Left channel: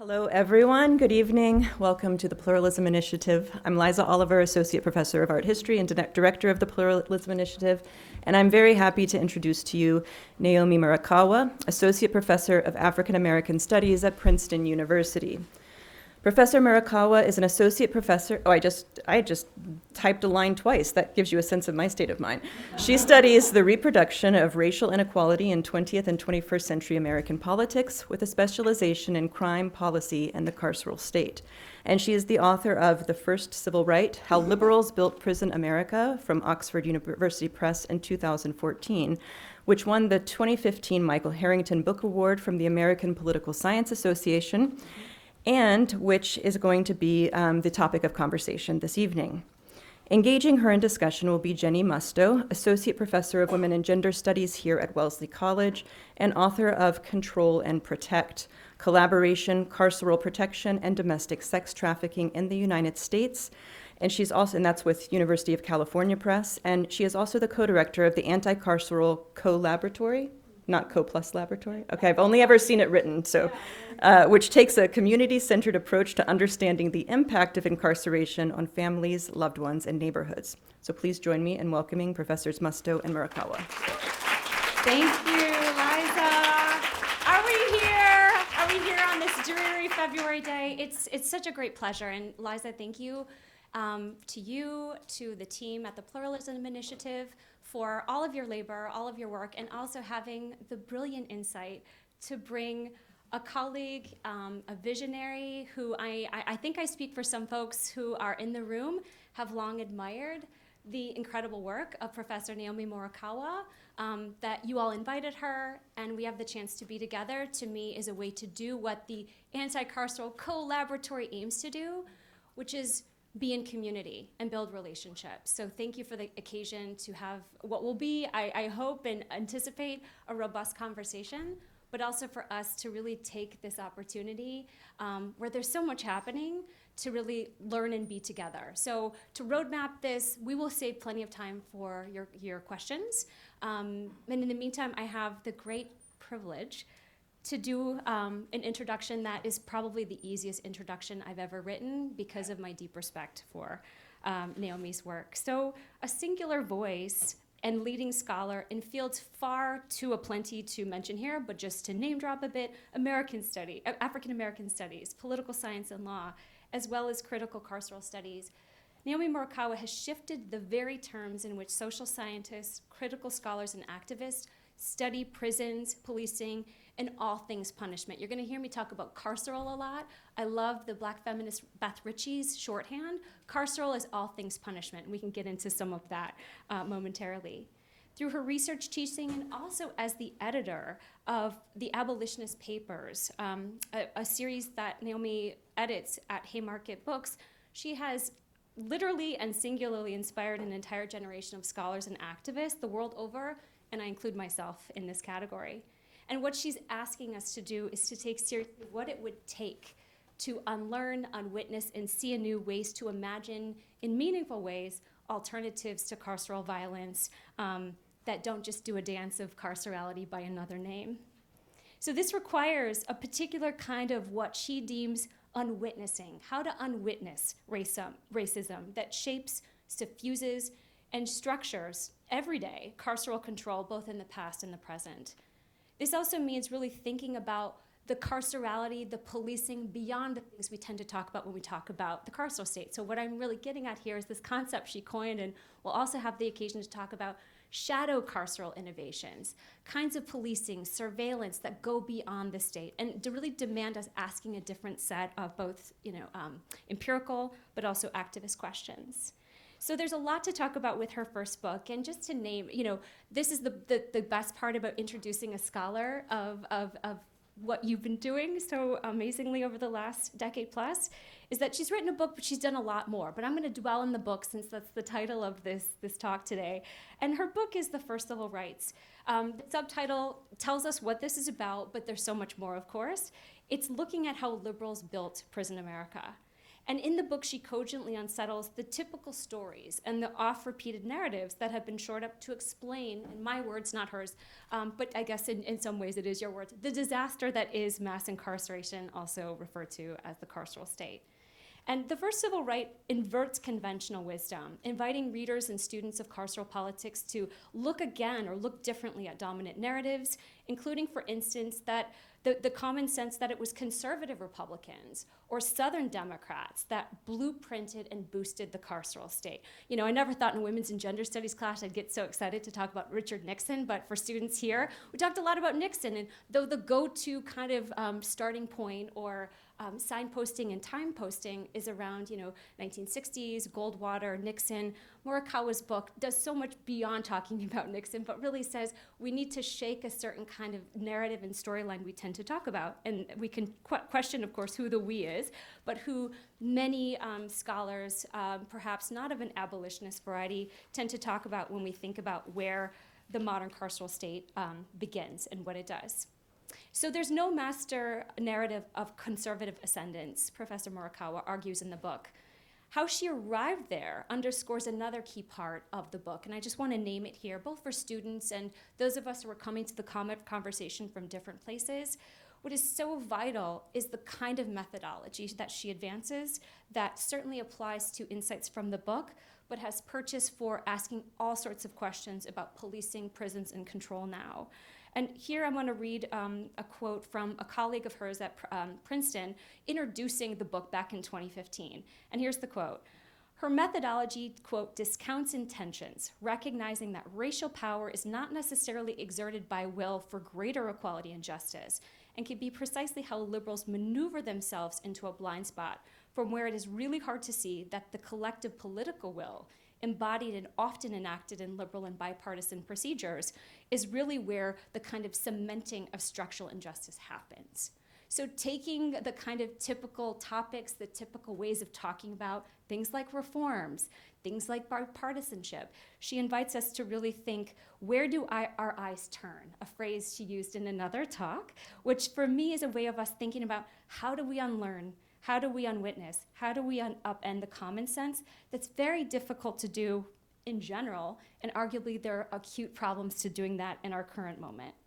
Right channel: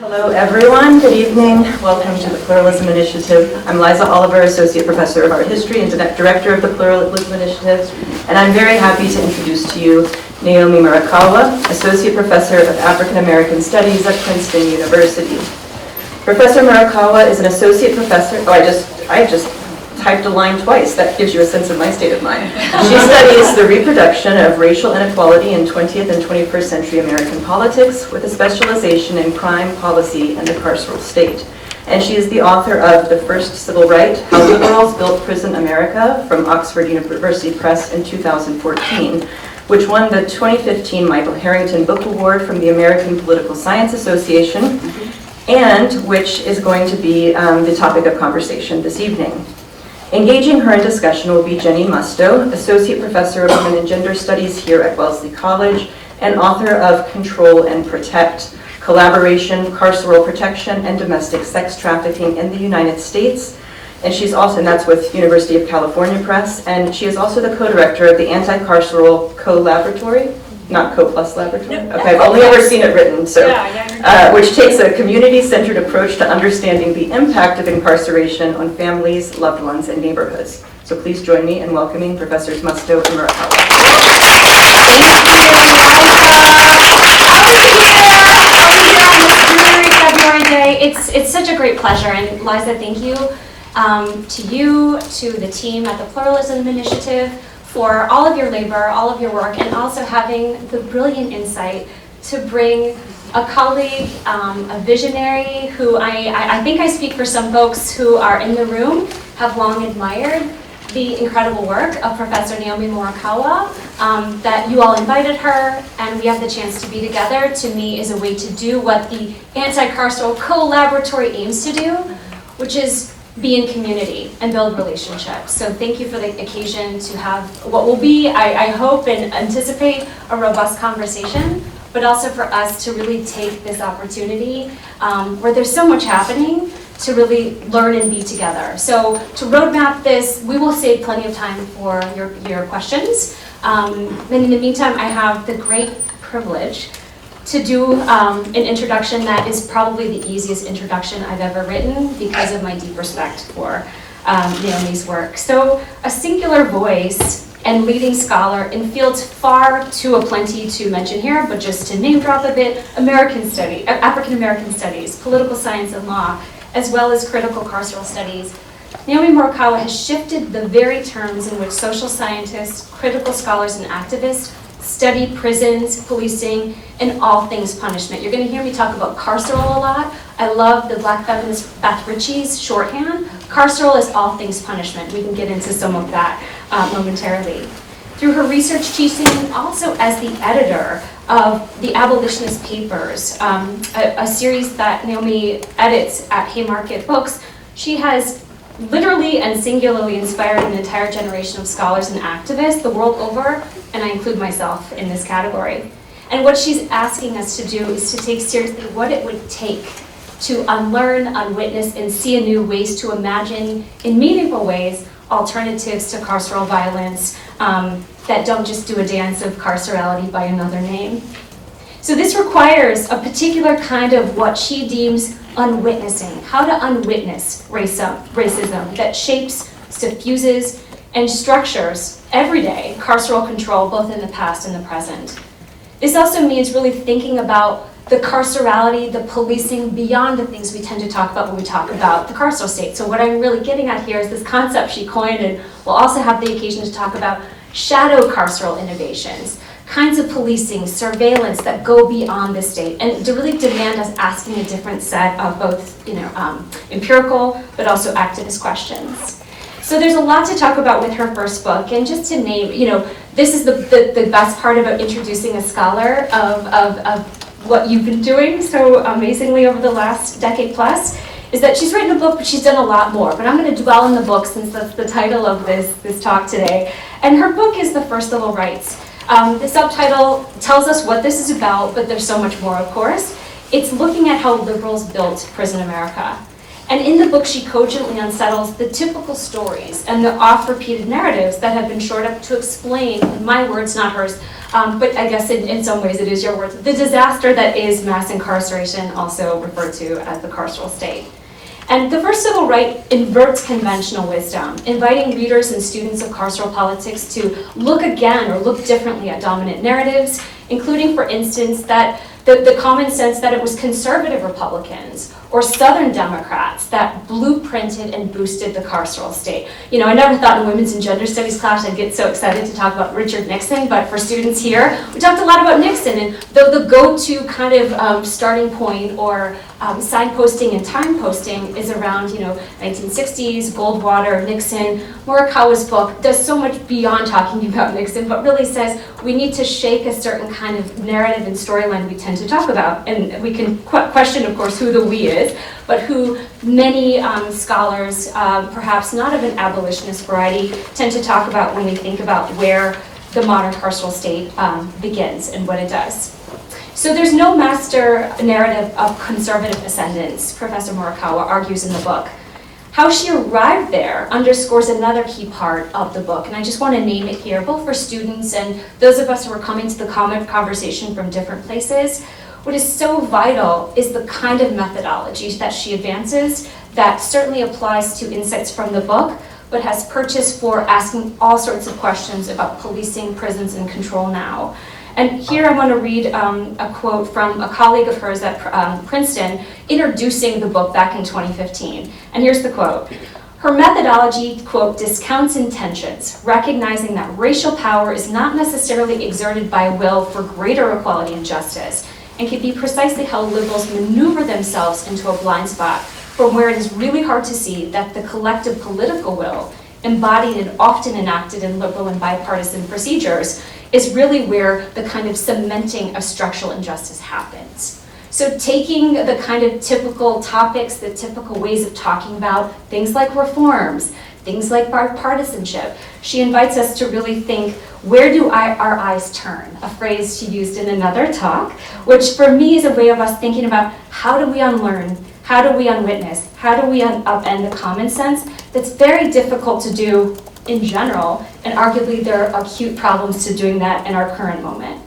Hello everyone, good evening. Welcome to the Pluralism Initiative. I'm Liza Oliver, Associate Professor of Art History and Director of the Pluralism Initiative. And I'm very happy to introduce to you Naomi Murakawa, Associate Professor of African American Studies at Princeton University. Professor Murakawa is an Associate Professor, I just typed a line twice. That gives you a sense of my state of mind. She studies the reproduction of racial inequality in 20th and 21st century American politics with a specialization in crime policy and the carceral state. And she is the author of The First Civil Right, How Liberals Built Prison America from Oxford University Press in 2014, which won the 2015 Michael Harrington Book Award from the American Political Science Association, and which is going to be the topic of conversation this evening. Engaging her in discussion will be Jenny Musto, Associate Professor of Women and Gender Studies here at Wellesley College and author of Control and Protect, Collaboration, Carceral Protection, and Domestic Sex Trafficking in the United States. And she's also, and that's with University of California Press, and she is also the co-director of the Anti-Carceral Co+Laboratory, not Co+Laboratory? Okay, I've only ever seen it written, so, which takes a community-centered approach to understanding the impact of incarceration on families, loved ones, and neighborhoods. So please join me in welcoming Professors Musto and Murakawa. Thank you, Liza. How are you here on this dreary February day? It's such a great pleasure, and Liza, thank you to the team at the Pluralism Initiative, for all of your labor, all of your work, and also having the brilliant insight to bring a colleague, a visionary who I think I speak for some folks who are in the room, have long admired the incredible work of Professor Naomi Murakawa, that you all invited her, and we have the chance to be together, to me is a way to do what the Anti-Carceral Co+Laboratory aims to do, which is be in community and build relationships. So thank you for the occasion to have what will be, I hope and anticipate, a robust conversation, but also for us to really take this opportunity where there's so much happening to really learn and be together. So to roadmap this, we will save plenty of time for your questions. And in the meantime, I have the great privilege to do an introduction that is probably the easiest introduction I've ever written because of my deep respect for Naomi's work. So, a singular voice and leading scholar in fields far too aplenty to mention here, but just to name drop a bit, African American studies, political science and law, as well as critical carceral studies. Naomi Murakawa has shifted the very terms in which social scientists, critical scholars, and activists study prisons, policing, and all things punishment. You're going to hear me talk about carceral a lot. I love the Black feminist Beth Ritchie's shorthand. Carceral is all things punishment. We can get into some of that momentarily. Through her research teaching and also as the editor of the Abolitionist Papers, a series that Naomi edits at Haymarket Books, she has literally and singularly inspired an entire generation of scholars and activists the world over, and I include myself in this category. And what she's asking us to do is to take seriously what it would take to unlearn, unwitness, and see anew ways to imagine, in meaningful ways, alternatives to carceral violence that don't just do a dance of carcerality by another name. So this requires a particular kind of what she deems unwitnessing, how to unwitness racism that shapes, diffuses, and structures everyday carceral control both in the past and the present. This also means really thinking about the carcerality, the policing beyond the things we tend to talk about when we talk about the carceral state. So what I'm really getting at here is this concept she coined, and we'll also have the occasion to talk about shadow carceral innovations, kinds of policing, surveillance that go beyond the state, and to really demand us asking a different set of both, empirical but also activist questions. So there's a lot to talk about with her first book, and just to name, this is the best part about introducing a scholar of what you've been doing so amazingly over the last decade plus, is that she's written a book, but she's done a lot more. But I'm going to dwell on the book since that's the title of this talk today. And her book is The First Civil Rights. The subtitle tells us what this is about, but there's so much more, of course. It's looking at how liberals built prison America. And in the book, she cogently unsettles the typical stories and the oft-repeated narratives that have been shored up to explain, in my words, not hers, but I guess in some ways it is your words, the disaster that is mass incarceration, also referred to as the carceral state. And the first civil right inverts conventional wisdom, inviting readers and students of carceral politics to look again or look differently at dominant narratives, including, for instance, that the common sense that it was conservative Republicans or Southern Democrats that blueprinted and boosted the carceral state. You know, I never thought in women's and gender studies class I'd get so excited to talk about Richard Nixon, but for students here, we talked a lot about Nixon, and the go-to kind of starting point or signposting and time posting is around, 1960s, Goldwater, Nixon. Murakawa's book does so much beyond talking about Nixon, but really says we need to shake a certain kind of narrative and storyline we tend to talk about. And we can question, of course, who the we is, but who many scholars, perhaps not of an abolitionist variety, tend to talk about when we think about where the modern carceral state begins and what it does. So there's no master narrative of conservative ascendance, Professor Murakawa argues in the book. How she arrived there underscores another key part of the book, and I just want to name it here, both for students and those of us who are coming to the conversation from different places. What is so vital is the kind of methodology that she advances that certainly applies to insights from the book, but has purchase for asking all sorts of questions about policing, prisons, and control now. And here I want to read a quote from a colleague of hers at Princeton introducing the book back in 2015. And here's the quote. Her methodology, quote, discounts intentions, recognizing that racial power is not necessarily exerted by will for greater equality and justice, and can be precisely how liberals maneuver themselves into a blind spot from where it is really hard to see that the collective political will, embodied and often enacted in liberal and bipartisan procedures, is really where the kind of cementing of structural injustice happens. So taking the kind of typical topics, the typical ways of talking about things like reforms, things like bipartisanship, she invites us to really think, where do our eyes turn? A phrase she used in another talk, which for me is a way of us thinking about how do we unlearn, how do we unwitness, how do we upend the common sense that's very difficult to do in general, and arguably there are acute problems to doing that in our current moment.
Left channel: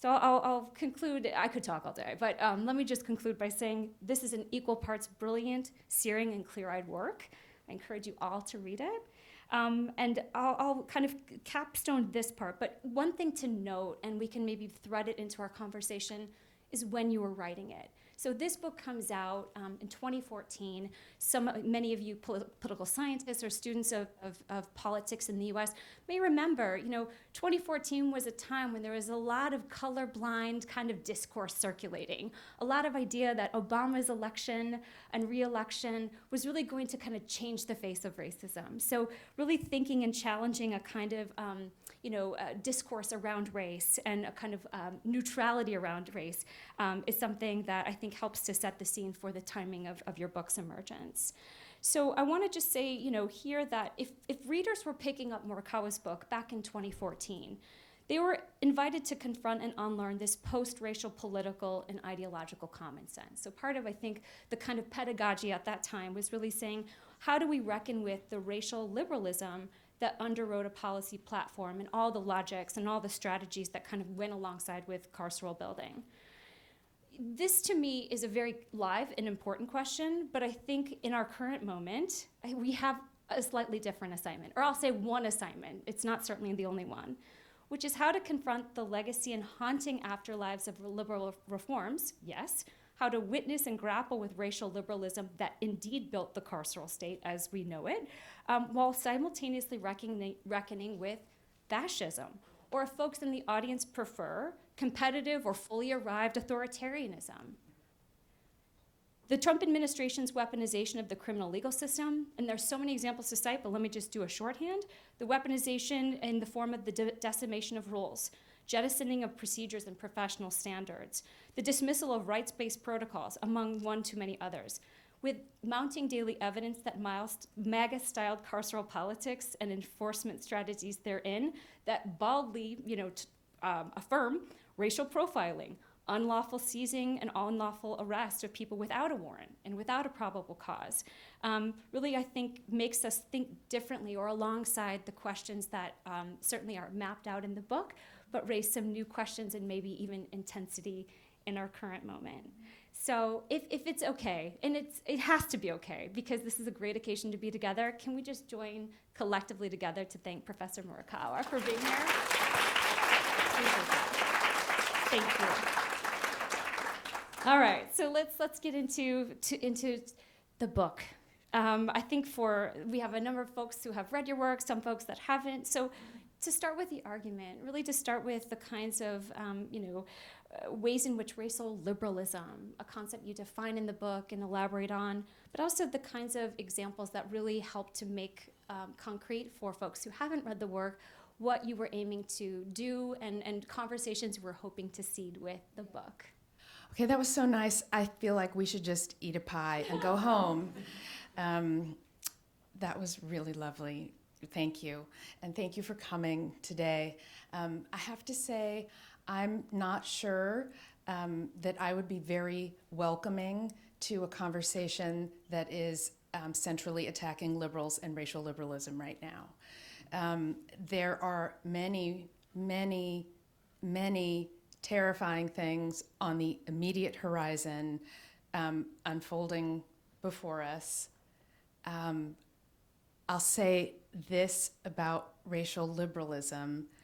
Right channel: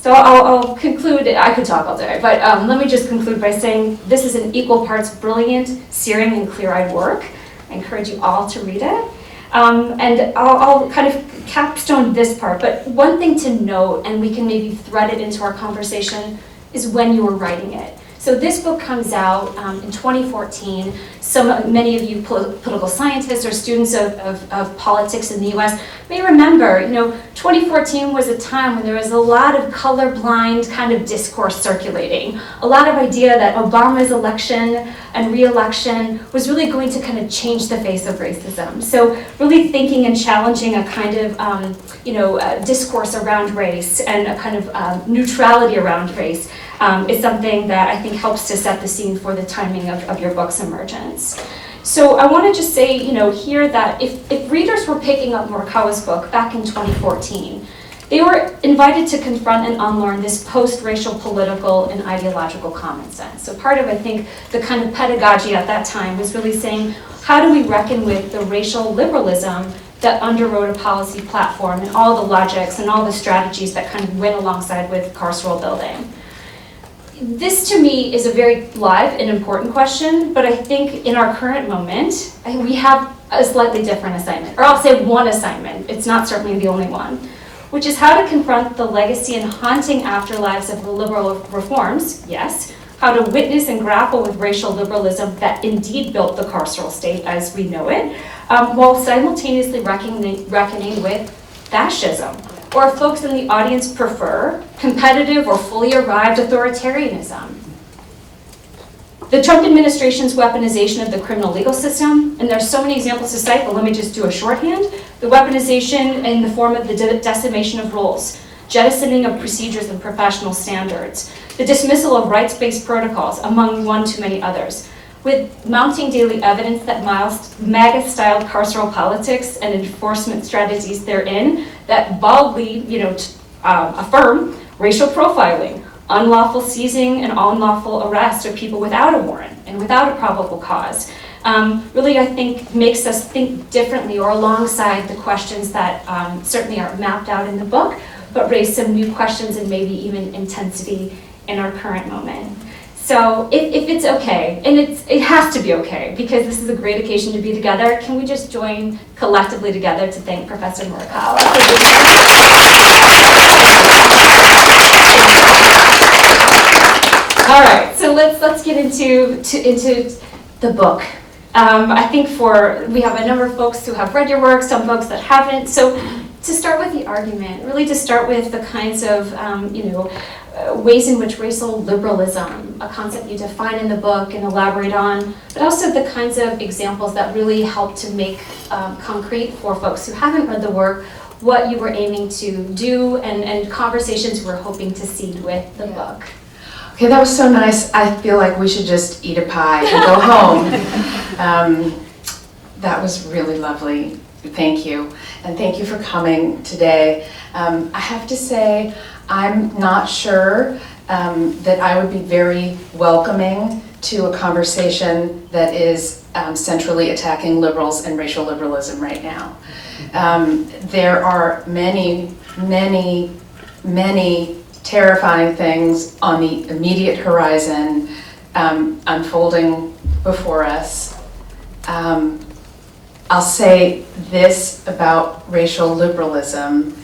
So I'll conclude, I could talk all day, but let me just conclude by saying this is an equal parts brilliant, searing, and clear-eyed work. I encourage you all to read it. And I'll kind of capstone this part, but one thing to note, and we can maybe thread it into our conversation, is when you were writing it. So this book comes out in 2014. Many of you political scientists or students of politics in the US may remember, 2014 was a time when there was a lot of colorblind kind of discourse circulating. A lot of idea that Obama's election and re-election was really going to kind of change the face of racism. So really thinking and challenging a kind of, discourse around race and a kind of neutrality around race is something that I think helps to set the scene for the timing of your book's emergence. So I want to just say, here that if readers were picking up Murakawa's book back in 2014, they were invited to confront and unlearn this post-racial political and ideological common sense. So part of, I think, the kind of pedagogy at that time was really saying, how do we reckon with the racial liberalism that underwrote a policy platform and all the logics and all the strategies that kind of went alongside with carceral building? This, to me, is a very live and important question, but I think in our current moment, we have a slightly different assignment, or I'll say one assignment. It's not certainly the only one, which is how to confront the legacy and haunting afterlives of the liberal reforms, yes, how to witness and grapple with racial liberalism that indeed built the carceral state as we know it, while simultaneously reckoning with fascism, or if folks in the audience prefer competitive or fully arrived authoritarianism. The Trump administration's weaponization of the criminal legal system, and there's so many examples to cite, but let me just do a shorthand. The weaponization in the form of the decimation of rules, jettisoning of procedures and professional standards, the dismissal of rights-based protocols, among one too many others, with mounting daily evidence that MAGA-styled carceral politics and enforcement strategies therein that baldly, affirm racial profiling, unlawful seizing and unlawful arrest of people without a warrant and without a probable cause. Really, I think, makes us think differently or alongside the questions that certainly are mapped out in the book, but raise some new questions and maybe even intensity in our current moment. So if it's okay, and it has to be okay, because this is a great occasion to be together, can we just join collectively together to thank Professor Murakawa? All right, so let's get into the book. I think we have a number of folks who have read your work, some folks that haven't. So to start with the argument, really to start with the kinds of ways in which racial liberalism, a concept you define in the book and elaborate on, but also the kinds of examples that really help to make concrete for folks who haven't read the work what you were aiming to do and conversations you were hoping to seed with the book. Okay, that was so nice. I feel like we should just eat a pie and go home. That was really lovely. Thank you. And thank you for coming today. I have to say, I'm not sure that I would be very welcoming to a conversation that is centrally attacking liberals and racial liberalism right now. There are many, many, many terrifying things on the immediate horizon unfolding before us. I'll say this about racial liberalism.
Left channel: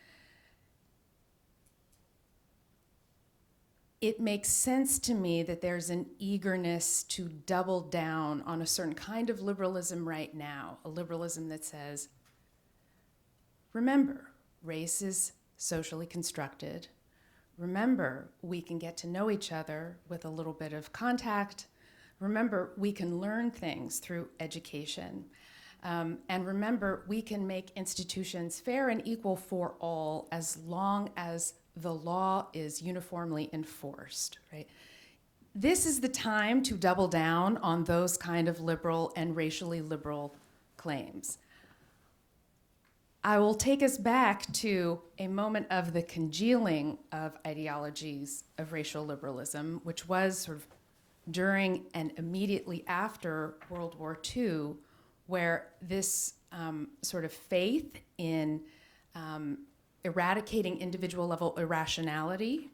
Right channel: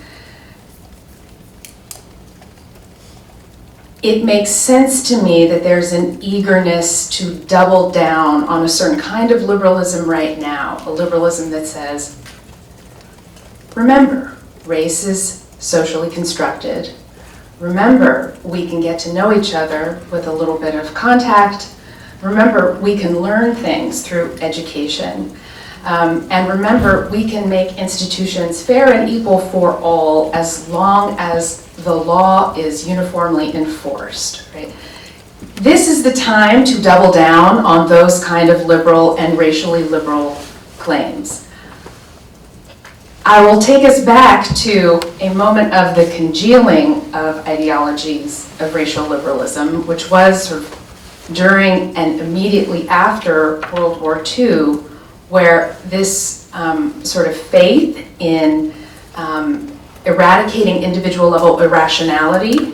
It makes sense to me that there's an eagerness to double down on a certain kind of liberalism right now, a liberalism that says, remember, race is socially constructed. Remember, we can get to know each other with a little bit of contact. Remember, we can learn things through education. And remember, we can make institutions fair and equal for all as long as the law is uniformly enforced, right? This is the time to double down on those kind of liberal and racially liberal claims. I will take us back to a moment of the congealing of ideologies of racial liberalism, which was sort of during and immediately after World War II, where this sort of faith in eradicating individual level irrationality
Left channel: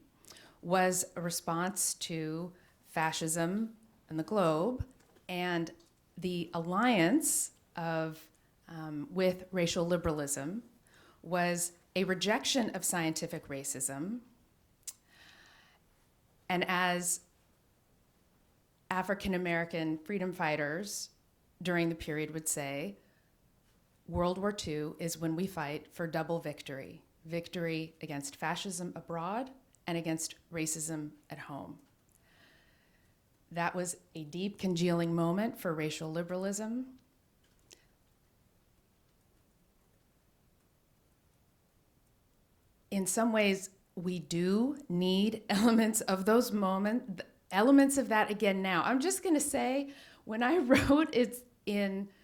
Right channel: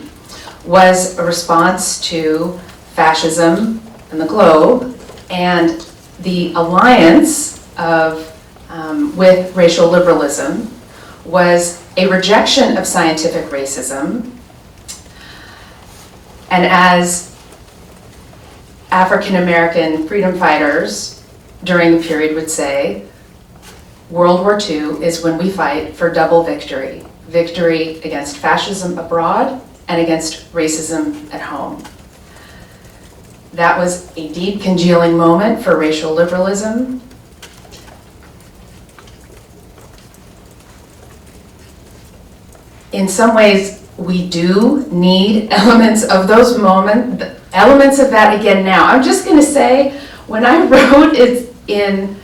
was a response to fascism in the globe and the alliance with racial liberalism was a rejection of scientific racism. And as African American freedom fighters during the period would say, World War II is when we fight for double victory. Victory against fascism abroad and against racism at home. That was a deep congealing moment for racial liberalism. In some ways, we do need elements of those moments, elements of that again now. I'm just going to say, when I wrote it in,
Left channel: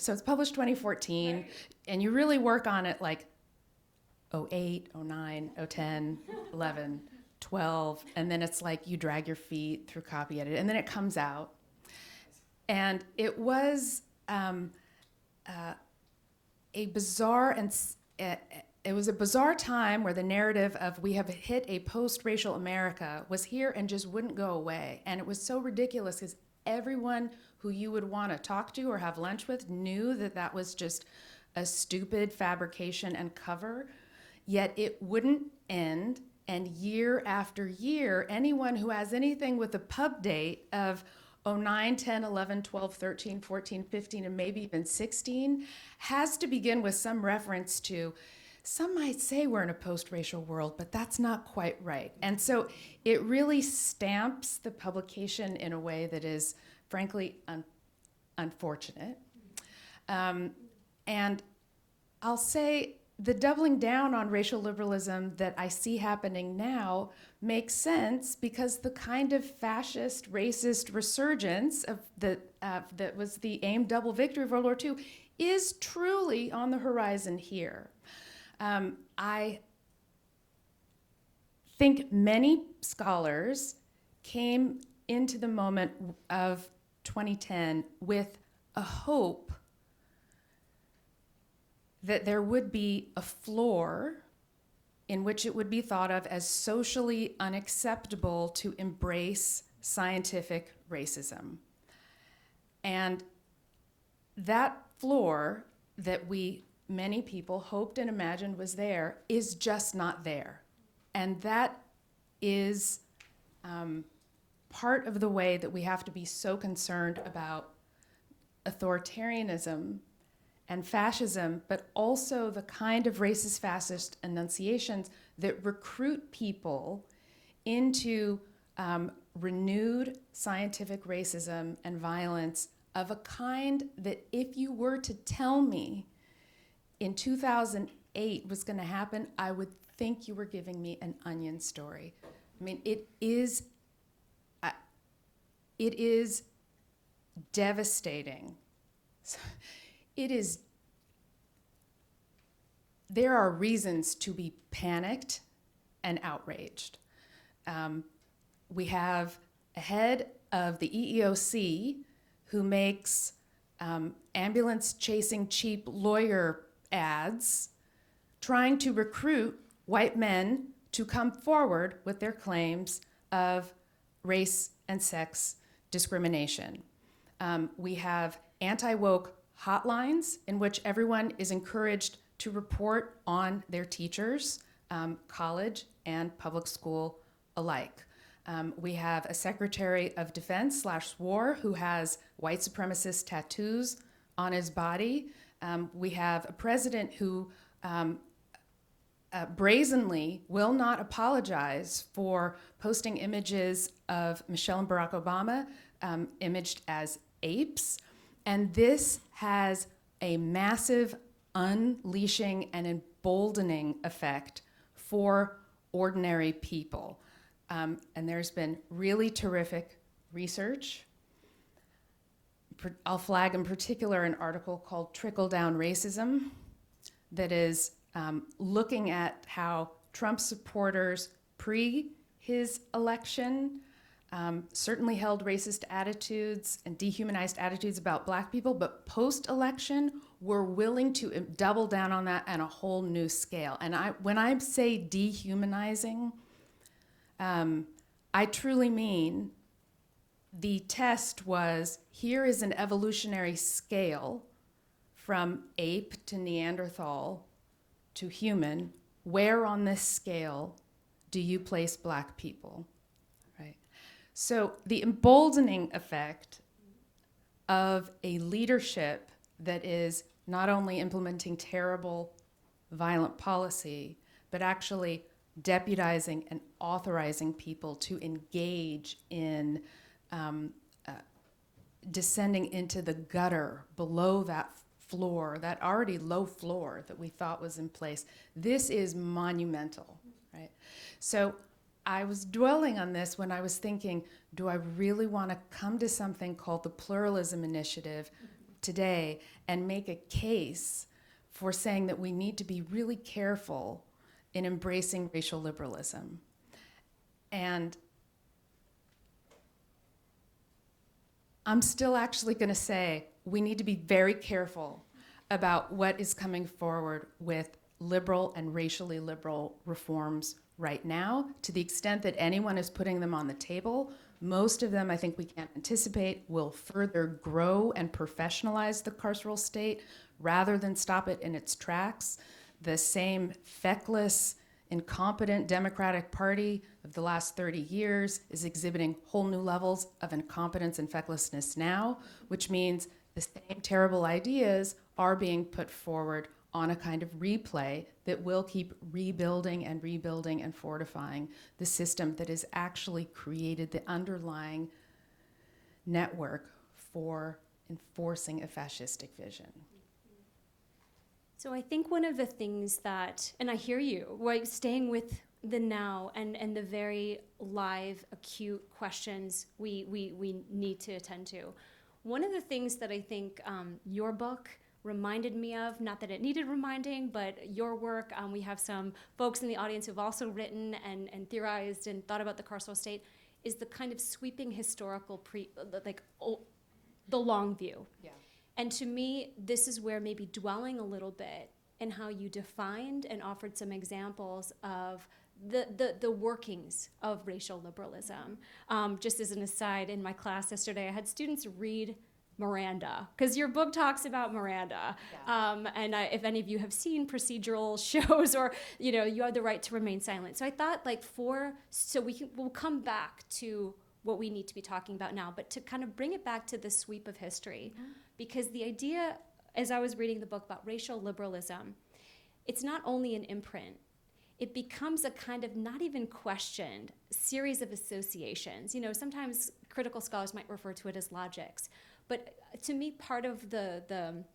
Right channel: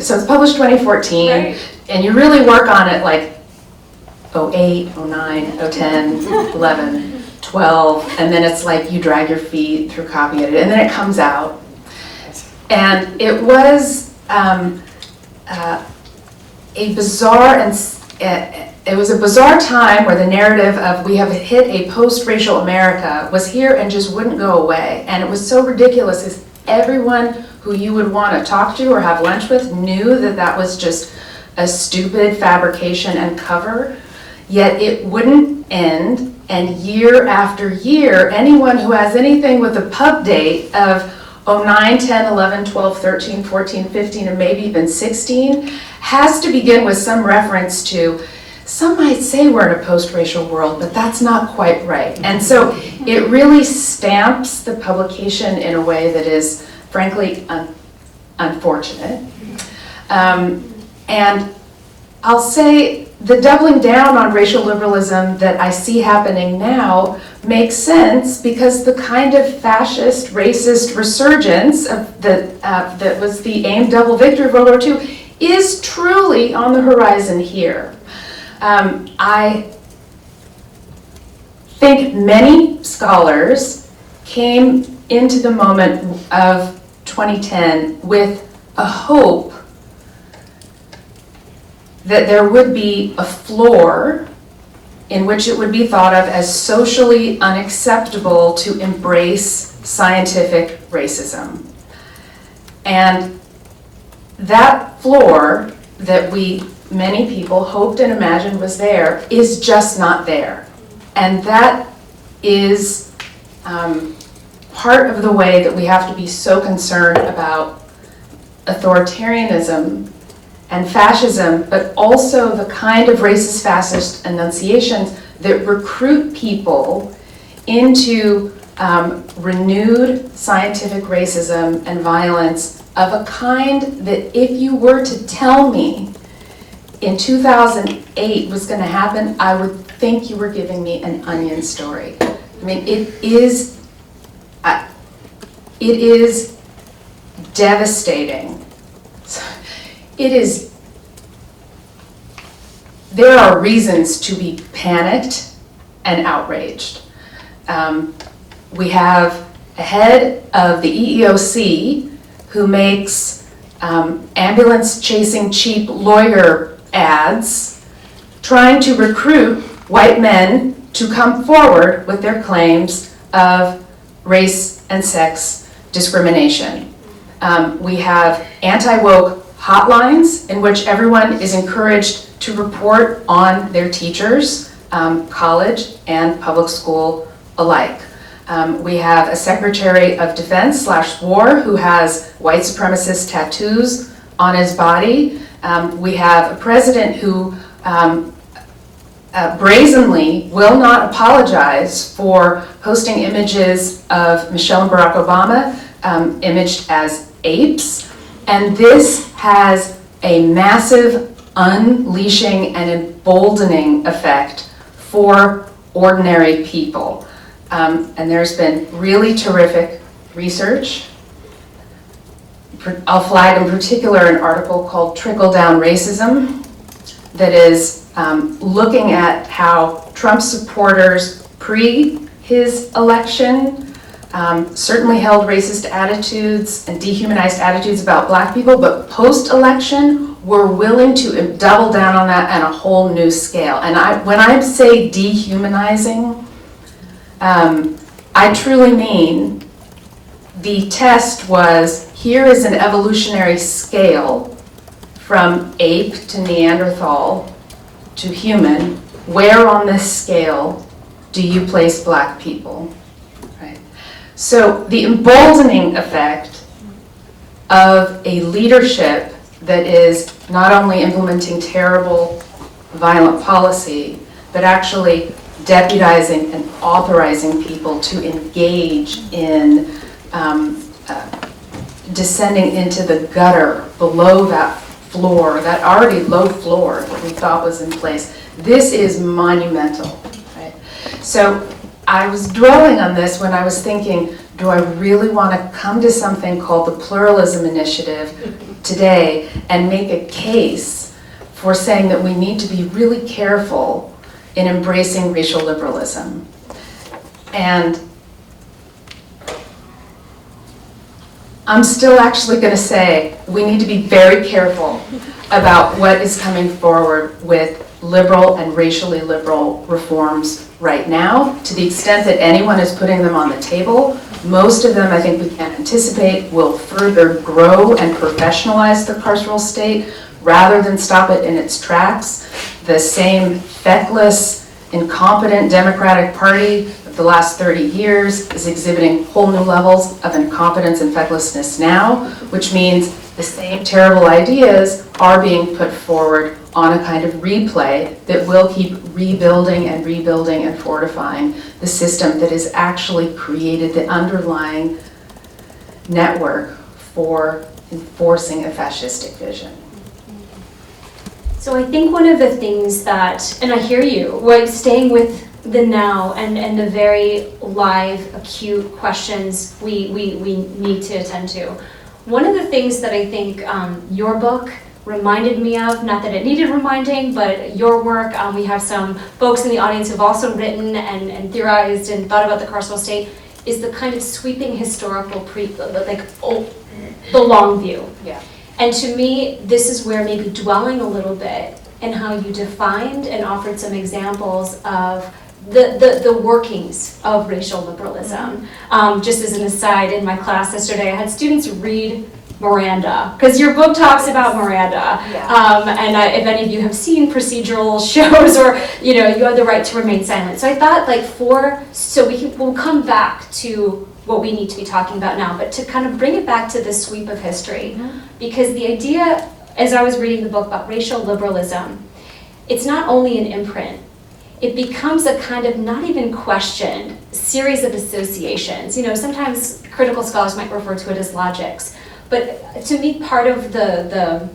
so it's published 2014, right. And you really work on it like 08, 09, 010, 11, 12, and then it's like you drag your feet through copying it, and then it comes out. And it was a bizarre it was a bizarre time where the narrative of we have hit a post-racial America was here and just wouldn't go away. And it was so ridiculous because everyone who you would want to talk to or have lunch with knew that that was just a stupid fabrication and cover, yet it wouldn't end. And year after year, anyone who has anything with a pub date of 09, 10, 11, 12, 13, 14, 15, and maybe even 16 has to begin with some reference to, some might say we're in a post-racial world, but that's not quite right. And so it really stamps the publication in a way that is, frankly, unfortunate. And I'll say the doubling down on racial liberalism that I see happening now makes sense because the kind of fascist, racist resurgence of that was the aimed double victory of World War II is truly on the horizon here. I think many scholars came into the moment of 2010 with a hope that there would be a floor in which it would be thought of as socially unacceptable to embrace scientific racism. And that floor that many people hoped and imagined was there is just not there. And that is part of the way that we have to be so concerned about authoritarianism and fascism, but also the kind of racist fascist enunciations that recruit people into renewed scientific racism and violence of a kind that if you were to tell me in 2008 was going to happen, I would think you were giving me an Onion story. I mean, it is devastating. There are reasons to be panicked and outraged. We have a head of the EEOC who makes ambulance chasing cheap lawyer ads trying to recruit white men to come forward with their claims of race and sex discrimination. We have anti-woke hotlines in which everyone is encouraged to report on their teachers, college and public school alike. We have a Secretary of Defense / War who has white supremacist tattoos on his body. We have a president who brazenly will not apologize for posting images of Michelle and Barack Obama imaged as apes. And this has a massive unleashing and emboldening effect for ordinary people. And there's been really terrific research. I'll flag in particular an article called Trickle-Down Racism that is looking at how Trump supporters pre his election certainly held racist attitudes and dehumanized attitudes about black people, but post-election were willing to double down on that on a whole new scale. And when I say dehumanizing, I truly mean the test was, here is an evolutionary scale from ape to Neanderthal to human. Where on this scale do you place black people? Right. So the emboldening effect of a leadership that is not only implementing terrible, violent policy, but actually deputizing and authorizing people to engage in descending into the gutter below that floor, that already low floor that we thought was in place. This is monumental, right? So I was dwelling on this when I was thinking, do I really want to come to something called the Pluralism Initiative today and make a case for saying that we need to be really careful in embracing racial liberalism? And I'm still actually going to say we need to be very careful about what is coming forward with liberal and racially liberal reforms right now. To the extent that anyone is putting them on the table, most of them, I think we can anticipate, will further grow and professionalize the carceral state rather than stop it in its tracks. The same feckless, incompetent Democratic Party of the last 30 years is exhibiting whole new levels of incompetence and fecklessness now, which means the same terrible ideas are being put forward on a kind of replay that will keep rebuilding and rebuilding and fortifying the system that has actually created the underlying network for enforcing a fascistic vision. So I think one of the things that, and I hear you, like staying with the now and the very live, acute questions we need to attend to. One of the things that I think your book reminded me of, not that it needed reminding, but your work. We have some folks in the audience who've also written and theorized and thought about the carceral state, is the kind of sweeping historical the long view. Yeah. And to me, this is where maybe dwelling a little bit in how you defined and offered some examples of the workings of racial liberalism. Just as an aside, in my class yesterday, I had students read Miranda, because your book talks about Miranda. Yeah. If any of you have seen procedural shows, or you have the right to remain silent. So I thought, we'll come back to what we need to be talking about now, but to kind of bring it back to the sweep of history, because the idea, as I was reading the book about racial liberalism, it's not only an imprint. It becomes a kind of not even questioned series of associations. Sometimes critical scholars might refer to it as logics. But to me, part of the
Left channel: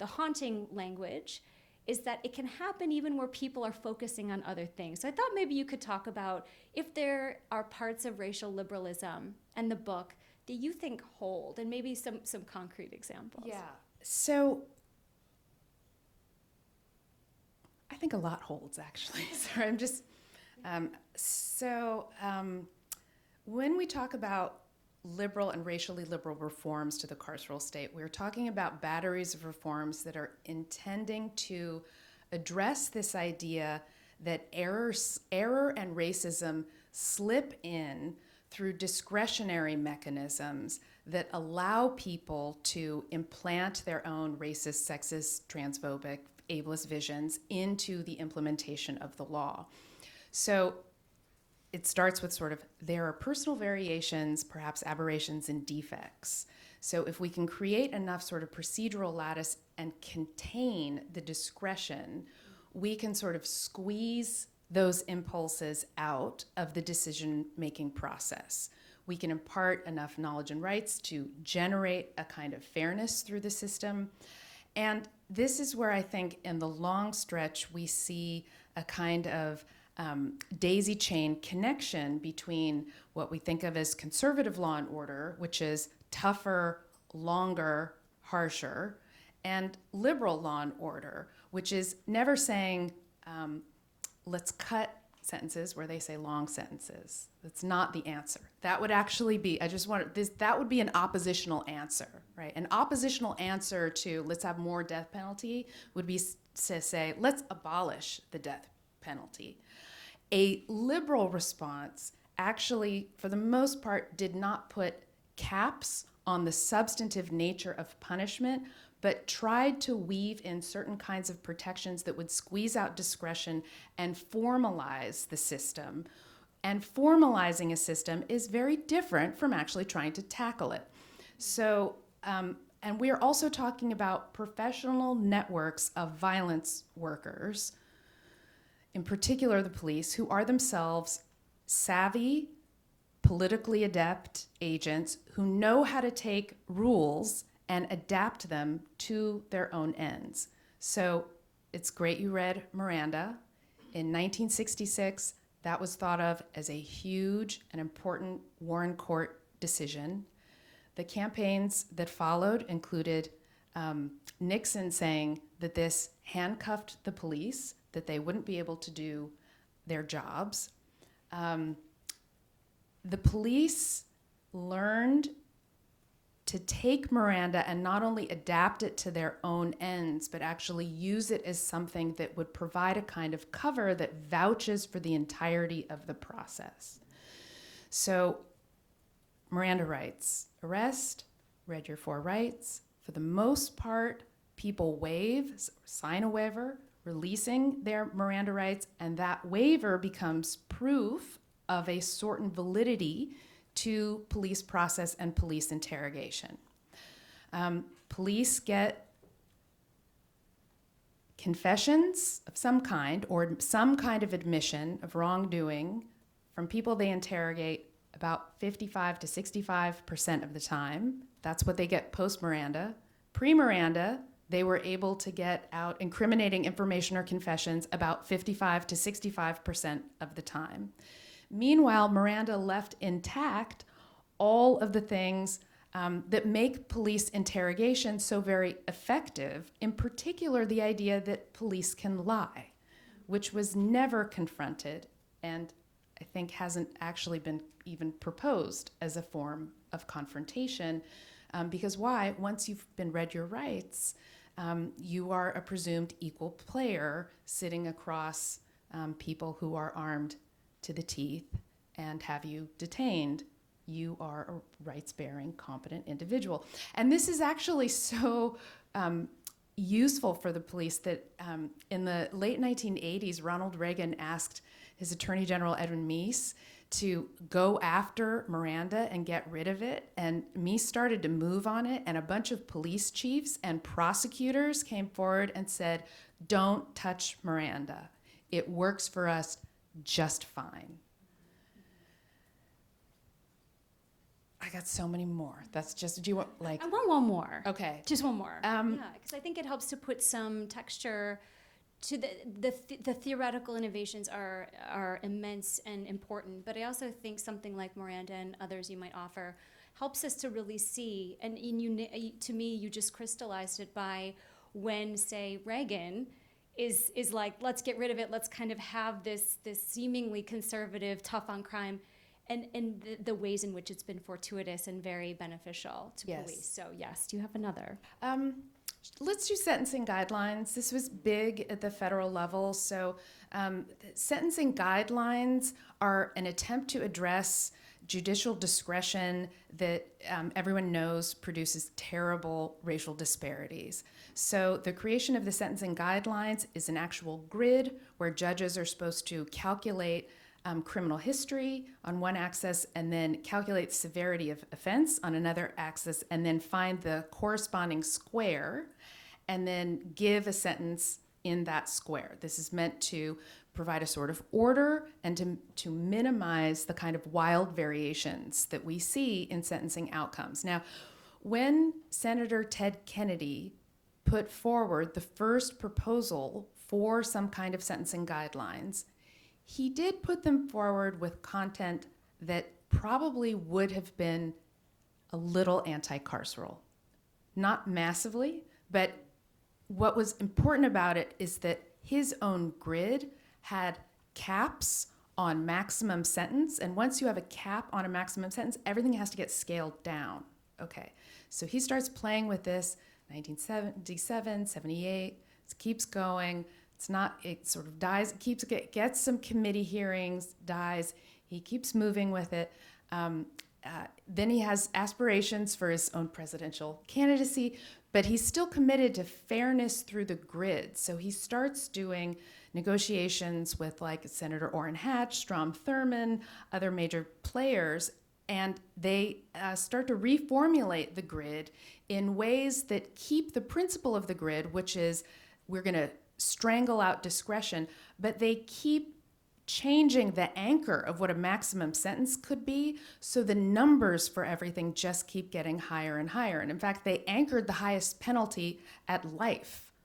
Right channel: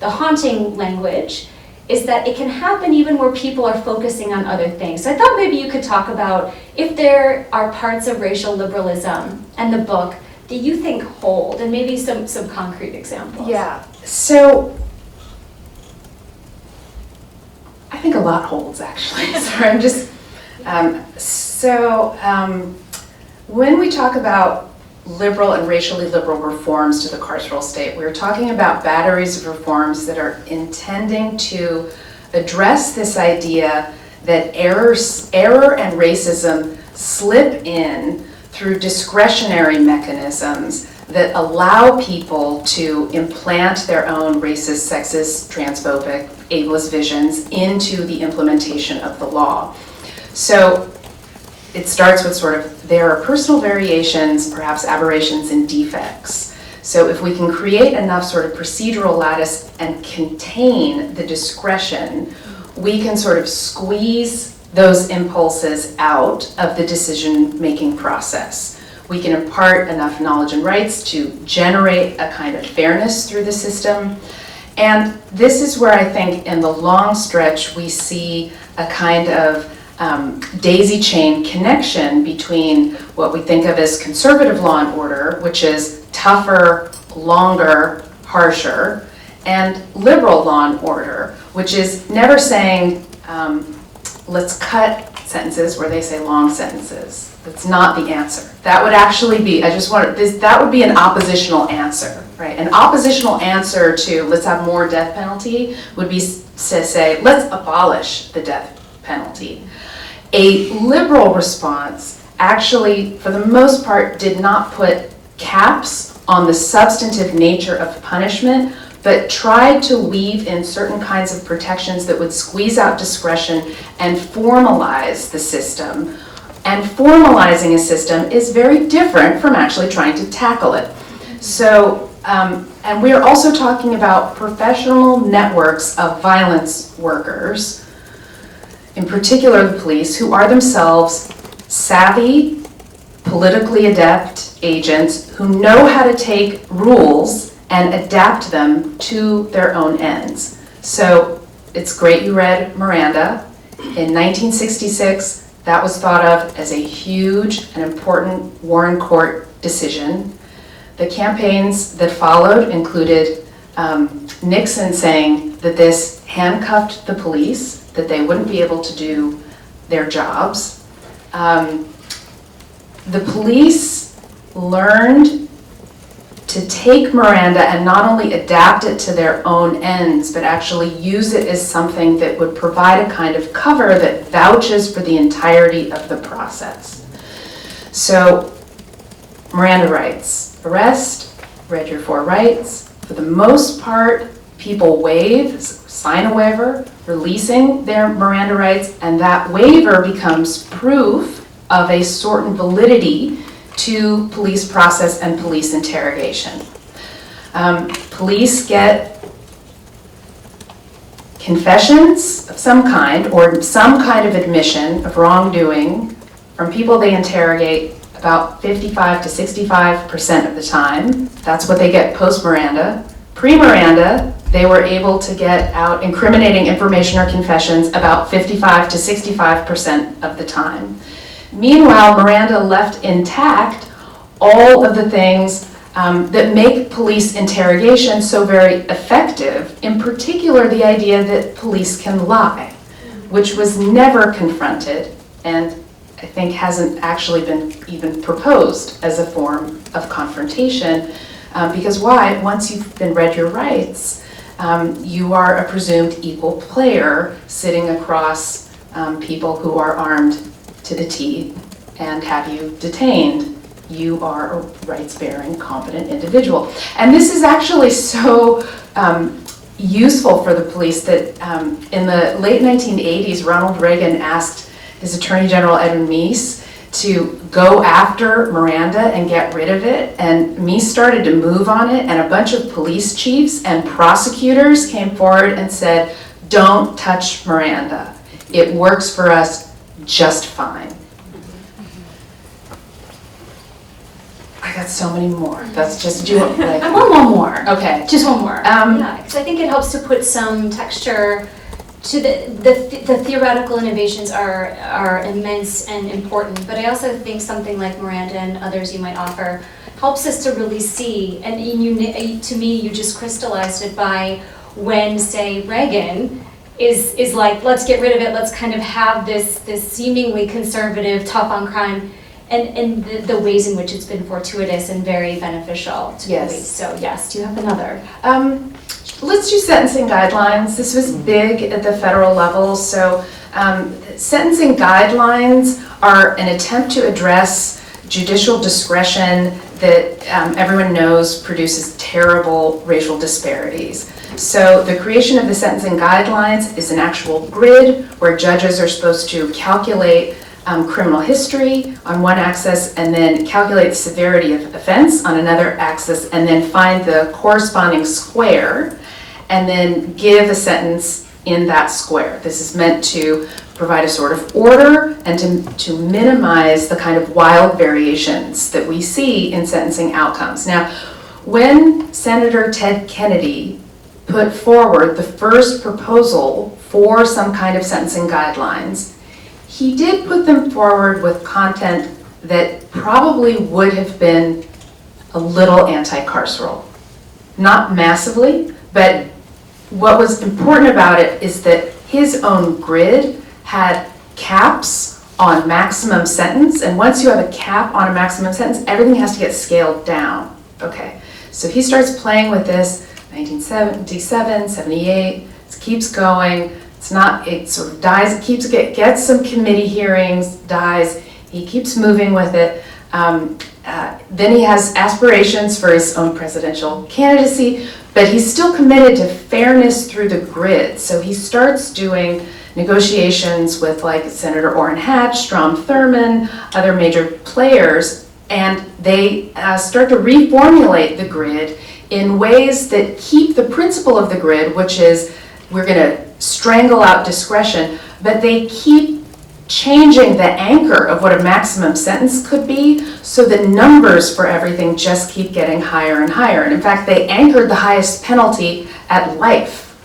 haunting language is that it can happen even where people are focusing on other things. So I thought maybe you could talk about if there are parts of racial liberalism and the book that you think hold, and maybe some concrete examples. Yeah. So I think a lot holds, actually. Sorry, I'm just when we talk about liberal and racially liberal reforms to the carceral state, we're talking about batteries of reforms that are intending to address this idea that error and racism slip in through discretionary mechanisms that allow people to implant their own racist, sexist, transphobic, ableist visions into the implementation of the law. So it starts with there are personal variations, perhaps aberrations and defects. So if we can create enough procedural lattice and contain the discretion, we can squeeze those impulses out of the decision-making process. We can impart enough knowledge and rights to generate a kind of fairness through the system. And this is where I think in the long stretch we see a kind of daisy chain connection between what we think of as conservative law and order, which is tougher, longer, harsher, and liberal law and order, which is never saying, let's cut sentences where they say long sentences. That's not the answer. That would actually be, that would be an oppositional answer, right? An oppositional answer to let's have more death penalty would be to say, let's abolish the death penalty. A liberal response actually, for the most part, did not put caps on the substantive nature of punishment, but tried to weave in certain kinds of protections that would squeeze out discretion and formalize the system. And formalizing a system is very different from actually trying to tackle it. So, and we are also talking about professional networks of violence workers, in particular the police, who are themselves savvy, politically adept agents who know how to take rules and adapt them to their own ends. So it's great you read Miranda. In 1966, that was thought of as a huge and important Warren Court decision. The campaigns that followed included Nixon saying that this handcuffed the police, that they wouldn't be able to do their jobs. The police learned to take Miranda and not only adapt it to their own ends, but actually use it as something that would provide a kind of cover that vouches for the entirety of the process. So Miranda rights, arrest, read your 4 rights. For the most part, people waive, sign a waiver, releasing their Miranda rights, and that waiver becomes proof of a certain validity to police process and police interrogation. Police get confessions of some kind or some kind of admission of wrongdoing from people they interrogate about 55 to 65% of the time. That's what they get post-Miranda. Pre-Miranda, they were able to get out incriminating information or confessions about 55 to 65% of the time. Meanwhile, Miranda left intact all of the things that make police interrogation so very effective, in particular the idea that police can lie, which was never confronted and I think hasn't actually been even proposed as a form of confrontation. Because why? Once you've been read your rights, you are a presumed equal player sitting across people who are armed to the teeth and have you detained. You are a rights-bearing, competent individual. And this is actually so useful for the police that in the late 1980s, Ronald Reagan asked his Attorney General Edwin Meese to go after Miranda and get rid of it. And Meese started to move on it, and a bunch of police chiefs and prosecutors came forward and said, don't touch Miranda. It works for us just fine. I got so many more. That's just, I want one more. Okay. Just one more. Yeah, because I think it helps to put some texture to the theoretical innovations are immense and important, but I also think something like Miranda and others you might offer helps us to really see, and to me you just crystallized it by when, say, Reagan is like, let's get rid of it, let's kind of have this seemingly conservative, tough on crime, and the ways in which it's been fortuitous and very beneficial to police. So yes, do you have another? Let's do sentencing guidelines. This was big at the federal level. So sentencing guidelines are an attempt to address judicial discretion that everyone knows produces terrible racial disparities. So the creation of the sentencing guidelines is an actual grid where judges are supposed to calculate criminal history on one axis and then calculate the severity of offense on another axis and then find the corresponding square and then give a sentence in that square. This is meant to provide a sort of order and to minimize the kind of wild variations that we see in sentencing outcomes. Now, when Senator Ted Kennedy put forward the first proposal for some kind of sentencing guidelines, he did put them forward with content that probably would have been a little anti-carceral. Not massively, but what was important about it is that his own grid had caps on maximum sentence, and once you have a cap on a maximum sentence, everything has to get scaled down. Okay, so he starts playing with this, 1977, 78, it keeps going. It's not, it sort of dies, it gets some committee hearings, dies, he keeps moving with it. Then he has aspirations for his own presidential candidacy, but he's still committed to fairness through the grid. So he starts doing negotiations with like Senator Orrin Hatch, Strom Thurmond, other major players, and they start to reformulate the grid in ways that keep the principle of the grid, which is we're going to strangle out discretion, but they keep changing the anchor of what a maximum sentence could be, so the numbers for everything just keep getting higher and higher. And in fact, they anchored the highest penalty at life.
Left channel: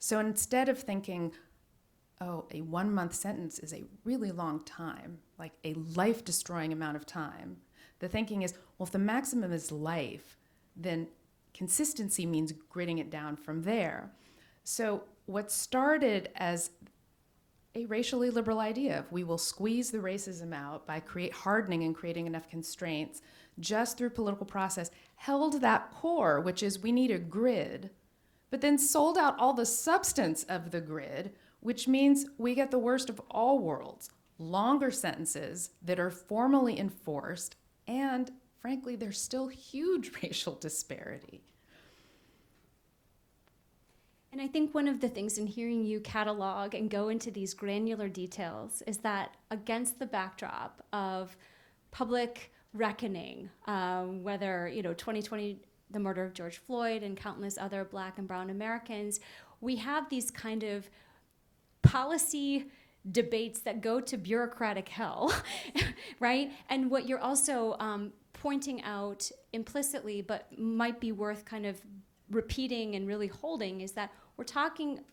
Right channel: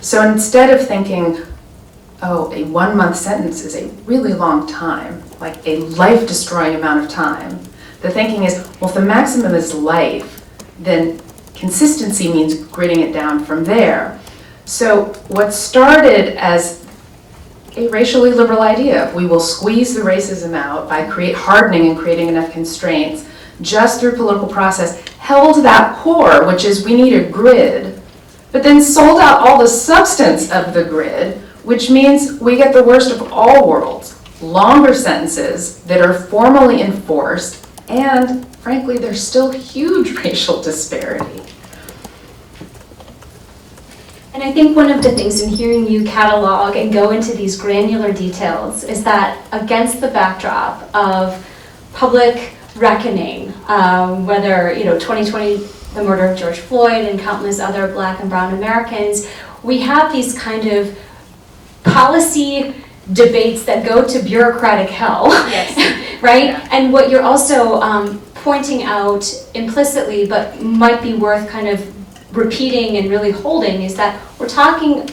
So instead of thinking, oh, a 1 month sentence is a really long time, like a life-destroying amount of time, the thinking is, well, if the maximum is life, then consistency means gritting it down from there. So what started as a racially liberal idea, we will squeeze the racism out by hardening and creating enough constraints just through political process, held that core, which is we need a grid, but then sold out all the substance of the grid, which means we get the worst of all worlds. Longer sentences that are formally enforced, and frankly, there's still huge racial disparity. And I think one of the things in hearing you catalog and go into these granular details is that against the backdrop of public reckoning, whether 2020, the murder of George Floyd and countless other Black and brown Americans, we have these kind of policy debates that go to bureaucratic hell, Yes. right? Yeah. And what you're also pointing out implicitly, but might be worth kind of repeating and really holding, is that we're talking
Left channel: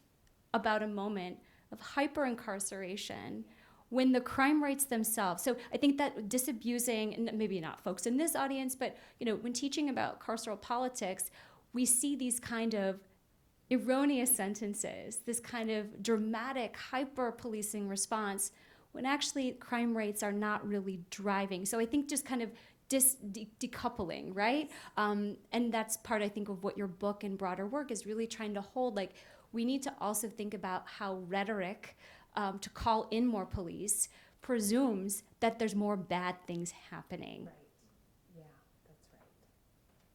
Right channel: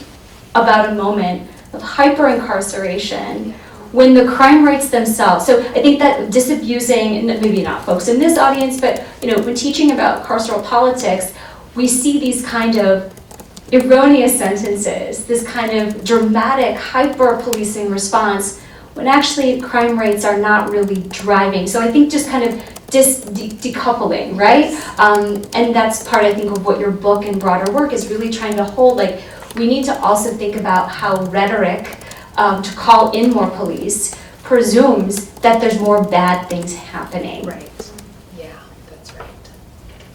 about a moment of hyper-incarceration when the crime rates themselves, so I think that disabusing, maybe not folks in this audience, but when teaching about carceral politics, we see these kind of erroneous sentences, this kind of dramatic hyper-policing response, when actually crime rates are not really driving. So I think just kind of decoupling, right? And that's part, I think, of what your book and broader work is really trying to hold. Like, we need to also think about how rhetoric to call in more police presumes that there's more bad things happening. Right. Yeah, that's right.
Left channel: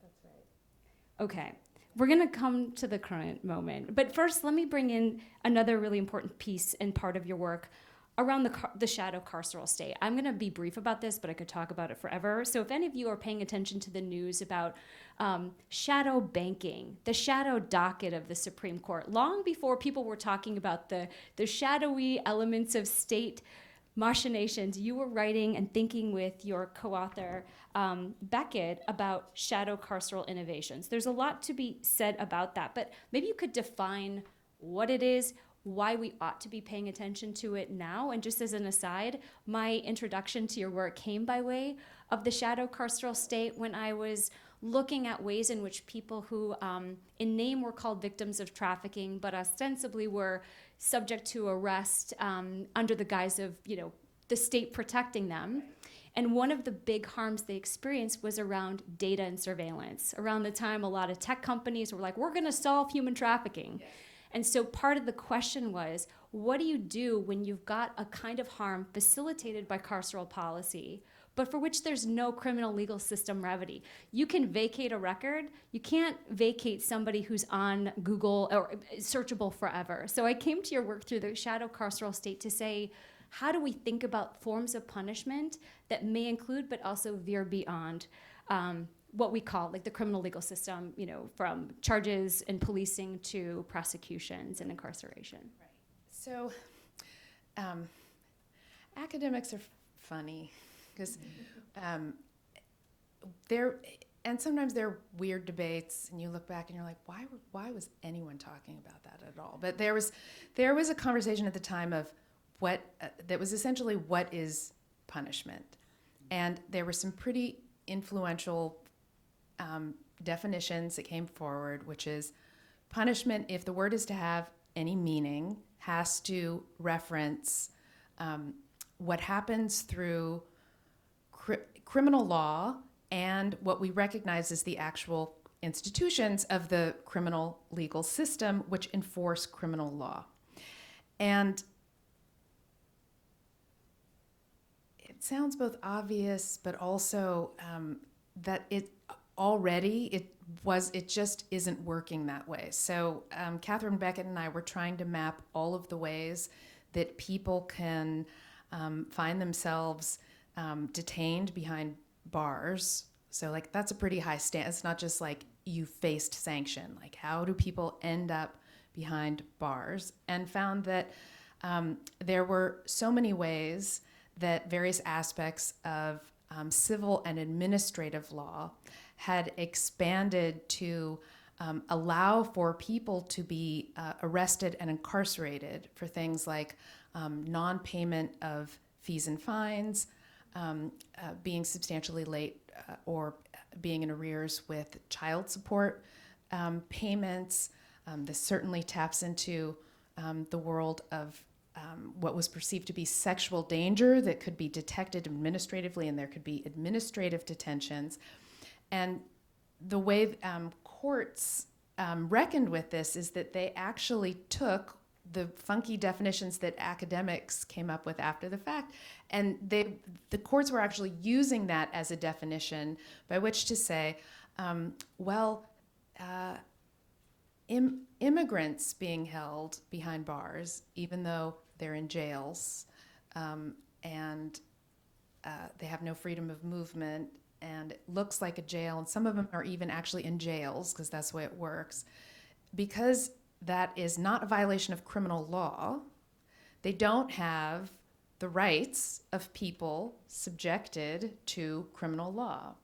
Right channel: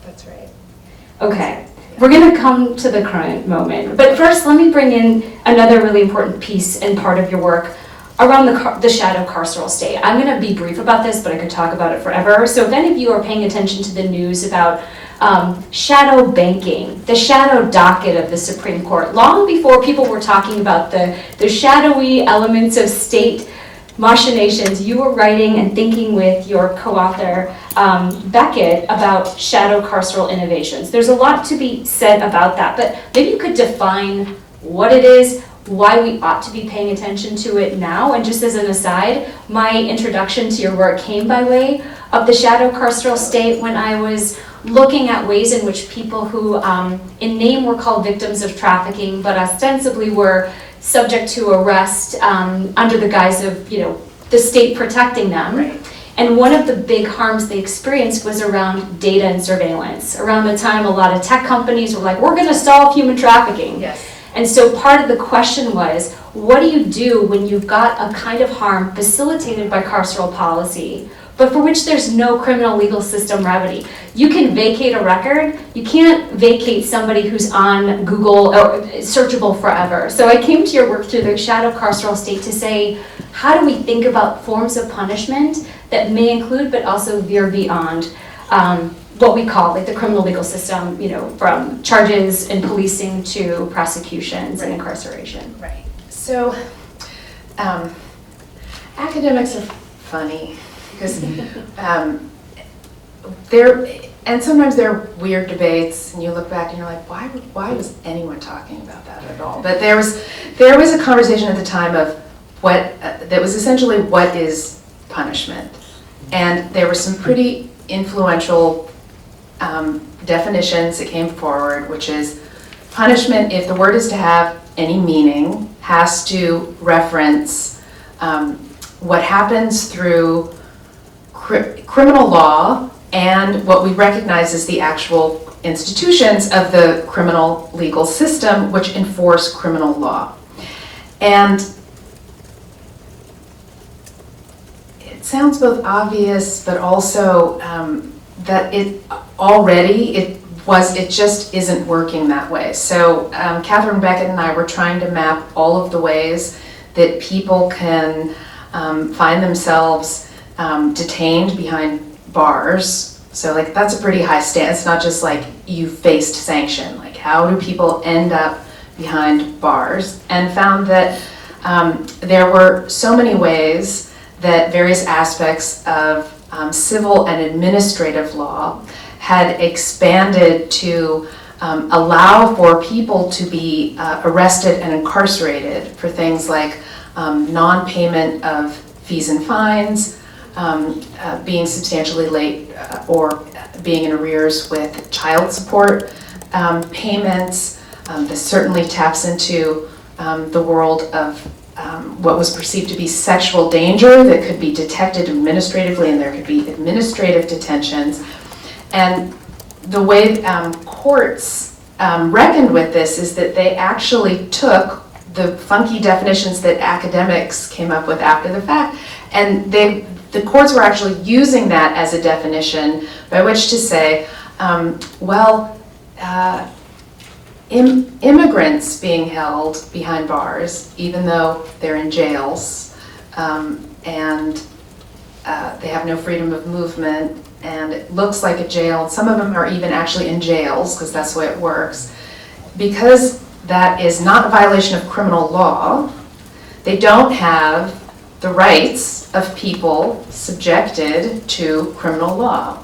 That's right. Okay. We're going to come to the current moment, but first let me bring in another really important piece and part of your work around the shadow carceral state. I'm going to be brief about this, but I could talk about it forever. So if any of you are paying attention to the news about shadow banking, the shadow docket of the Supreme Court, long before people were talking about the shadowy elements of state machinations, you were writing and thinking with your co-author, Beckett, about shadow carceral innovations. There's a lot to be said about that, but maybe you could define what it is, why we ought to be paying attention to it now. And just as an aside, my introduction to your work came by way of the shadow carceral state when I was looking at ways in which people who in name were called victims of trafficking, but ostensibly were subject to arrest under the guise of, the state protecting them. Right. And one of the big harms they experienced was around data and surveillance. Around the time a lot of tech companies were like, we're gonna solve human trafficking. Yes. And so part of the question was, what do you do when you've got a kind of harm facilitated by carceral policy, but for which there's no criminal legal system remedy? You can vacate a record, you can't vacate somebody who's on Google or searchable forever. So I came to your work through the shadow carceral state to say, how do we think about forms of punishment that may include but also veer beyond what we call like the criminal legal system, from charges and policing to prosecutions and incarceration. Right. So academics are funny because sometimes they're weird debates, and you look back and you're like, why was anyone talking about that at all? But there was a conversation at the time of that was essentially what is punishment, and there were some pretty influential definitions that came forward, which is punishment, if the word is to have any meaning, has to reference what happens through criminal law and what we recognize as the actual institutions of the criminal legal system which enforce criminal law. And it sounds both obvious, but also that it just isn't working that way. So Catherine Beckett and I were trying to map all of the ways that people can find themselves detained behind bars. So like that's a pretty high standard. It's not just like you faced sanction. Like how do people end up behind bars? And found that there were so many ways that various aspects of civil and administrative law had expanded to allow for people to be arrested and incarcerated for things like non-payment of fees and fines, being substantially late or being in arrears with child support payments. This certainly taps into the world of what was perceived to be sexual danger that could be detected administratively, and there could be administrative detentions. And the way courts reckoned with this is that they actually took the funky definitions that academics came up with after the fact, and the courts were actually using that as a definition by which to say, immigrants being held behind bars, even though they're in jails, and they have no freedom of movement, and it looks like a jail. Some of them are even actually in jails, because that's the way it works. Because that is not a violation of criminal law, they don't have the rights of people subjected to criminal law.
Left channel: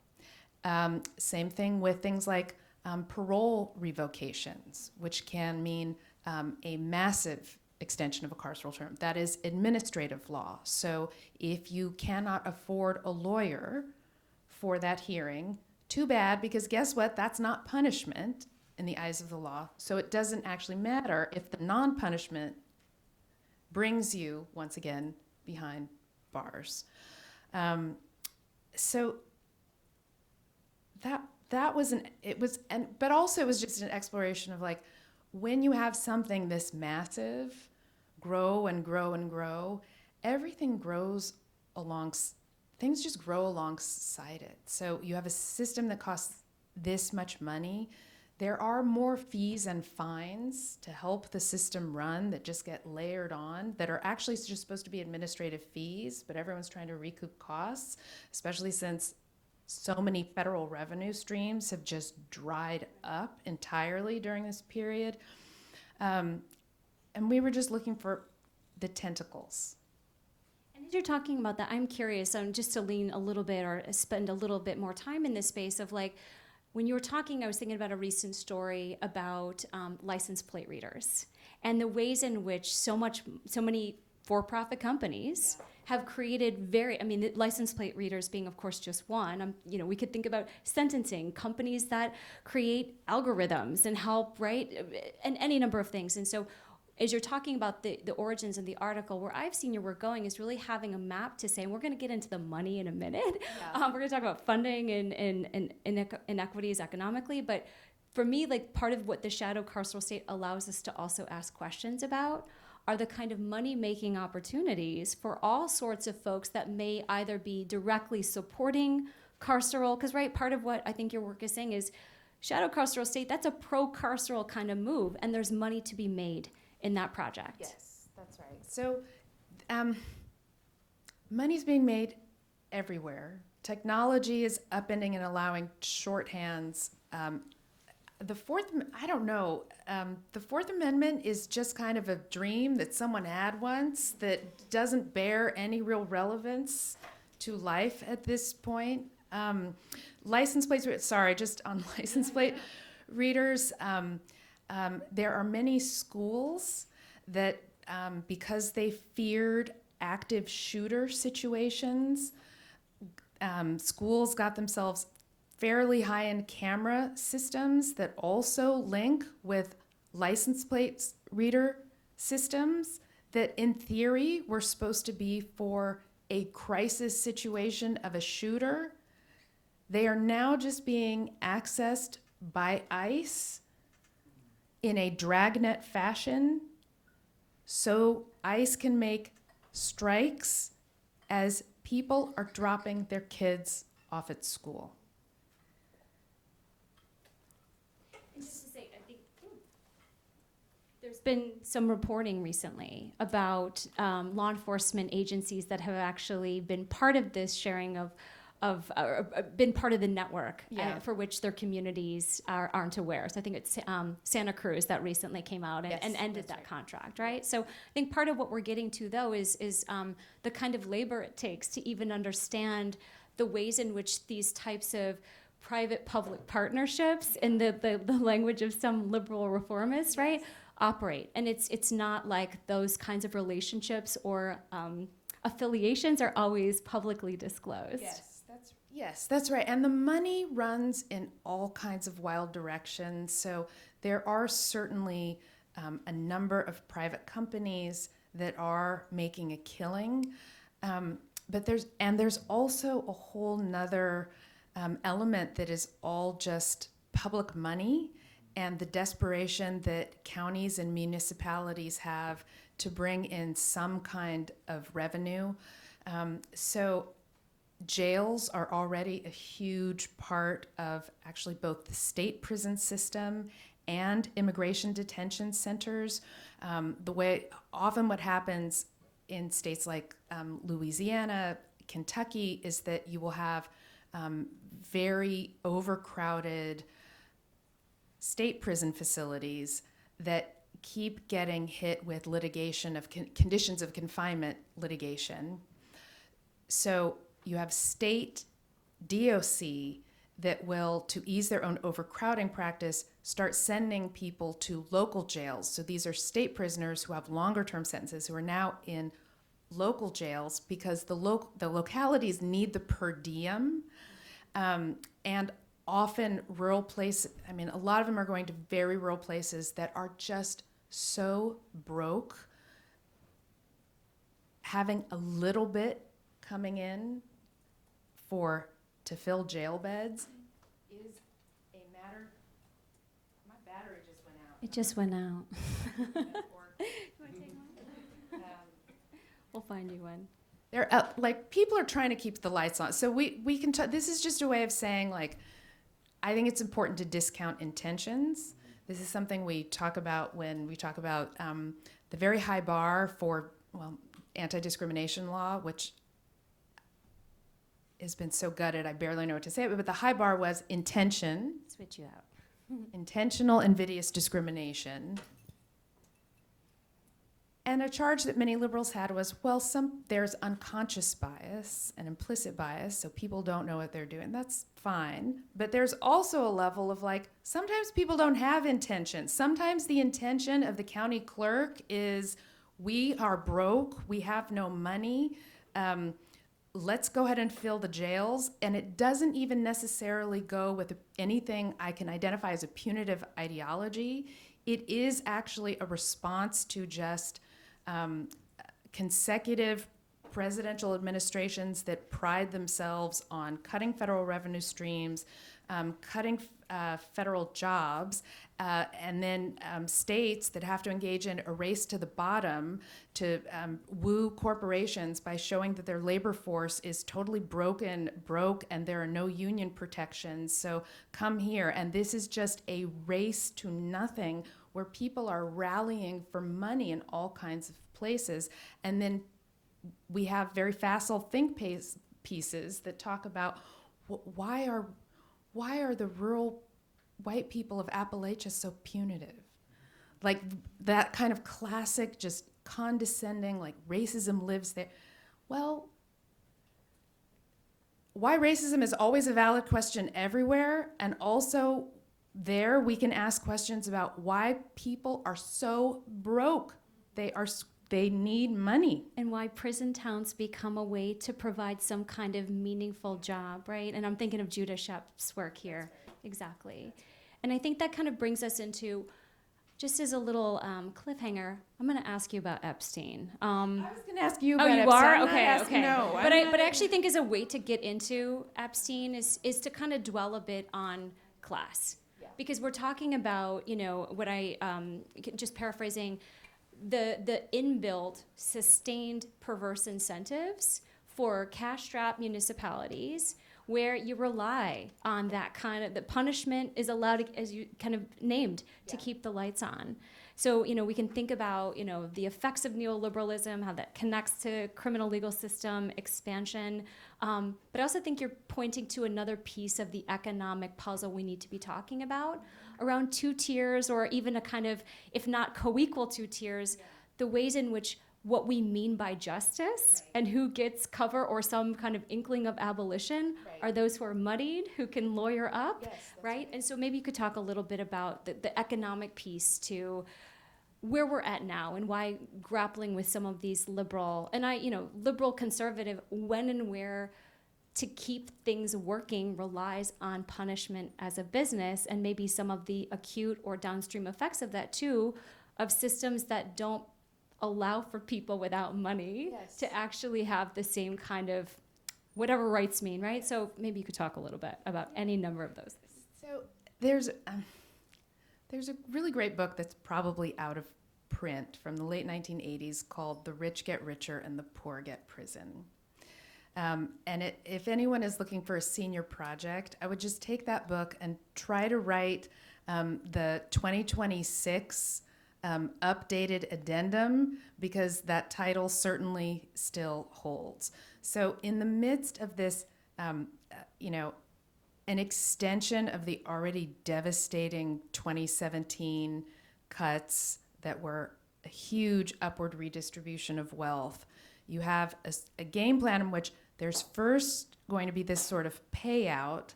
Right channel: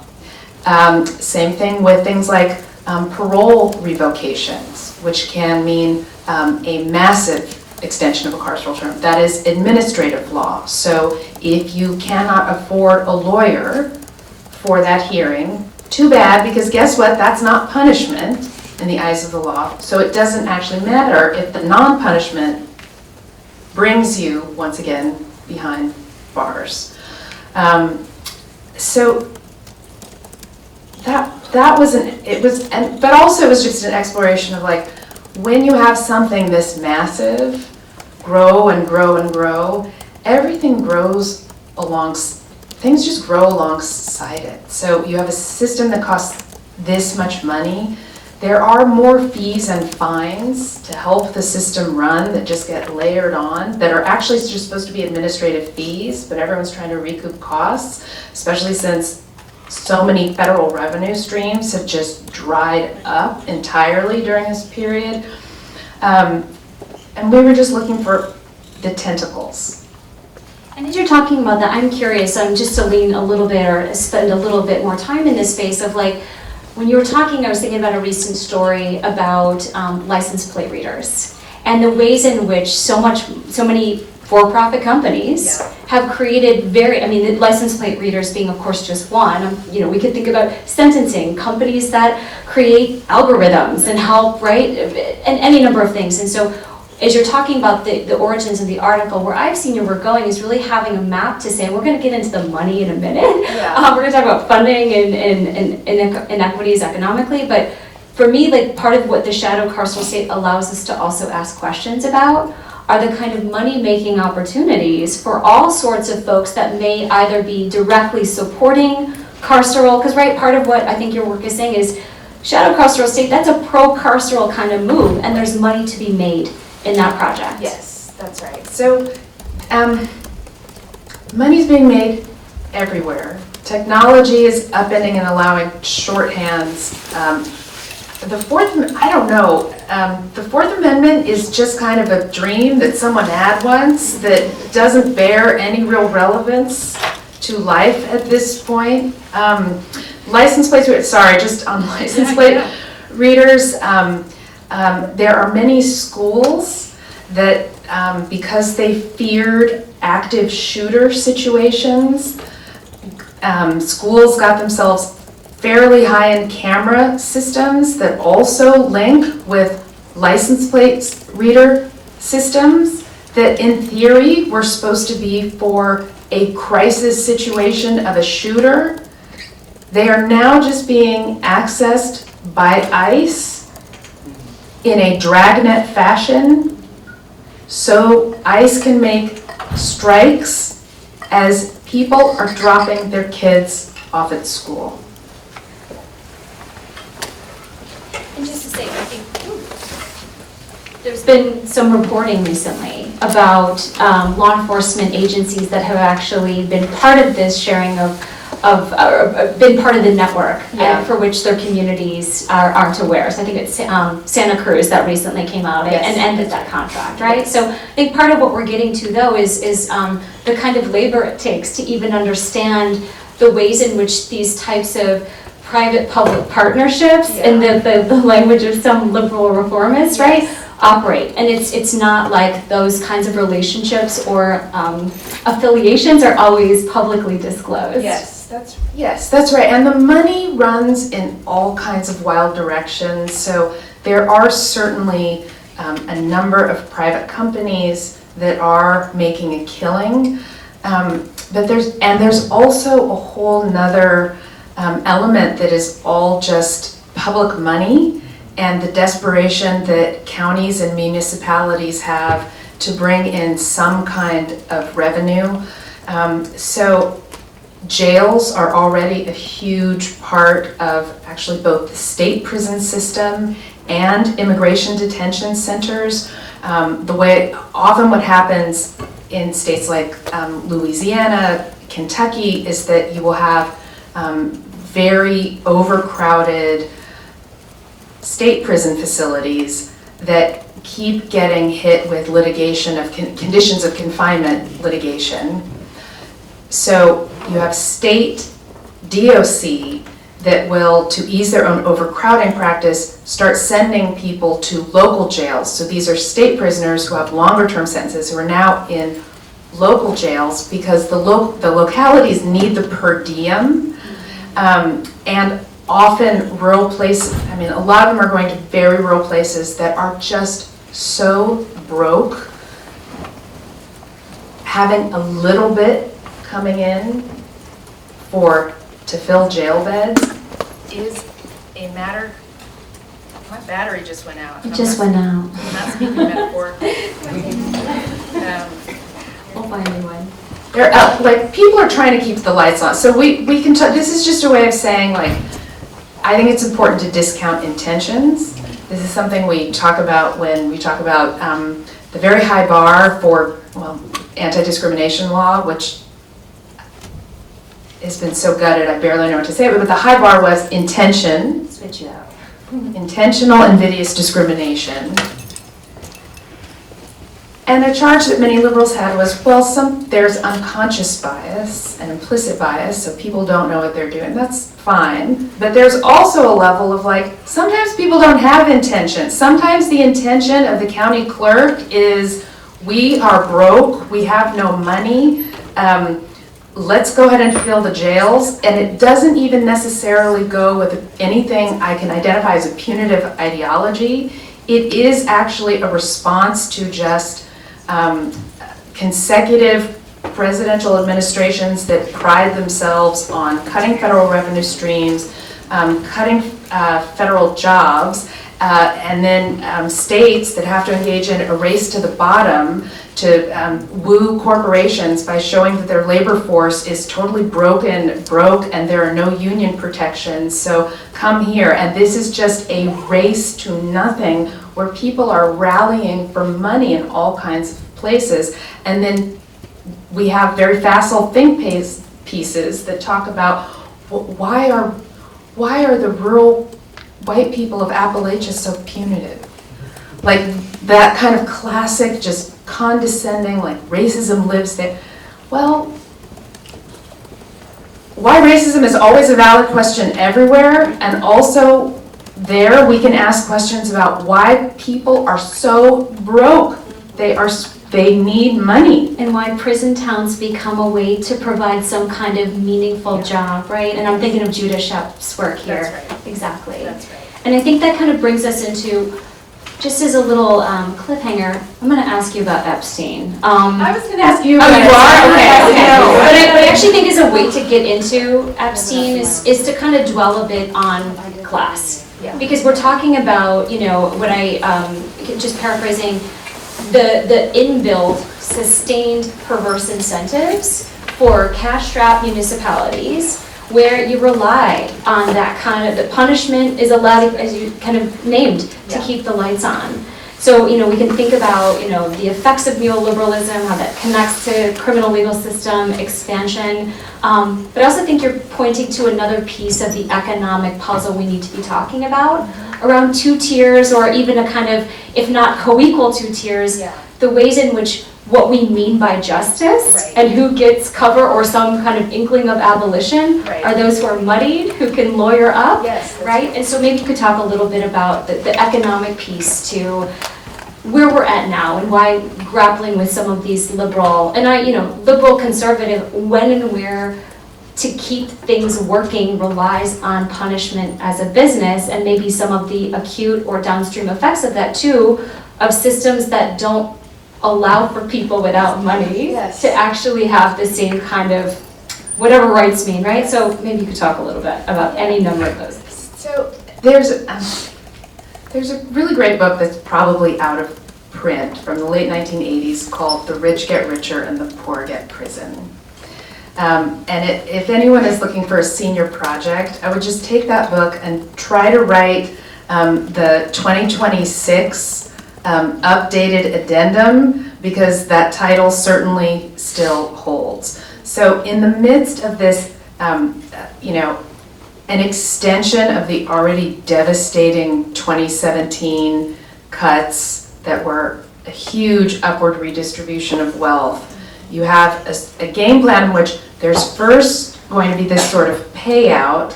Same thing with things like parole revocations, which can mean a massive extension of a carceral term. That is administrative law. So if you cannot afford a lawyer for that hearing, too bad, because guess what? That's not punishment in the eyes of the law. So it doesn't actually matter if the non-punishment brings you, once again, behind bars. So that was but also it was just an exploration of like, when you have something this massive grow and grow and grow, everything grows things just grow alongside it. So you have a system that costs this much money. There are more fees and fines to help the system run that just get layered on, that are actually just supposed to be administrative fees, but everyone's trying to recoup costs, especially since so many federal revenue streams have just dried up entirely during this period. And we were just looking for the tentacles. And as you're talking about that, I'm curious, just to lean a little bit or spend a little bit more time in this space of like, when you were talking, I was thinking about a recent story about license plate readers and the ways in which so many for-profit companies have created the license plate readers being, of course, just one. We could think about sentencing, companies that create algorithms and help, right, and any number of things. And so as you're talking about the origins of the article, where I've seen your work going is really having a map to say, and we're going to get into the money in a minute. Yeah. We're going to talk about funding and inequities economically, but for me, like part of what the shadow carceral state allows us to also ask questions about are the kind of money-making opportunities for all sorts of folks that may either be directly supporting carceral, because right, part of what I think your work is saying is shadow carceral state, that's a pro-carceral kind of move, and there's money to be made in that project. Yes, that's right. So money's being made everywhere. Technology is upending and allowing shorthands. The Fourth Amendment is just kind of a dream that someone had once that doesn't bear any real relevance to life at this point. License plates, just on license plate readers, there are many schools that, because they feared active shooter situations, schools got themselves fairly high-end camera systems that also link with license plate reader systems that in theory were supposed to be for a crisis situation of a shooter. They are now just being accessed by ICE in a dragnet fashion, so ICE can make strikes as people are dropping their kids off at school. And just to say, I think there's been some reporting recently about law enforcement agencies that have actually been part of this sharing been part of the network for which their communities aren't aware. So I think it's Santa Cruz that recently came out and ended that contract, right? Yes. So I think part of what we're getting to though is the kind of labor it takes to even understand the ways in which these types of private-public partnerships, in the language of some liberal reformists, right, operate. And it's not like those kinds of relationships or affiliations are always publicly disclosed. Yes, that's right. And the money runs in all kinds of wild directions. So there are certainly a number of private companies that are making a killing. But there's also a whole nother element that is all just public money and the desperation that counties and municipalities have to bring in some kind of revenue. So jails are already a huge part of actually both the state prison system and immigration detention centers. What happens in states like Louisiana, Kentucky, is that you will have very overcrowded state prison facilities that keep getting hit with litigation of conditions of confinement litigation. So you have state DOC that will, to ease their own overcrowding practice, start sending people to local jails. So these are state prisoners who have longer term sentences who are now in local jails because the localities need the per diem. And often rural places, I mean, a lot of them are going to very rural places that are just so broke. Having a little bit coming in to fill jail beds is a matter. My battery just went out. It just went out. I'm not speaking metaphorically. We'll find a new one. They're like, people are trying to keep the lights on. So we can this is just a way of saying, like, I think it's important to discount intentions. This is something we talk about when we talk about the very high bar for, well, anti-discrimination law, which has been so gutted, I barely know what to say, but the high bar was intention. Switch it out. Intentional invidious discrimination. And a charge that many liberals had was, well, there's unconscious bias and implicit bias, so people don't know what they're doing. That's fine. But there's also a level of, like, sometimes people don't have intention. Sometimes the intention of the county clerk is, we are broke, we have no money, let's go ahead and fill the jails. And it doesn't even necessarily go with anything I can identify as a punitive ideology. It is actually a response to just consecutive presidential administrations that pride themselves on cutting federal revenue streams, cutting federal jobs, and then states that have to engage in a race to the bottom to woo corporations by showing that their labor force is totally broke, and there are no union protections, so come here. And this is just a race to nothing where people are rallying for money in all kinds of places. And then we have very facile think pieces that talk about why are the rural white people of Appalachia so punitive? Like that kind of classic, just condescending, like racism lives there. Well, why racism is always a valid question everywhere, and also there we can ask questions about why people are so broke. They need money. And why prison towns become a way to provide some kind of meaningful job, right? And I'm thinking of Judah Shep's work here. That's right. Exactly. That's right. And I think that kind of brings us into, just as a little cliffhanger, I'm going to ask you about Epstein. I was going to ask you. Oh, you are? Okay. No. But I actually think is a way to get into Epstein is to kind of dwell a bit on class. Yeah. Because we're talking about, what I, just paraphrasing, the inbuilt, sustained, perverse incentives for cash-strapped municipalities where you rely on that kind of, the punishment is allowed, as you kind of named, to keep the lights on. So, we can think about, the effects of neoliberalism, how that connects to criminal legal system expansion. But I also think you're pointing to another piece of the economic puzzle we need to be talking about, around two tiers, or even a kind of, if not co-equal two tiers, the ways in which what we mean by justice and who gets cover or some kind of inkling of abolition are those who are muddied, who can lawyer up, right? And so maybe you could talk a little bit about the economic piece to where we're at now and why grappling with some of these liberal, and liberal conservative, when and where to keep things working relies on punishment as a business, and maybe some of the acute or downstream effects of that too, of systems that don't allow for people without money to actually have the same kind of whatever rights mean, right? So maybe you could talk a little bit about any number of those. So there's a really great book that's probably out of print from the late 1980s called The Rich Get Richer and the Poor Get Prison. If anyone is looking for a senior project, I would just take that book and try to write the 2026 updated addendum, because that title certainly still holds. So in the midst of this, an extension of the already devastating 2017 cuts that were a huge upward redistribution of wealth, you have a game plan in which there's first going to be this sort of payout,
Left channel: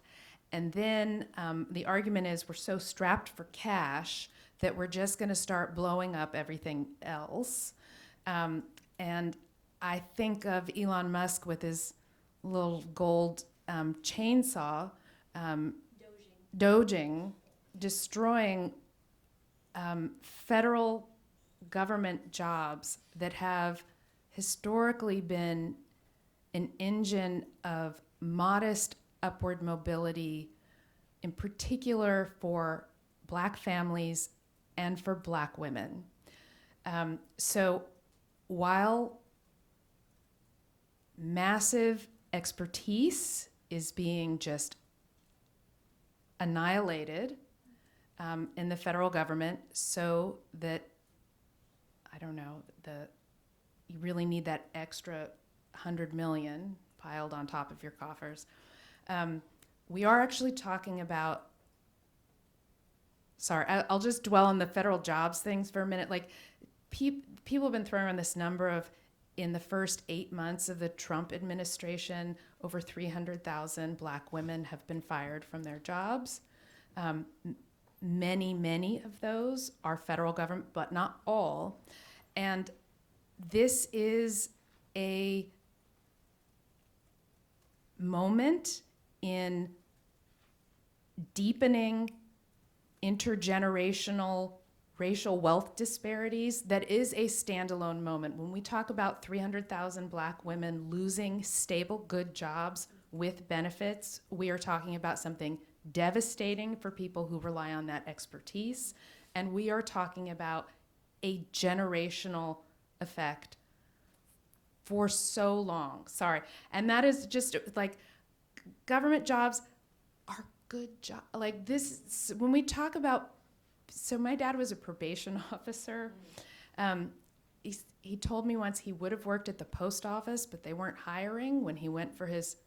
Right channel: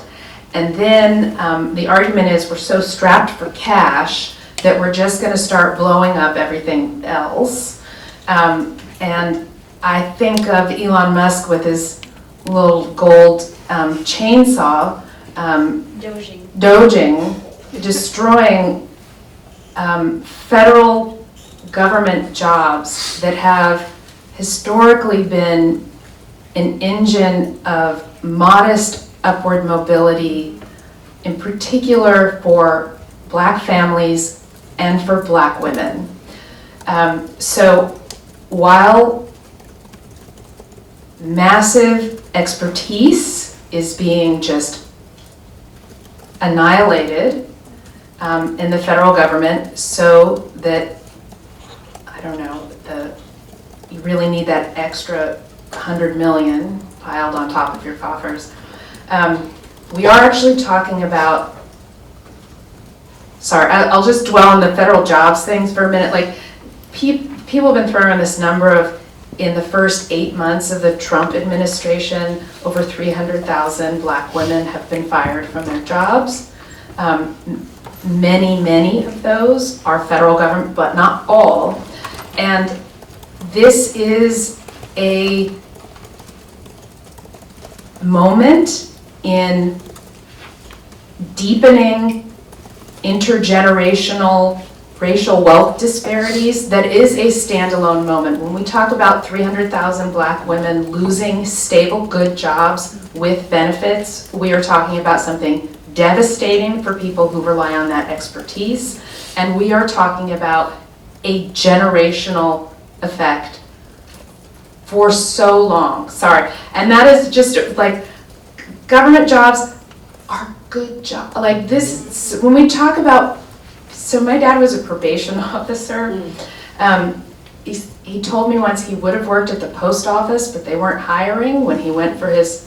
And then the argument is we're so strapped for cash that we're just going to start blowing up everything else. And I think of Elon Musk with his little gold chainsaw, doging, destroying federal government jobs that have historically been an engine of modest upward mobility, in particular for Black families and for Black women. So while massive expertise is being just annihilated in the federal government, so that, I don't know, you really need that extra 100 million piled on top of your coffers. We are actually talking about, sorry, I'll just dwell on the federal jobs things for a minute. Like, people have been throwing around this number of, in the first 8 months of the Trump administration, over 300,000 Black women have been fired from their jobs. Many of those are federal government, but not all. And this is a moment in deepening intergenerational racial wealth disparities that is a standalone moment. When we talk about 300,000 Black women losing stable, good jobs with benefits, we are talking about something devastating for people who rely on that expertise, and we are talking about a generational effect for so long. Sorry. And that is just like, government jobs are good jobs. Like this, when we talk about, so my dad was a probation officer. He told me once he would have worked at the post office, but they weren't hiring when he went for his,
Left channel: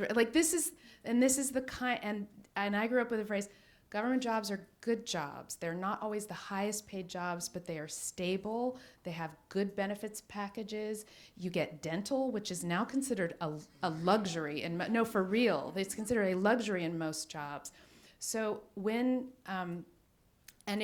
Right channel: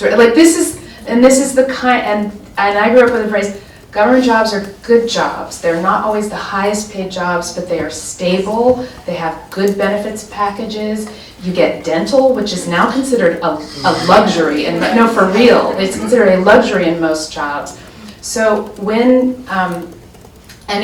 like this is the kind, and I grew up with the phrase, government jobs are good jobs. They're not always the highest paid jobs, but they are stable. They have good benefits packages. You get dental, which is now considered a luxury, and no, for real, it's considered a luxury in most jobs. So when, and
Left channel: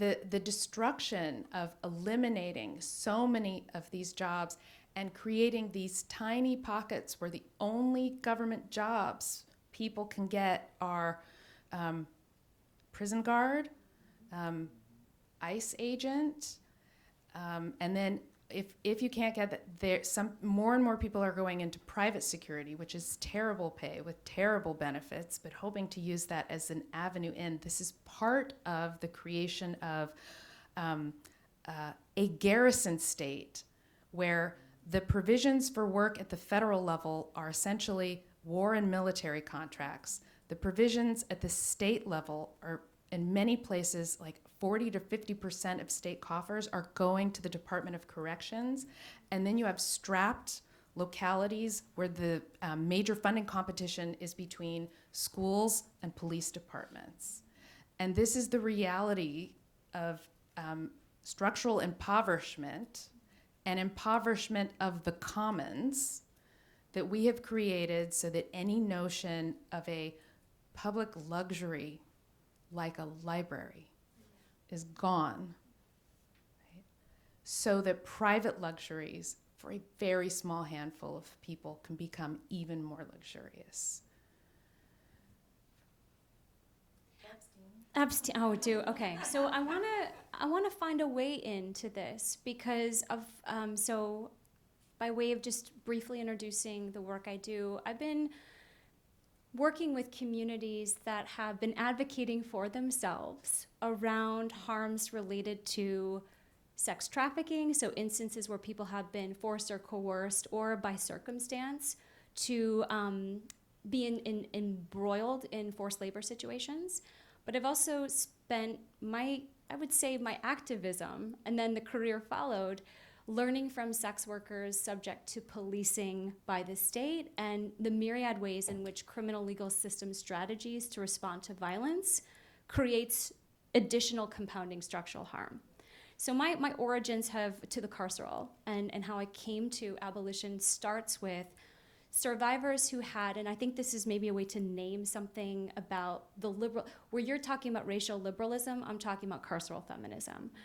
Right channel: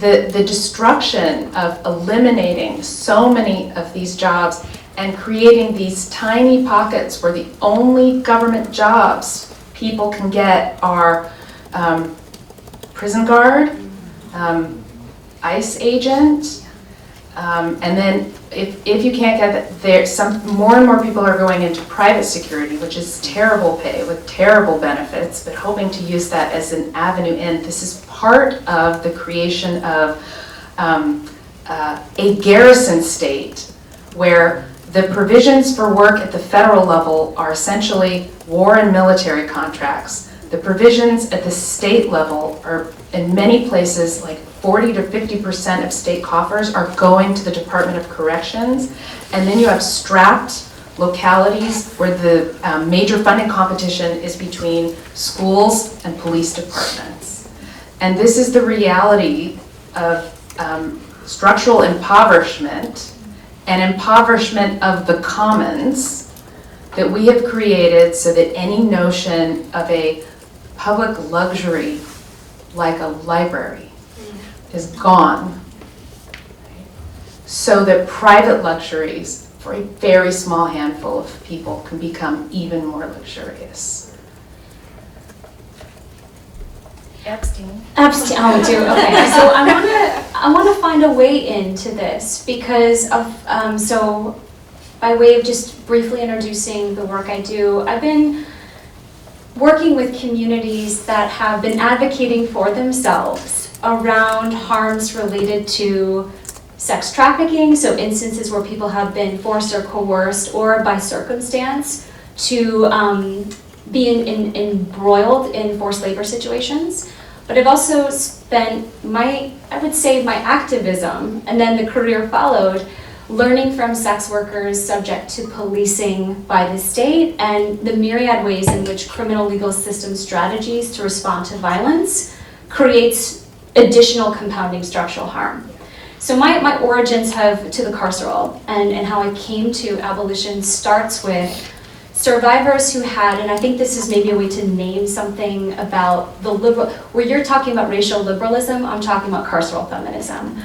the destruction of eliminating so many of these jobs and creating these tiny pockets where the only government jobs people can get are prison guard, ICE agent, and then if you can't get that, more and more people are going into private security, which is terrible pay with terrible benefits, but hoping to use that as an avenue in. This is part of the creation of a garrison state where the provisions for work at the federal level are essentially war and military contracts. The provisions at the state level are, in many places, like 40 to 50% of state coffers are going to the Department of Corrections. And then you have strapped localities where the major funding competition is between schools and police departments. And this is the reality of structural impoverishment and impoverishment of the commons that we have created so that any notion of a public luxury like a library is gone, so that private luxuries for a very small handful of people can become even more luxurious. Epstein. Oh, do okay. So I wanna find a way into this because of so by way of just briefly introducing the work I do, I've been working with communities that have been advocating for themselves around harms related to sex trafficking, so instances where people have been forced or coerced or by circumstance to be embroiled in forced labor situations. But I've also spent I would say my activism, and then the career followed, learning from sex workers subject to policing by the state and the myriad ways in which criminal legal system strategies to respond to violence creates additional compounding structural harm. So my origins have to the carceral, and how I came to abolition starts with survivors who had, and I think this is maybe a way to name something about the liberal, where you're talking about racial liberalism, I'm talking about carceral feminism.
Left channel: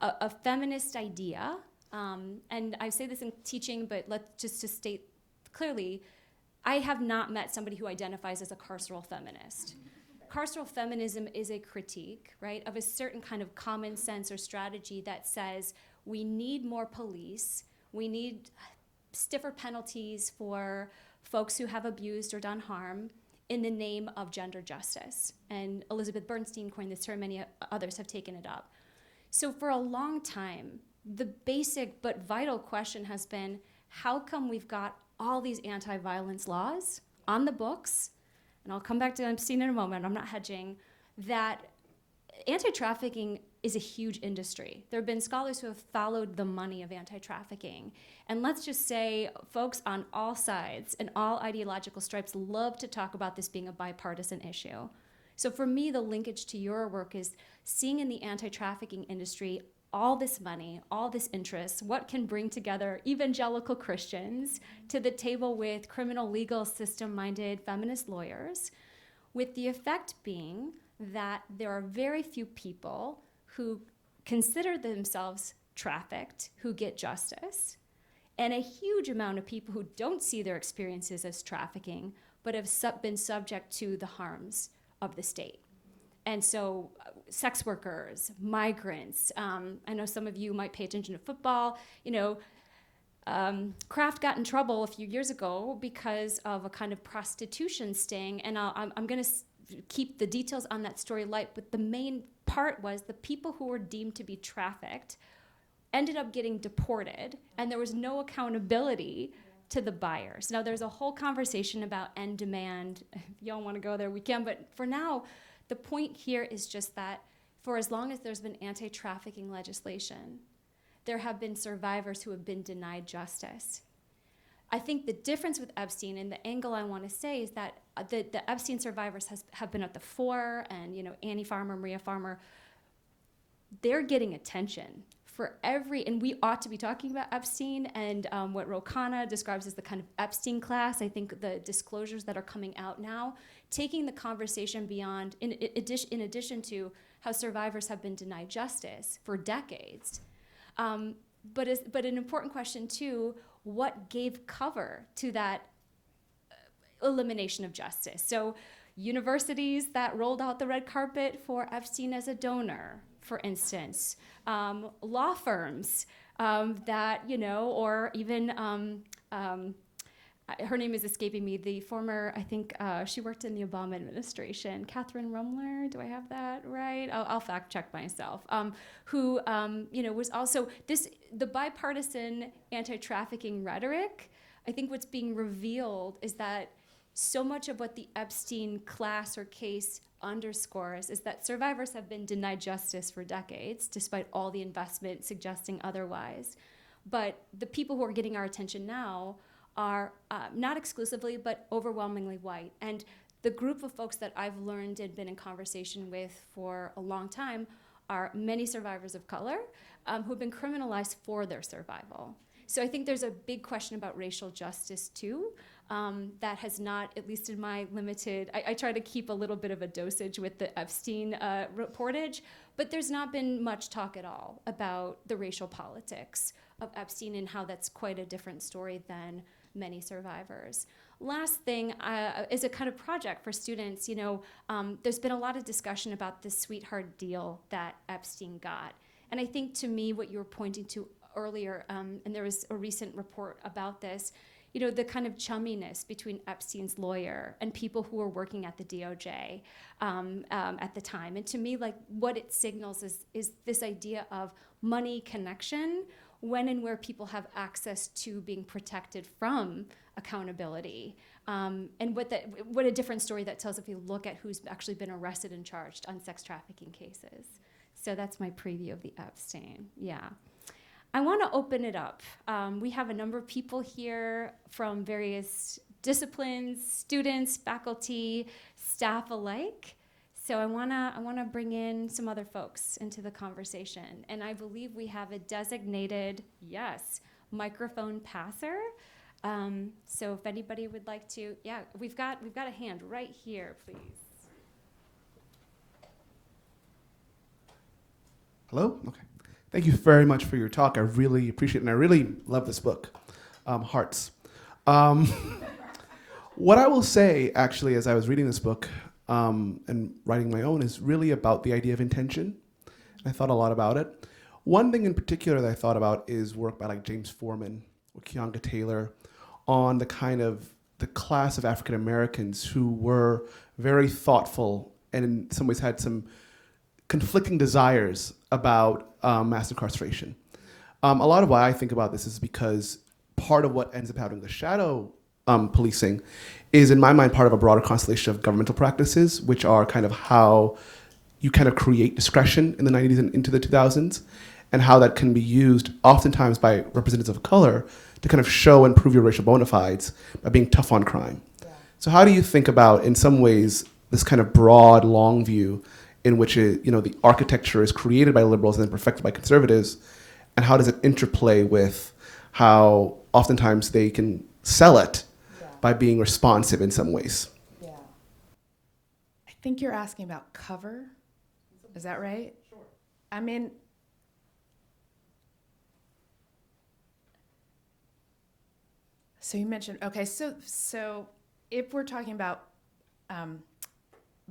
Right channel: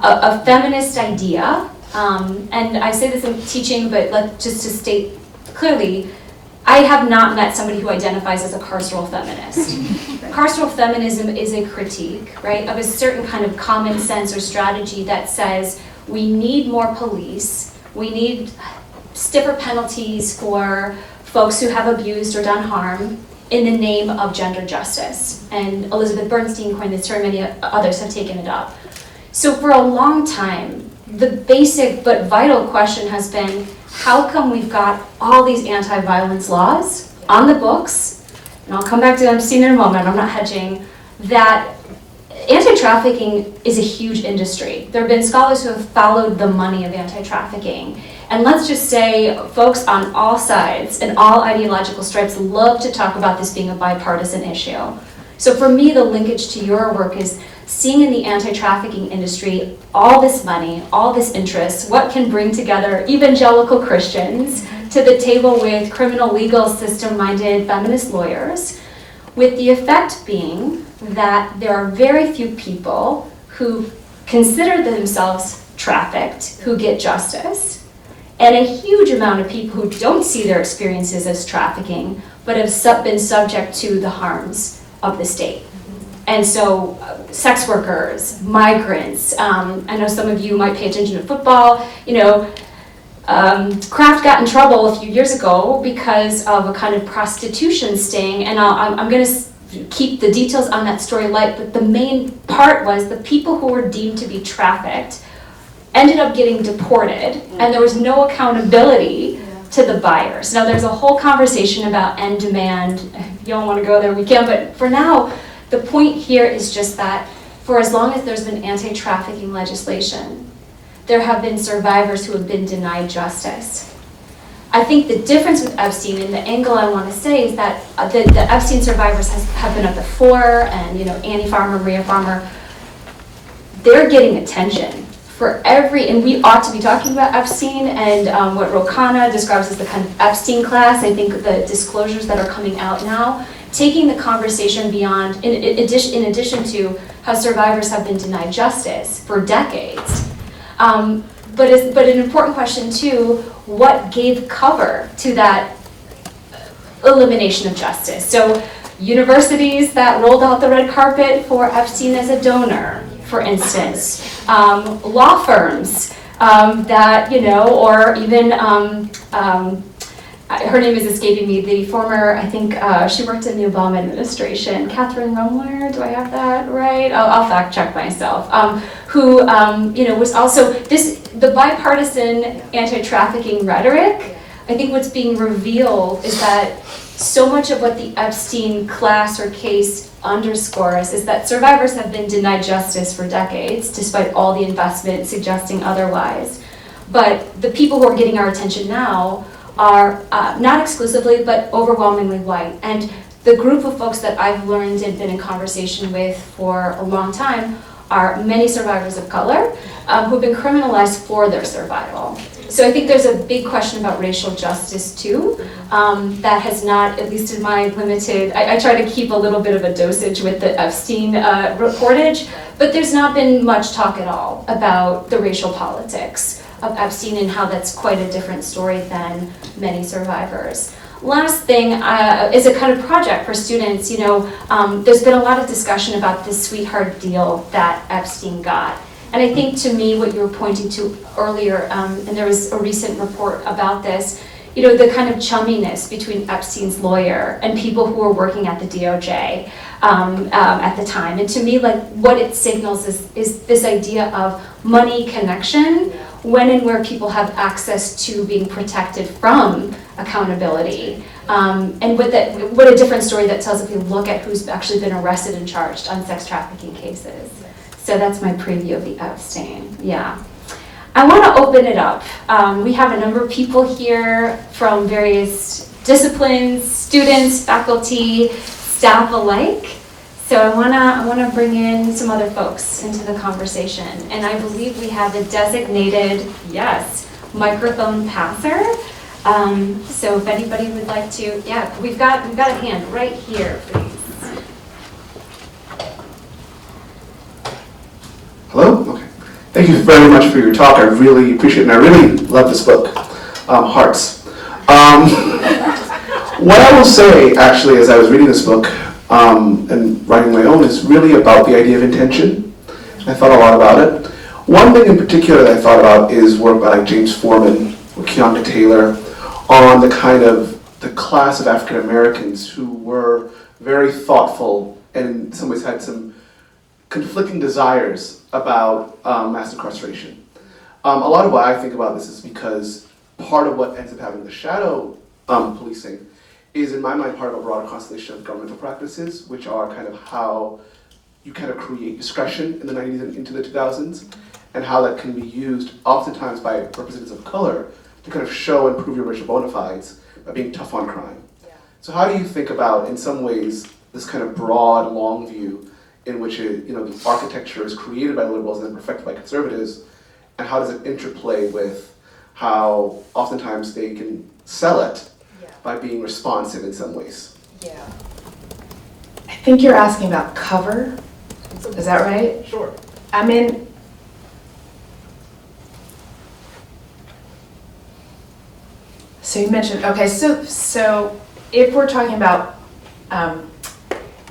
A feminist idea, and I say this in teaching, but just to state clearly, I have not met somebody who identifies as a carceral feminist. Carceral feminism is a critique, right, of a certain kind of common sense or strategy that says we need more police, we need stiffer penalties for folks who have abused or done harm in the name of gender justice. And Elizabeth Bernstein coined this term, many others have taken it up. So for a long time, the basic but vital question has been, how come we've got all these anti-violence laws on the books, and I'll come back to Epstein in a moment, I'm not hedging, that anti-trafficking is a huge industry. There have been scholars who have followed the money of anti-trafficking. And let's just say folks on all sides and all ideological stripes love to talk about this being a bipartisan issue. So for me, the linkage to your work is seeing in the anti-trafficking industry all this money, all this interest, what can bring together evangelical Christians to the table with criminal legal system-minded feminist lawyers, with the effect being that there are very few people who consider themselves trafficked who get justice, and a huge amount of people who don't see their experiences as trafficking, but have been subject to the harms of the state. And so sex workers, migrants, I know some of you might pay attention to football, Kraft got in trouble a few years ago because of a kind of prostitution sting, and I'm going to keep the details on that story light, but the main part was the people who were deemed to be trafficked ended up getting deported, and there was no accountability to the buyers. Now there's a whole conversation about end demand. If you don't want to go there, we can, but for now, the point here is just that for as long as there's been anti-trafficking legislation, there have been survivors who have been denied justice. I think the difference with Epstein, and the angle I want to say, is that the Epstein survivors have been at the fore, and Annie Farmer, Maria Farmer, they're getting attention for and we ought to be talking about Epstein and what Rokana describes as the kind of Epstein class. I think the disclosures that are coming out now, taking the conversation beyond, in addition to how survivors have been denied justice for decades. But an important question too, what gave cover to that elimination of justice? So universities that rolled out the red carpet for Epstein as a donor, for instance, law firms that, or even, her name is escaping me, the former, I think she worked in the Obama administration, Catherine Rumler, do I have that right? I'll fact check myself, who, was also, the bipartisan anti-trafficking rhetoric, I think what's being revealed is that so much of what the Epstein class or case underscores is that survivors have been denied justice for decades, despite all the investment suggesting otherwise. But the people who are getting our attention now are not exclusively, but overwhelmingly white. And the group of folks that I've learned and been in conversation with for a long time are many survivors of color who've been criminalized for their survival. So I think there's a big question about racial justice too, that has not, at least in my limited, I try to keep a little bit of a dosage with the Epstein reportage, but there's not been much talk at all about the racial politics of Epstein and how that's quite a different story than many survivors. Last thing is a kind of project for students. There's been a lot of discussion about this sweetheart deal that Epstein got. And I think to me what you were pointing to earlier, and there was a recent report about this, the kind of chumminess between Epstein's lawyer and people who were working at the DOJ at the time. And to me, what it signals is this idea of money connection when and where people have access to being protected from accountability. And what a different story that tells if you look at who's actually been arrested and charged on sex trafficking cases. So that's my preview of the Epstein, yeah. I want to open it up. We have a number of people here from various disciplines, students, faculty, staff alike. So I want to bring in some other folks into the conversation. And I believe we have a designated, yes, microphone passer. So if anybody would like to, yeah, we've got a hand right here, please. Hello? Okay. Thank you very much for your talk. I really appreciate it, and I really love this book, Hearts. What I will say, actually, as I was reading this book and writing my own, is really about the idea of intention. I thought a lot about it. One thing in particular that I thought about is work by like James Forman or Keonta Taylor on the kind of the class of African Americans who were very thoughtful and in some ways had some conflicting desires about mass incarceration. A lot of why I think about this is because part of what ends up having the shadow policing is, in my mind, part of a broader constellation of governmental practices, which are kind of how you kind of create discretion in the 90s and into the 2000s, and how that can be used oftentimes by representatives of color to kind of show and prove your racial bona fides by being tough on crime. Yeah. So how do you think about, in some ways, this kind of broad, long view in which the architecture is created by liberals and then perfected by conservatives, and how does it interplay with how oftentimes they can sell it by being responsive in some ways? Yeah. I think you're asking about cover. Is that right? Sure. I mean, so you mentioned, okay, so if we're talking about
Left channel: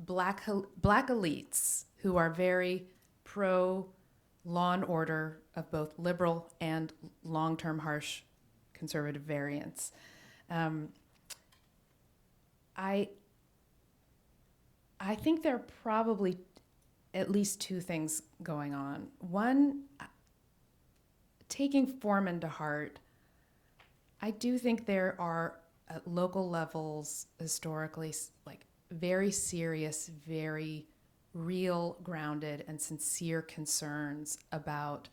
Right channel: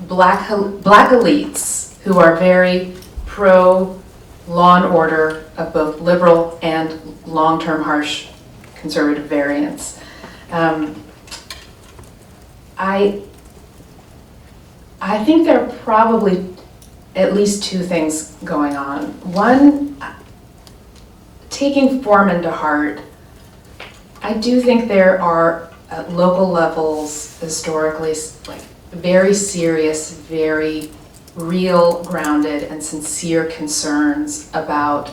black elites who are very pro law and order of both liberal and long-term harsh conservative variants, I think there are probably at least two things going on. One, taking Forman to heart, I do think there are at local levels historically like very serious, very real, grounded, and sincere concerns about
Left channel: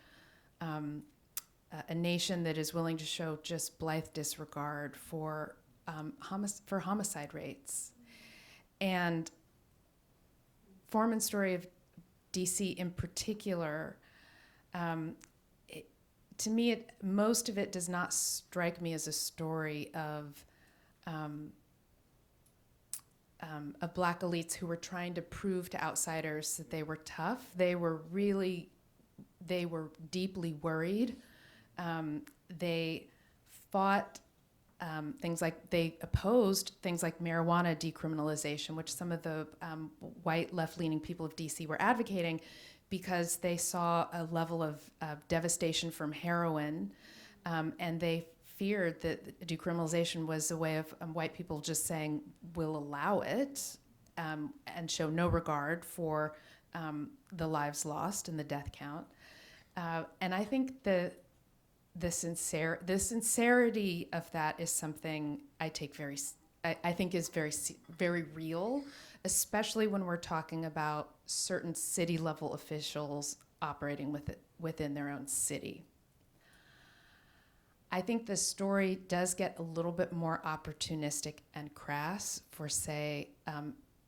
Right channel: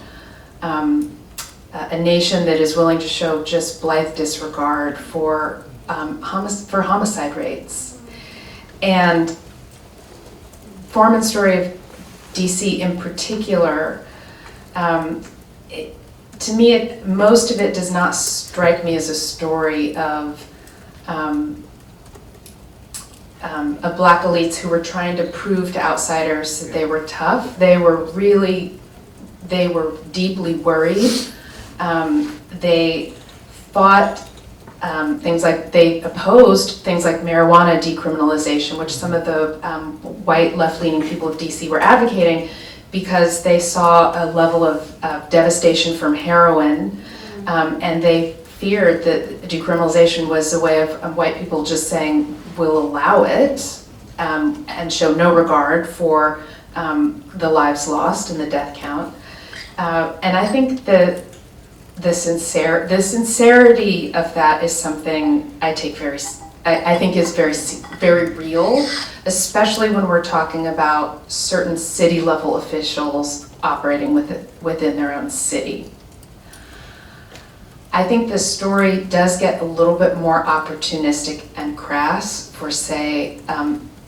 a nation that is willing to show just blithe disregard for homicide rates. And Forman's story of DC in particular, to me, most of it does not strike me as a story of black elites who were trying to prove to outsiders that they were tough. They were deeply worried. They fought things like, they opposed things like marijuana decriminalization, which some of the white left-leaning people of DC were advocating, because they saw a level of devastation from heroin, and they feared that decriminalization was a way of white people just saying, we'll allow it, and show no regard for the lives lost and the death count. And I think that the sincerity of that is something I think is very real, especially when we're talking about certain city level officials operating within their own city. I think the story does get a little bit more opportunistic and crass for, say,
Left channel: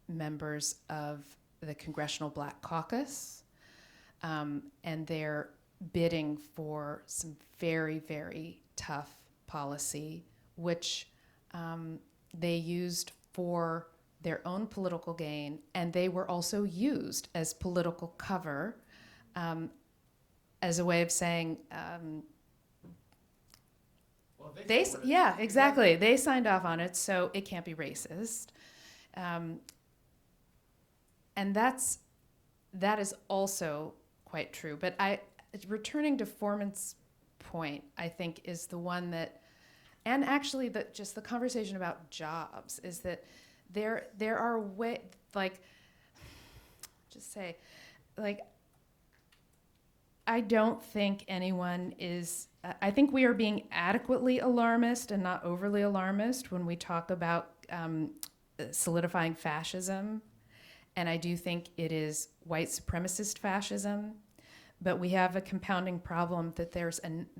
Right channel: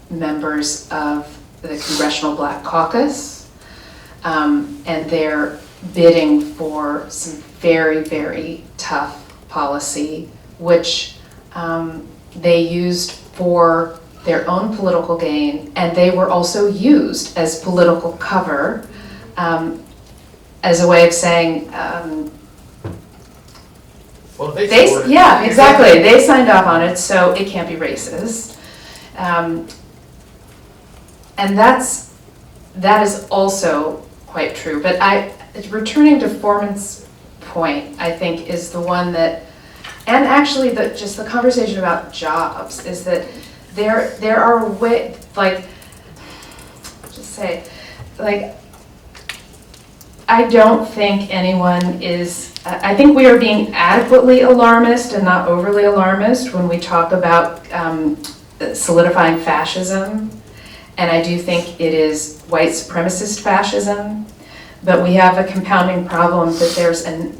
members of the Congressional Black Caucus, and they're bidding for some very, very tough policy, which they used for their own political gain, and they were also used as political cover, as a way of saying, yeah, exactly. They signed off on it, so it can't be racist. And that is also quite true. But returning to Forman's point, I think, is the one that, and actually just the conversation about jobs, is that there are ways, like, just say, like, I don't think anyone is, I think we are being adequately alarmist and not overly alarmist when we talk about solidifying fascism. And I do think it is white supremacist fascism, but we have a compounding problem that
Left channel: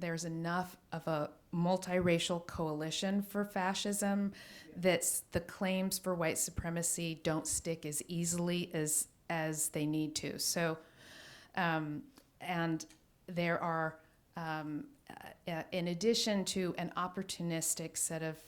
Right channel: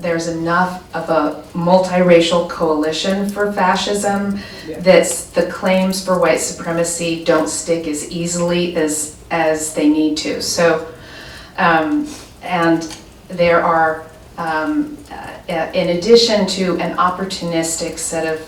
there's enough of a multiracial coalition for fascism that the claims for white supremacy don't stick as easily as they need to. So, and there are in addition to an opportunistic set of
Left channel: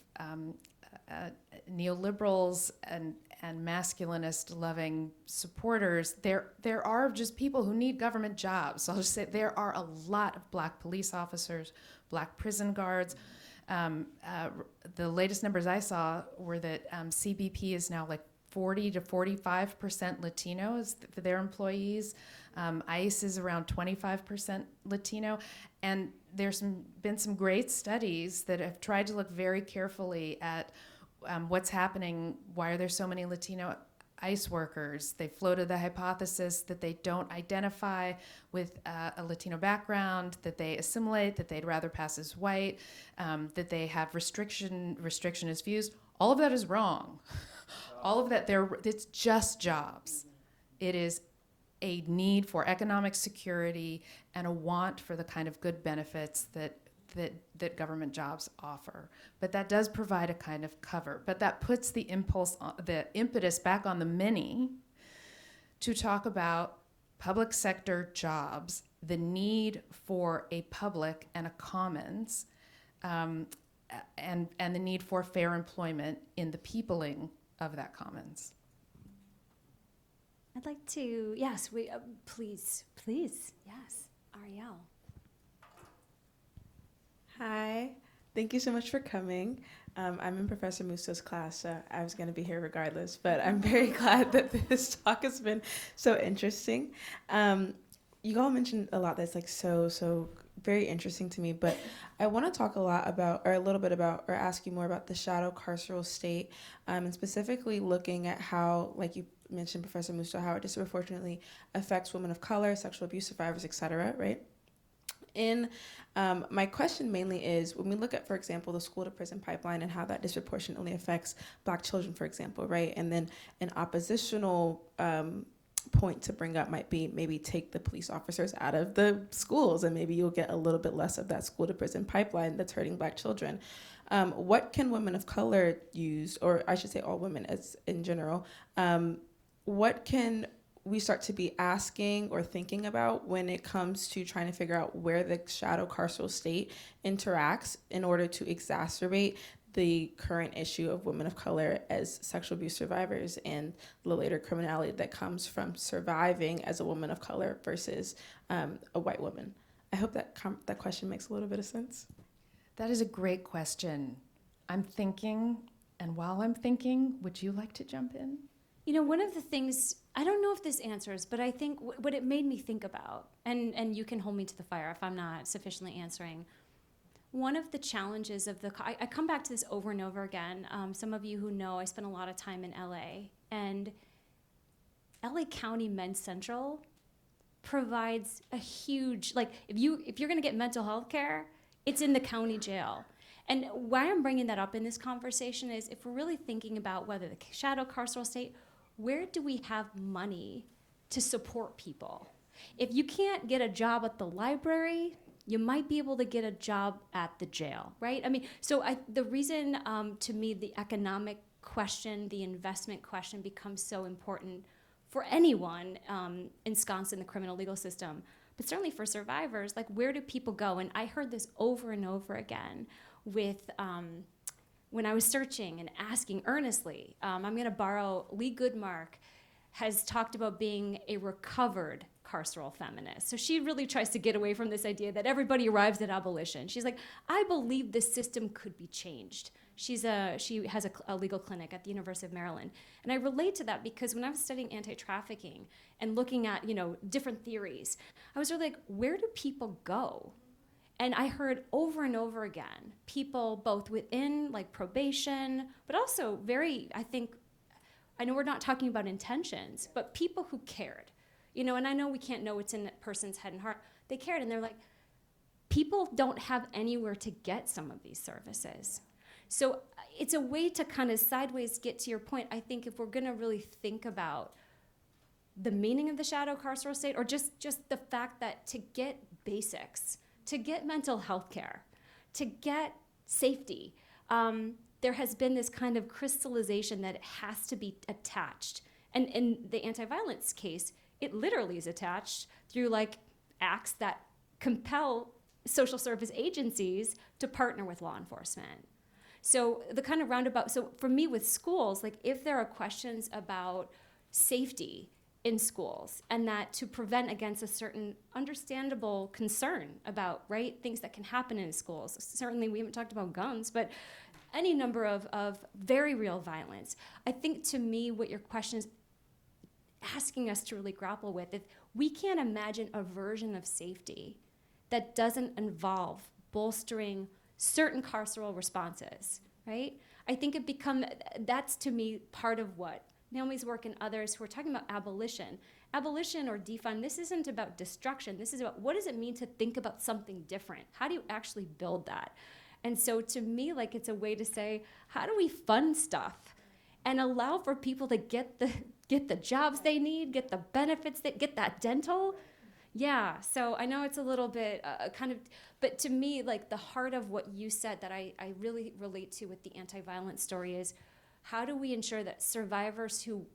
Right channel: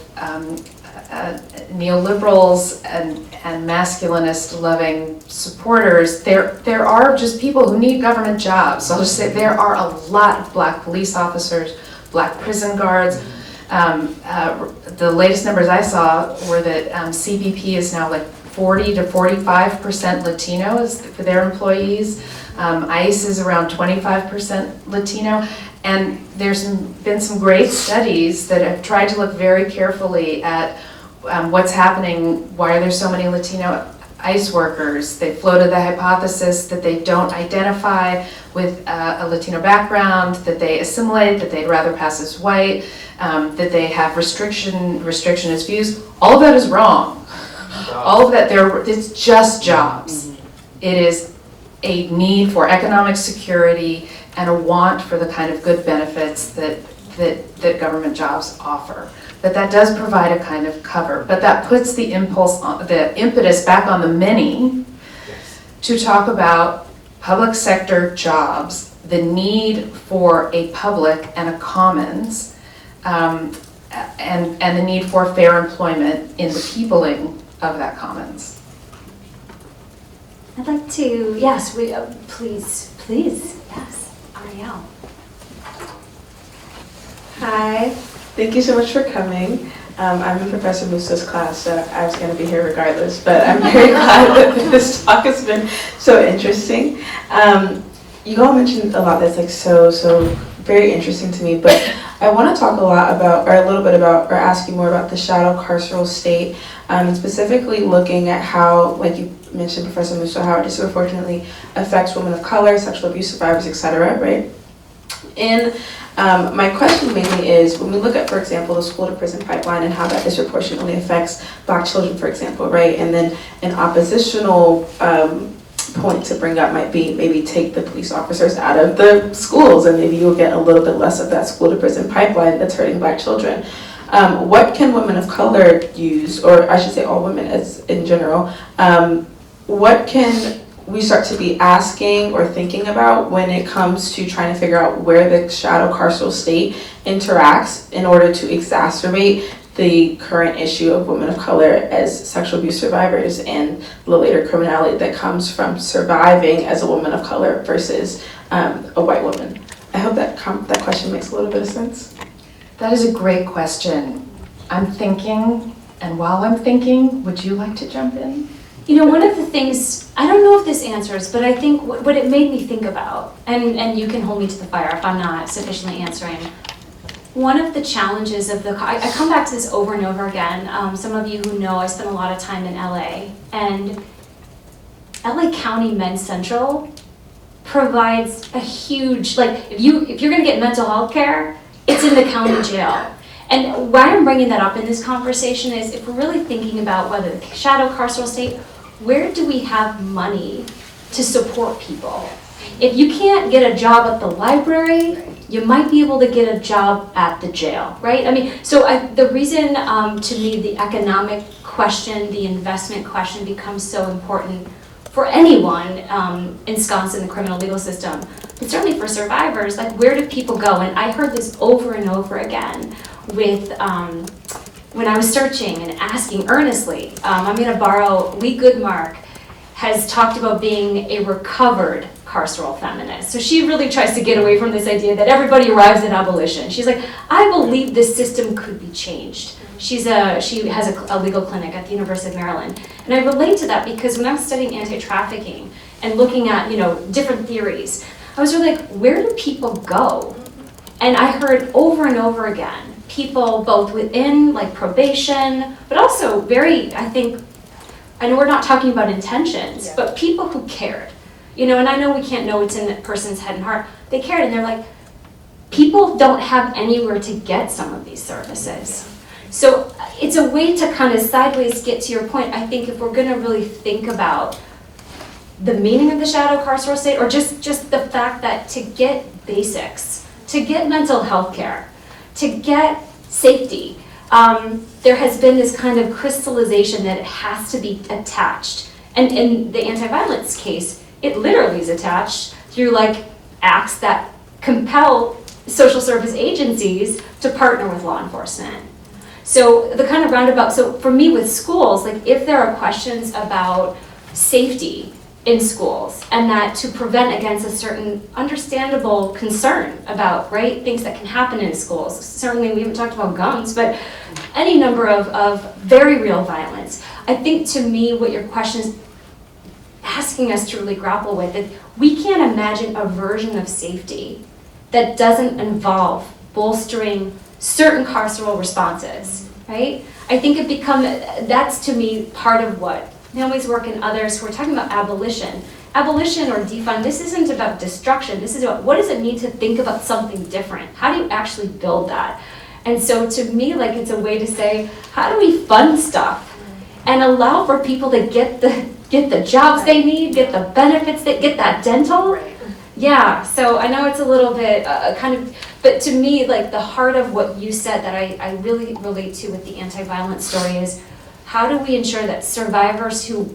neoliberals and masculinist-loving supporters, there are just people who need government jobs. So I'll just say there are a lot of Black police officers, Black prison guards. The latest numbers I saw were that CBP is now like 40 to 45% Latinos for their employees. ICE is around 25% Latino. And there's been some great studies that have tried to look very carefully at what's happening, why are there so many Latino ICE workers. They floated the hypothesis that they don't identify with a Latino background, that they assimilate, that they'd rather pass as white, that they have restrictionist views. All of that is wrong. All of that, it's just jobs. It is a need for economic security and a want for the kind of good benefits that government jobs offer. But that does provide a kind of cover. But that puts the impetus back on the many to talk about public sector jobs, the need for a public and a commons, and the need for fair employment in the peopling of that commons. I'd like to, yes, please, yes, Ariel. Hi, thank you so much for coming. I'm in Professor Musto's class, so I was going to be here regardless, but I'm very glad that this talk has been so interesting. You all mentioned a lot that's like so very interesting to me, but I want to talk a little bit about, or ask you more about the shadow carceral state, and specifically looking at how, like you mentioned, Professor Musto, how it disproportionately affects women of color, sexual abuse survivors, etc., right? My question mainly is, when we look at, for example, the school to prison pipeline and how that disproportionately affects Black children, for example, right? And then an oppositional point to bring up might be maybe take the police officers out of the schools, and maybe you'll get a little bit less of that school to prison pipeline that's hurting Black children. What can women of color use, or I should say all women as in general, what can we start to be asking or thinking about when it comes to trying to figure out where the shadow carceral state interacts in order to exacerbate the current issue of women of color as sexual abuse survivors and the later criminality that comes from surviving as a woman of color versus a white woman? I hope that question makes a little bit of sense. That is a great question. I'm thinking, and while I'm thinking, would you like to jump in? You know, one of the things, I don't know if this answers, but I think what it made me think about, and you can hold me to the fire if I'm not sufficiently answering, one of the challenges of I come back to this over and over again. Some of you who know I spent a lot of time in LA, and LA County Men's Central provides a huge, like, if you're gonna get mental health care, it's in the county jail. And why I'm bringing that up in this conversation is if we're really thinking about whether the shadow carceral state, where do we have money to support people? If you can't get a job at the library, you might be able to get a job at the jail, right? I mean, so the reason to me the economic question, the investment question becomes so important for anyone ensconced in the criminal legal system, but certainly for survivors, like where do people go? And I heard this over and over again with when I was searching and asking earnestly. I'm going to borrow Lee Goodmark has talked about being a recovered carceral feminist. So she really tries to get away from this idea that everybody arrives at abolition. She's like, I believe this system could be changed. She has a legal clinic at the University of Maryland. And I relate to that because when I was studying anti-trafficking and looking at, different theories, I was really like, where do people go? And I heard over and over again, people both within like probation, but also I know we're not talking about intentions, but people who cared, and I know we can't know what's in that person's head and heart. They cared, and they're like, people don't have anywhere to get some of these services. So it's a way to kind of sideways get to your point. I think if we're gonna really think about the meaning of the shadow carceral state, or just the fact that to get basics, to get mental health care, to get safety, there has been this kind of crystallization that it has to be attached. And in the anti-violence case, it literally is attached through like acts that compel social service agencies to partner with law enforcement. So the kind of roundabout, so for me with schools, like if there are questions about safety in schools and that to prevent against a certain understandable concern about, right, things that can happen in schools. Certainly we haven't talked about guns, but any number of very real violence. I think to me what your question is asking us to really grapple with is we can't imagine a version of safety that doesn't involve bolstering certain carceral responses, right? I think that's to me part of what Naomi's work and others who are talking about abolition. Abolition or defund, this isn't about destruction, this is about what does it mean to think about something different? How do you actually build that? And so to me, like it's a way to say, how do we fund stuff and allow for people to get the jobs they need, get the benefits, get that dental? Yeah, so I know it's a little bit but to me, like the heart of what you said that I really relate to with the anti-violence story is how do we ensure that survivors who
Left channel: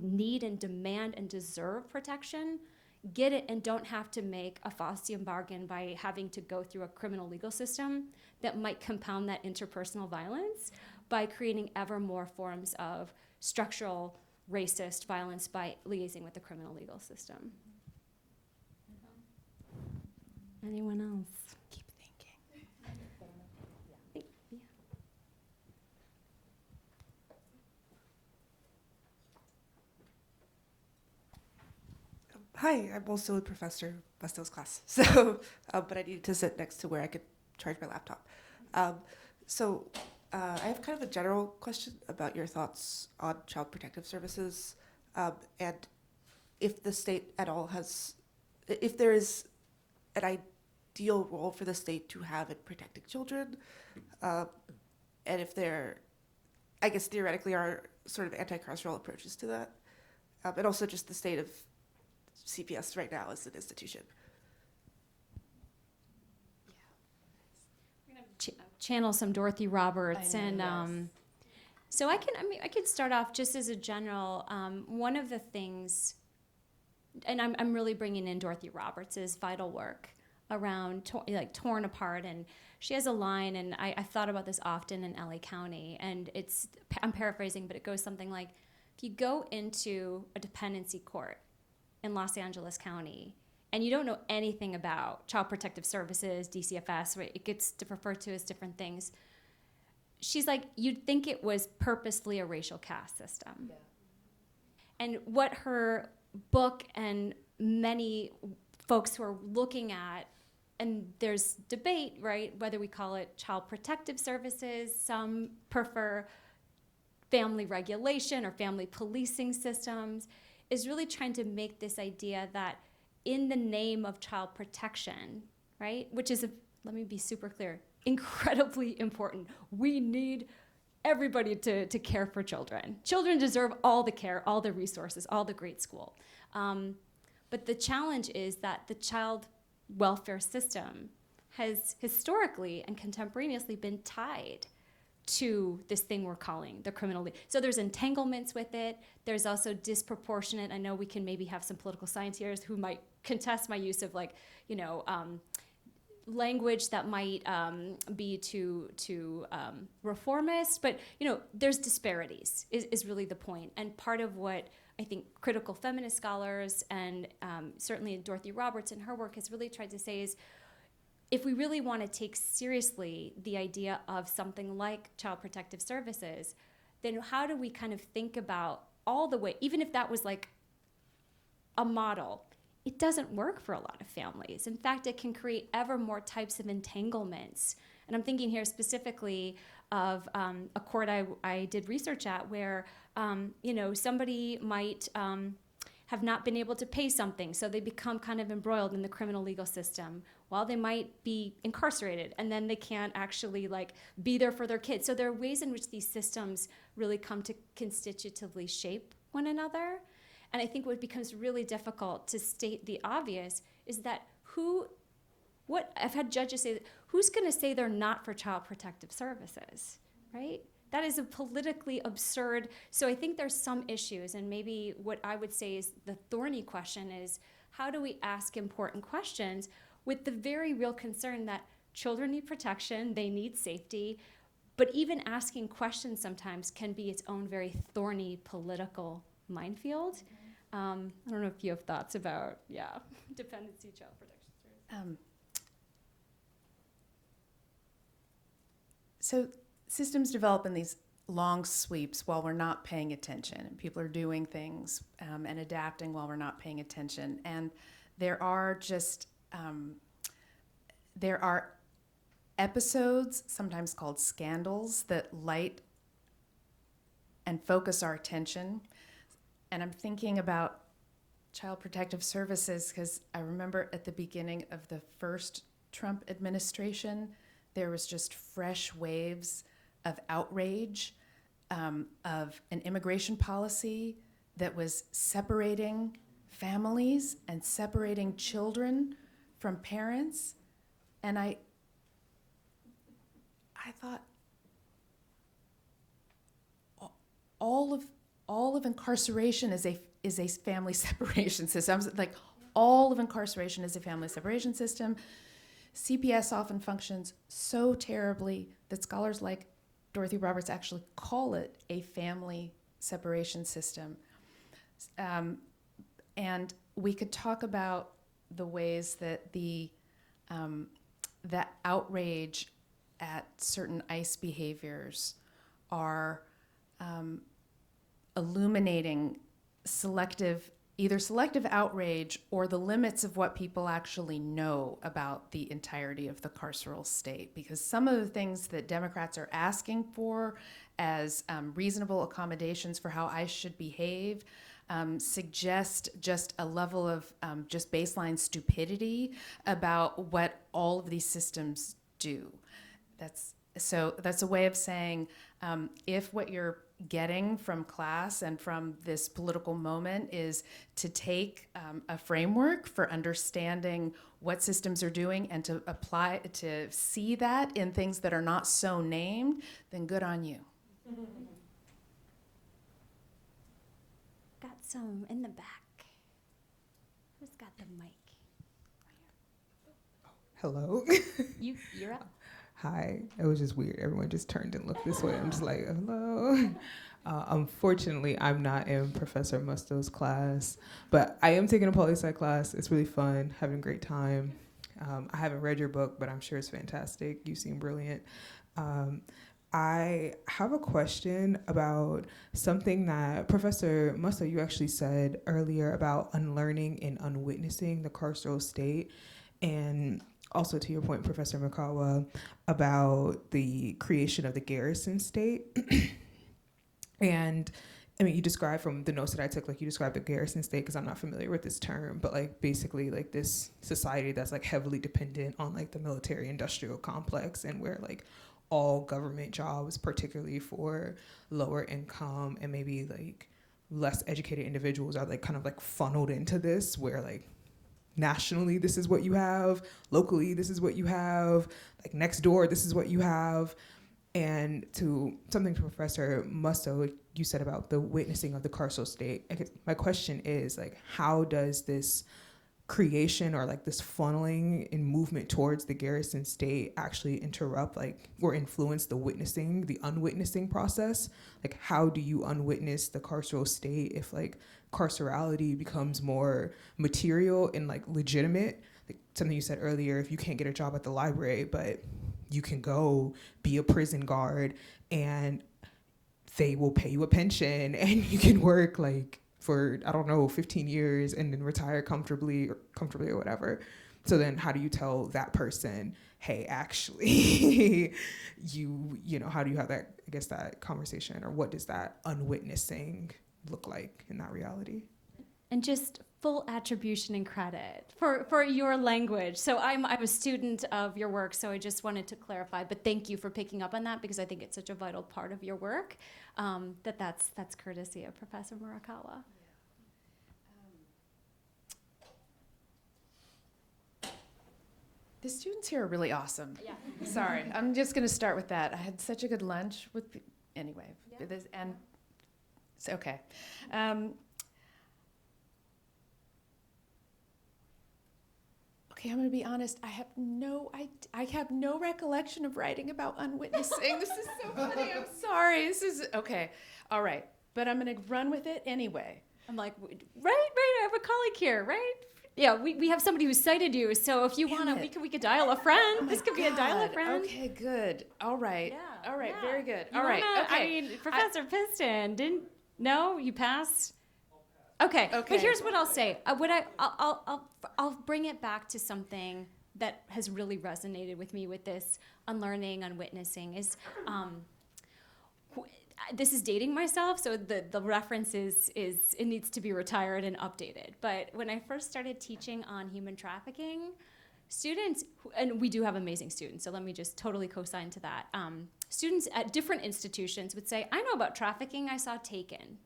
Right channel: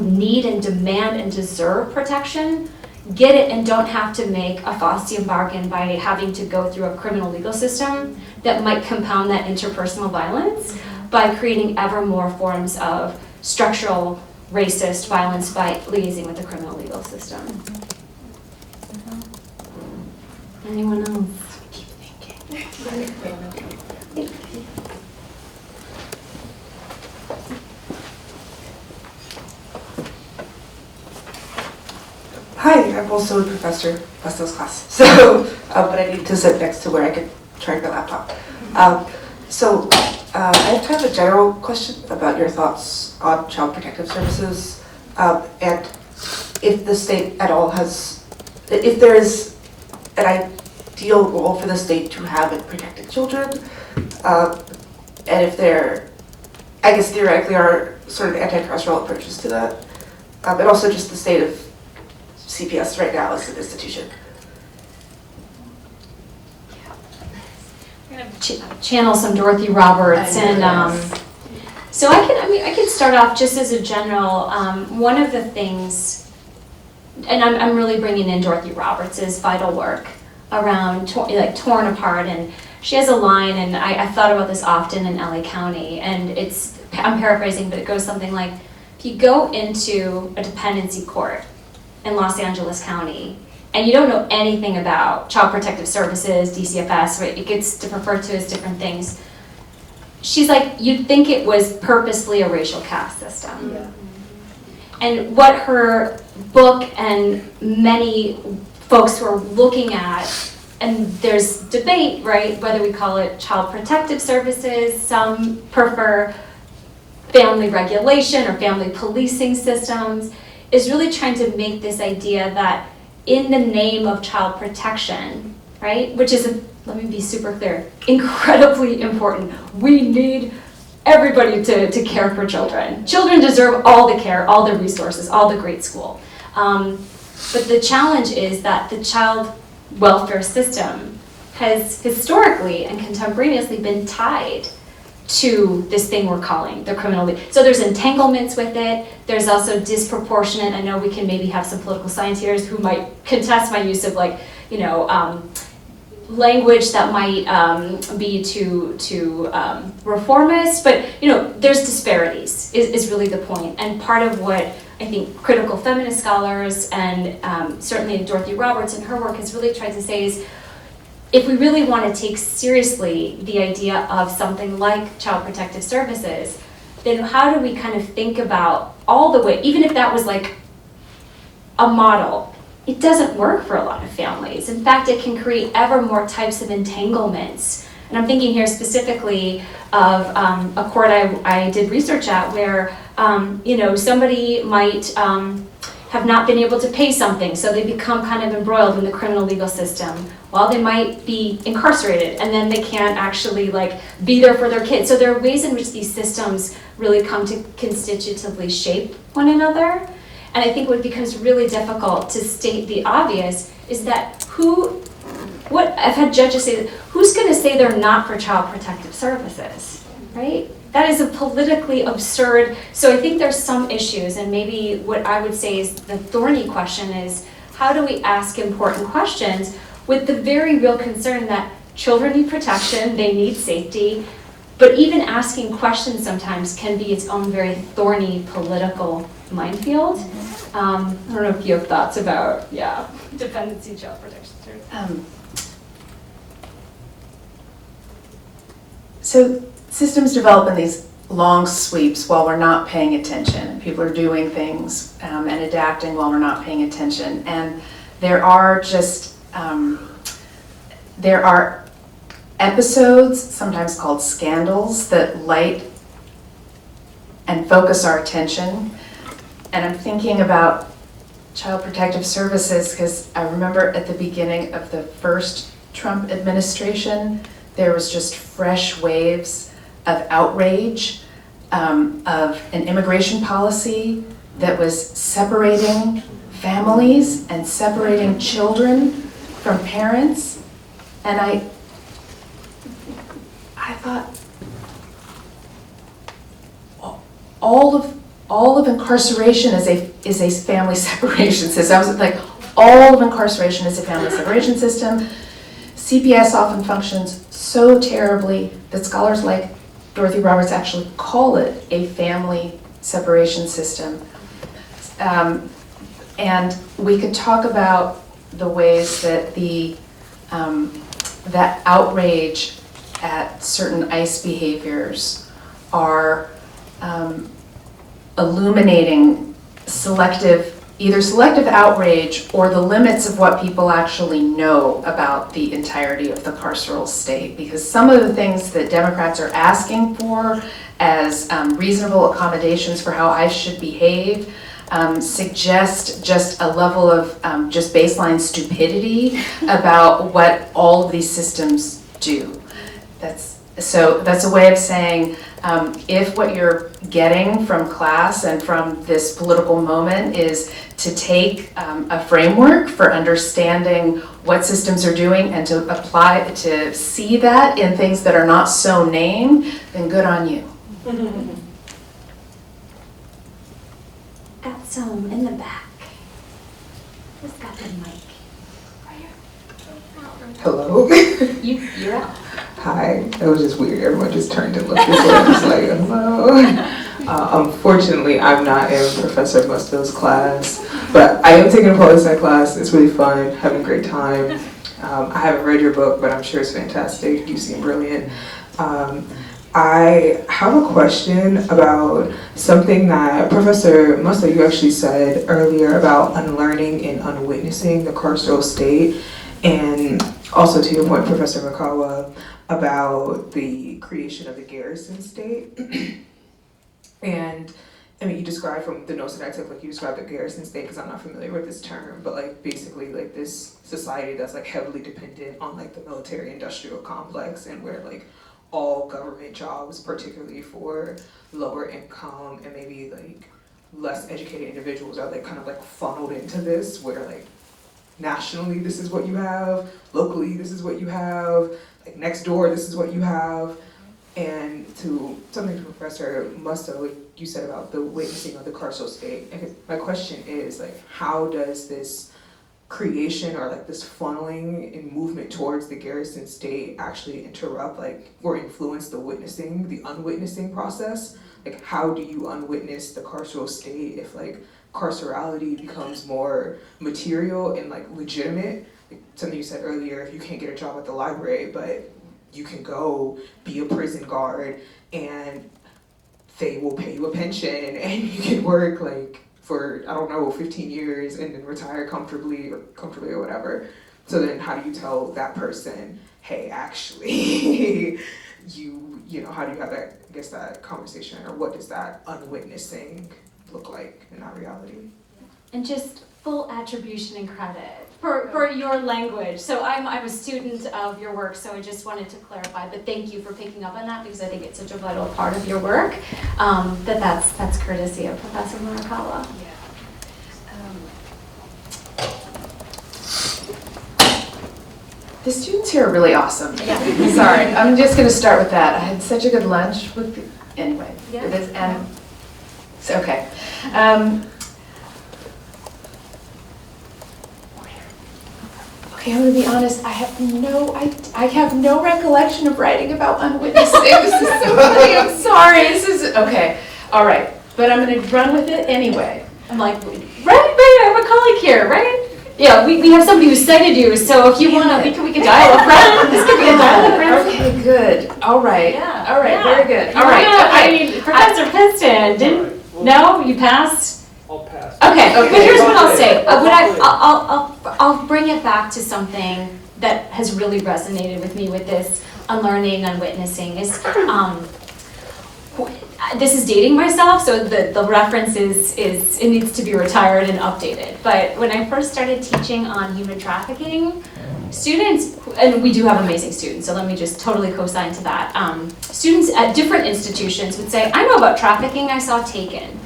need and demand and deserve protection get it and don't have to make a Faustian bargain by having to go through a criminal legal system that might compound that interpersonal violence by creating ever more forms of structural racist violence by liaising with the criminal legal system. Anyone else? Keep thinking. Hi, I'm also a professor, Musto's class. So, but I need to sit next to where I can charge my laptop. I have kind of a general question about your thoughts on child protective services, and if the state at all if there is an ideal role for the state to have in protecting children, and if there, I guess theoretically, are sort of anti-carceral approaches to that, and also just the state of CPS right now as an institution. I'm gonna channel some Dorothy Roberts, and so I can start off just as a general. One of the things, and I'm really bringing in Dorothy Roberts' vital work around torn apart, and she has a line, and I thought about this often in LA County, and I'm paraphrasing, but it goes something like, if you go into a dependency court in Los Angeles County, and you don't know anything about Child Protective Services, DCFS, right? It gets referred to as different things. She's like, you'd think it was purposely a racial caste system. Yeah. And what her book and many folks who are looking at, and there's debate, right, whether we call it Child Protective Services, some prefer family regulation or family policing systems, is really trying to make this idea that in the name of child protection, right, which is, let me be super clear, incredibly important. We need everybody to care for children. Children deserve all the care, all the resources, all the great school. But the challenge is that the child welfare system has historically and contemporaneously been tied to this thing we're calling the criminal legal. So there's entanglements with it. There's also disproportionate. I know we can maybe have some political scientists who might contest my use of language that might be too reformist, but there's disparities is really the point. And part of what I think critical feminist scholars and certainly Dorothy Roberts in her work has really tried to say is, if we really want to take seriously the idea of something like Child Protective Services, then how do we kind of think about all the way, even if that was like a model, it doesn't work for a lot of families. In fact, it can create ever more types of entanglements. And I'm thinking here specifically of a court I did research at where somebody might have not been able to pay something, so they become kind of embroiled in the criminal legal system. Well, they might be incarcerated, and then they can't actually be there for their kids. So there are ways in which these systems really come to constitutively shape one another. And I think what becomes really difficult to state the obvious is that I've had judges say, who's going to say they're not for Child Protective Services, right? That is a politically absurd, so I think there's some issues, and maybe what I would say is the thorny question is, how do we ask important questions with the very real concern that children need protection, they need safety, but even asking questions sometimes can be its own very thorny political minefield. I don't know if you have thoughts about, dependency child protection. So systems develop in these long sweeps while we're not paying attention. People are doing things and adapting while we're not paying attention. And there are just, there are episodes, sometimes called scandals, that light and focus our attention. And I'm thinking about Child Protective Services because I remember at the beginning of the first Trump administration, there was just fresh waves of outrage of an immigration policy that was separating families and separating children from parents. And I thought, all of incarceration is a family separation system. I was like, all of incarceration is a family separation system. CPS often functions so terribly that scholars like Dorothy Roberts actually call it a family separation system. And we could talk about the ways that that outrage at certain ICE behaviors are illuminating either selective outrage or the limits of what people actually know about the entirety of the carceral state. Because some of the things that Democrats are asking for as reasonable accommodations for how ICE should behave suggest just a level of just baseline stupidity about what all of these systems do. That's a way of saying if what you're getting from class and from this political moment is to take a framework for understanding what systems are doing and to apply, to see that in things that are not so named, then good on you. Got some in the back. Who's got the mic? Hello. You're up. Hi. That was just weird. Everyone just turned and looked this way. I was like, hello. Unfortunately, I'm not in Professor Musto's class, but I am taking a poli-sci class. It's really fun, having a great time. I haven't read your book, but I'm sure it's fantastic. You seem brilliant. I have a question about something that Professor Musto, you actually said earlier about unlearning and unwitnessing the carceral state. And also to your point, Professor Murakawa, about the creation of the garrison state. And I mean, you described from the notes that I took, like you described the garrison state, because I'm not familiar with this term, but like basically like this society that's like heavily dependent on like the military industrial complex, and where like all government jobs, particularly for lower income and maybe like less educated individuals, are like kind of like funneled into this, where like nationally this is what you have, locally this is what you have, like next door this is what you have. And to something to Professor Musto, you said about the witnessing of the carceral state. And my question is, like, how does this creation or like this funneling and movement towards the garrison state actually interrupt like or influence the witnessing, the unwitnessing process? Like, how do you unwitness the carceral state if like carcerality becomes more material and like legitimate? Like, something you said earlier, if you can't get a job at the library, but you can go be a prison guard and they will pay you a pension and you can work like for, I don't know, 15 years and then retire comfortably or whatever. So then how do you tell that person, hey, actually, you know, how do you have that, I guess, that conversation, or what does that unwitnessing look like in that reality? And just full attribution and credit for your language. So I'm a student of your work, so I just wanted to clarify, but thank you for picking up on that, because I think it's such a vital part of your work, that's courtesy of Professor Murakawa. The students here are really awesome. Yeah. Sorry, I'm just going to start with that. I had such a good lunch with, anyway. Yeah. It is, and it's okay. Okay, I'm gonna be honest, I have no recollection of writing about unwitnessing. This is so funny, I'm sorry, okay, all right. But I'm gonna run with it anyway. I'm like, right, I have a colleague here, right? Yeah, we have somebody who cited you, so if you wanna, we can dial a friend. This could be a dial a friend. Okay, good, all right, Yeah. all right, Yeah. very good, all No, right. I Okay. mean, Professor Princeton, didn't, no, you passed? I'll pass. Okay, Okay. but here's what I'll say. I'll bring it back to something that has really resonated with me with this unlearning, unwitnessing is, this is dating myself, so the reference is, it needs to be retired and updated. But when I first started teaching on human trafficking, students, and we do have amazing students, so let me just totally co-sign to that. Students at different institutions would say, I know about trafficking, I saw Taken.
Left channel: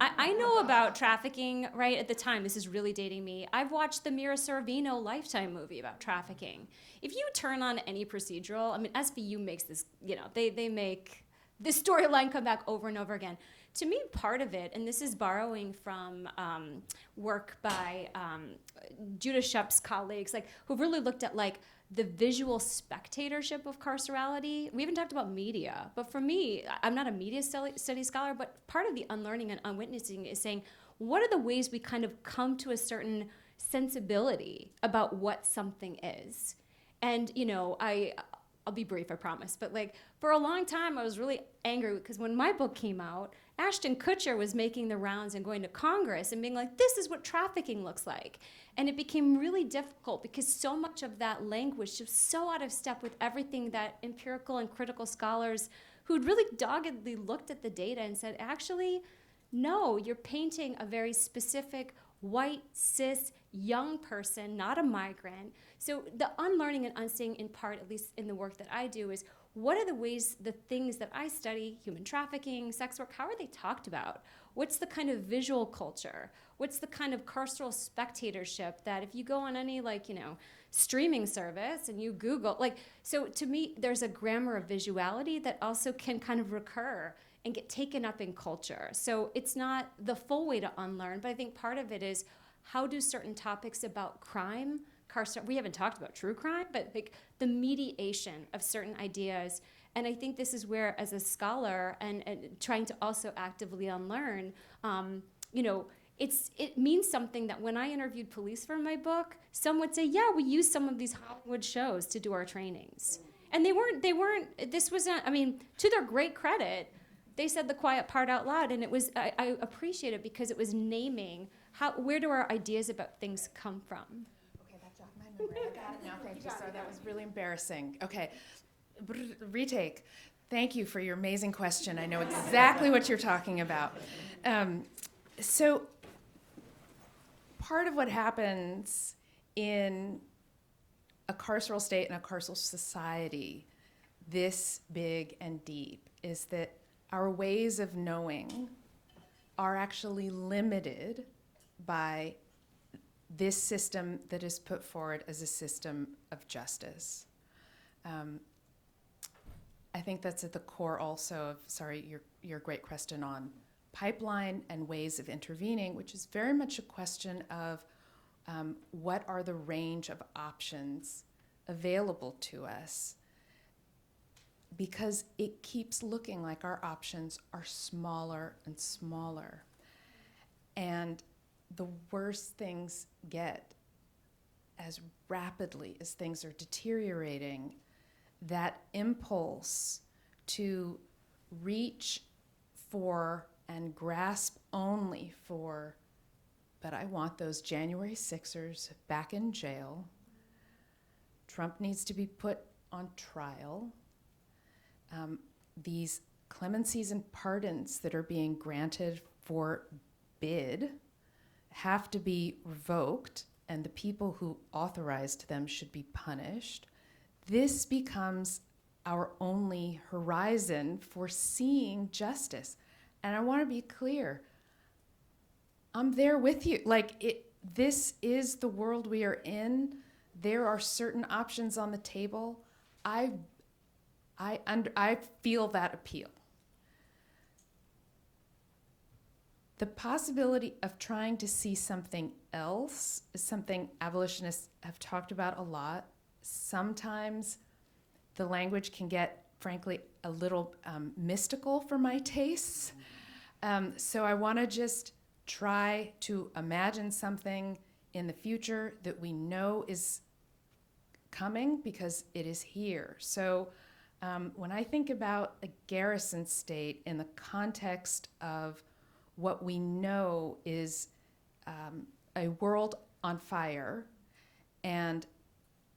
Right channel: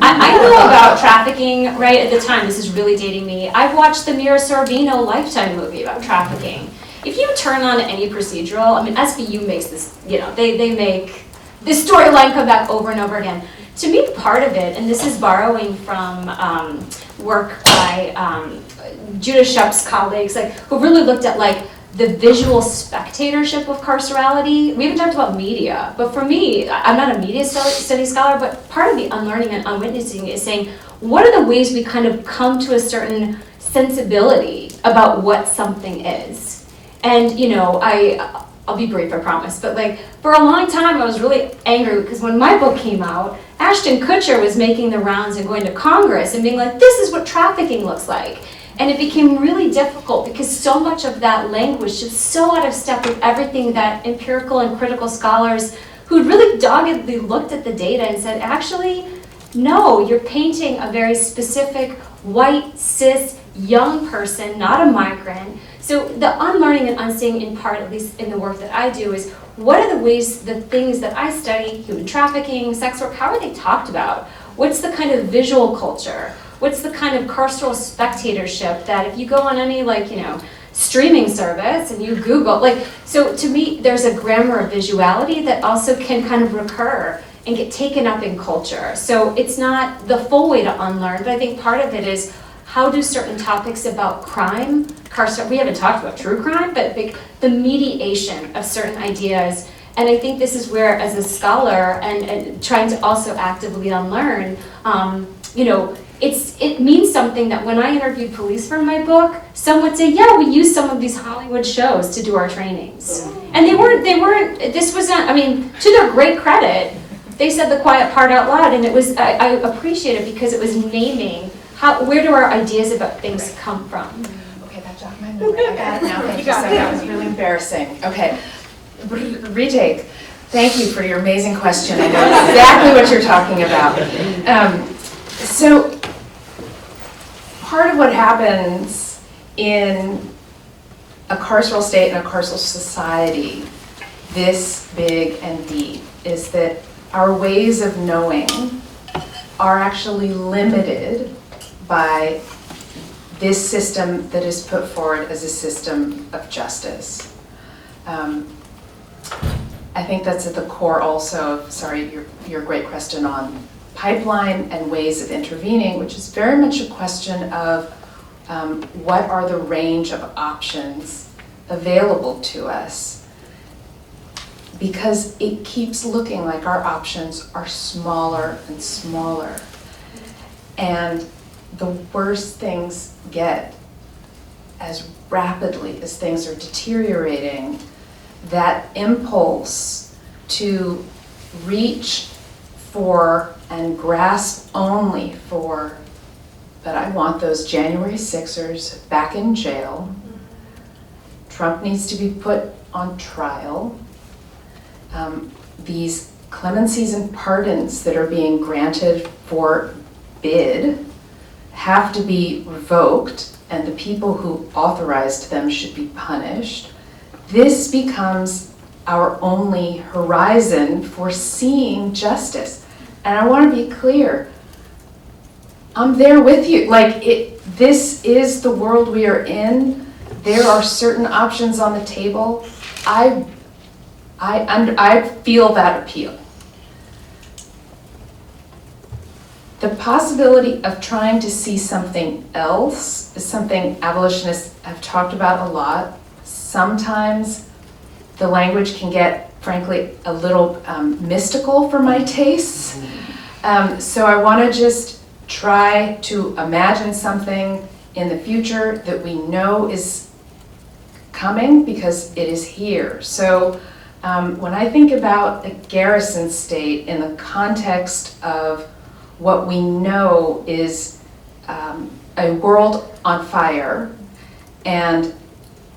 I know about trafficking, right, at the time, this is really dating me. I've watched the Mira Sorvino Lifetime movie about trafficking. If you turn on any procedural, I mean, SVU makes this, you know, they make this storyline come back over and over again. To me, part of it, and this is borrowing from work by Judah Shup's colleagues, like, who really looked at, like, the visual spectatorship of carcerality. We haven't talked about media, but for me, I'm not a media studies scholar, but part of the unlearning and unwitnessing is saying, what are the ways we kind of come to a certain sensibility about what something is? And, you know, I'll be brief, I promise, but like, for a long time I was really angry because when my book came out, Ashton Kutcher was making the rounds and going to Congress and being like, this is what trafficking looks like. And it became really difficult because so much of that language is so out of step with everything that empirical and critical scholars who'd really doggedly looked at the data and said, actually, no, you're painting a very specific white, cis, young person, not a migrant. So the unlearning and unseeing in part, at least in the work that I do, is what are the ways, the things that I study, human trafficking, sex work, how are they talked about? What's the kind of visual culture? What's the kind of carceral spectatorship that if you go on any, like, you know, streaming service and you Google, like, so to me, there's a grammar of visuality that also can kind of recur and get taken up in culture. So it's not the full way to unlearn, but I think part of it is how do certain topics about crime, we haven't talked about true crime, but the mediation of certain ideas. And I think this is where, as a scholar and trying to also actively unlearn, you know, it means something that when I interviewed police for my book, some would say, yeah, we use some of these Hollywood shows to do our trainings. And they weren't, this wasn't, I mean, to their great credit, they said the quiet part out loud, and it was, I appreciate it because it was naming where do our ideas about things come from. Okay, that jogged my memory. I got it now. Thank you. So that was really embarrassing. Okay, retake. Thank you for your amazing question. I know exactly what you're talking about. So part of what happens in a carceral state and a carceral society, this big and deep, is that our ways of knowing are actually limited by this system that is put forward as a system of justice. I think that's at the core also of, sorry, your great question on pipeline and ways of intervening, which is very much a question of what are the range of options available to us, because it keeps looking like our options are smaller and smaller. And the worse things get, as rapidly as things are deteriorating, that impulse to reach for and grasp only for, but I want those January 6ers back in jail. Trump needs to be put on trial. These clemencies and pardons that are being granted for bid have to be revoked, and the people who authorized them should be punished. This becomes our only horizon for seeing justice. And I want to be clear, I'm there with you. Like, this is the world we are in. There are certain options on the table. I feel that appeal. The possibility of trying to see something else is something abolitionists have talked about a lot. Sometimes the language can get, frankly, a little mystical for my tastes. So I want to just try to imagine something in the future that we know is coming because it is here. So when I think about a garrison state in the context of what we know is a world on fire and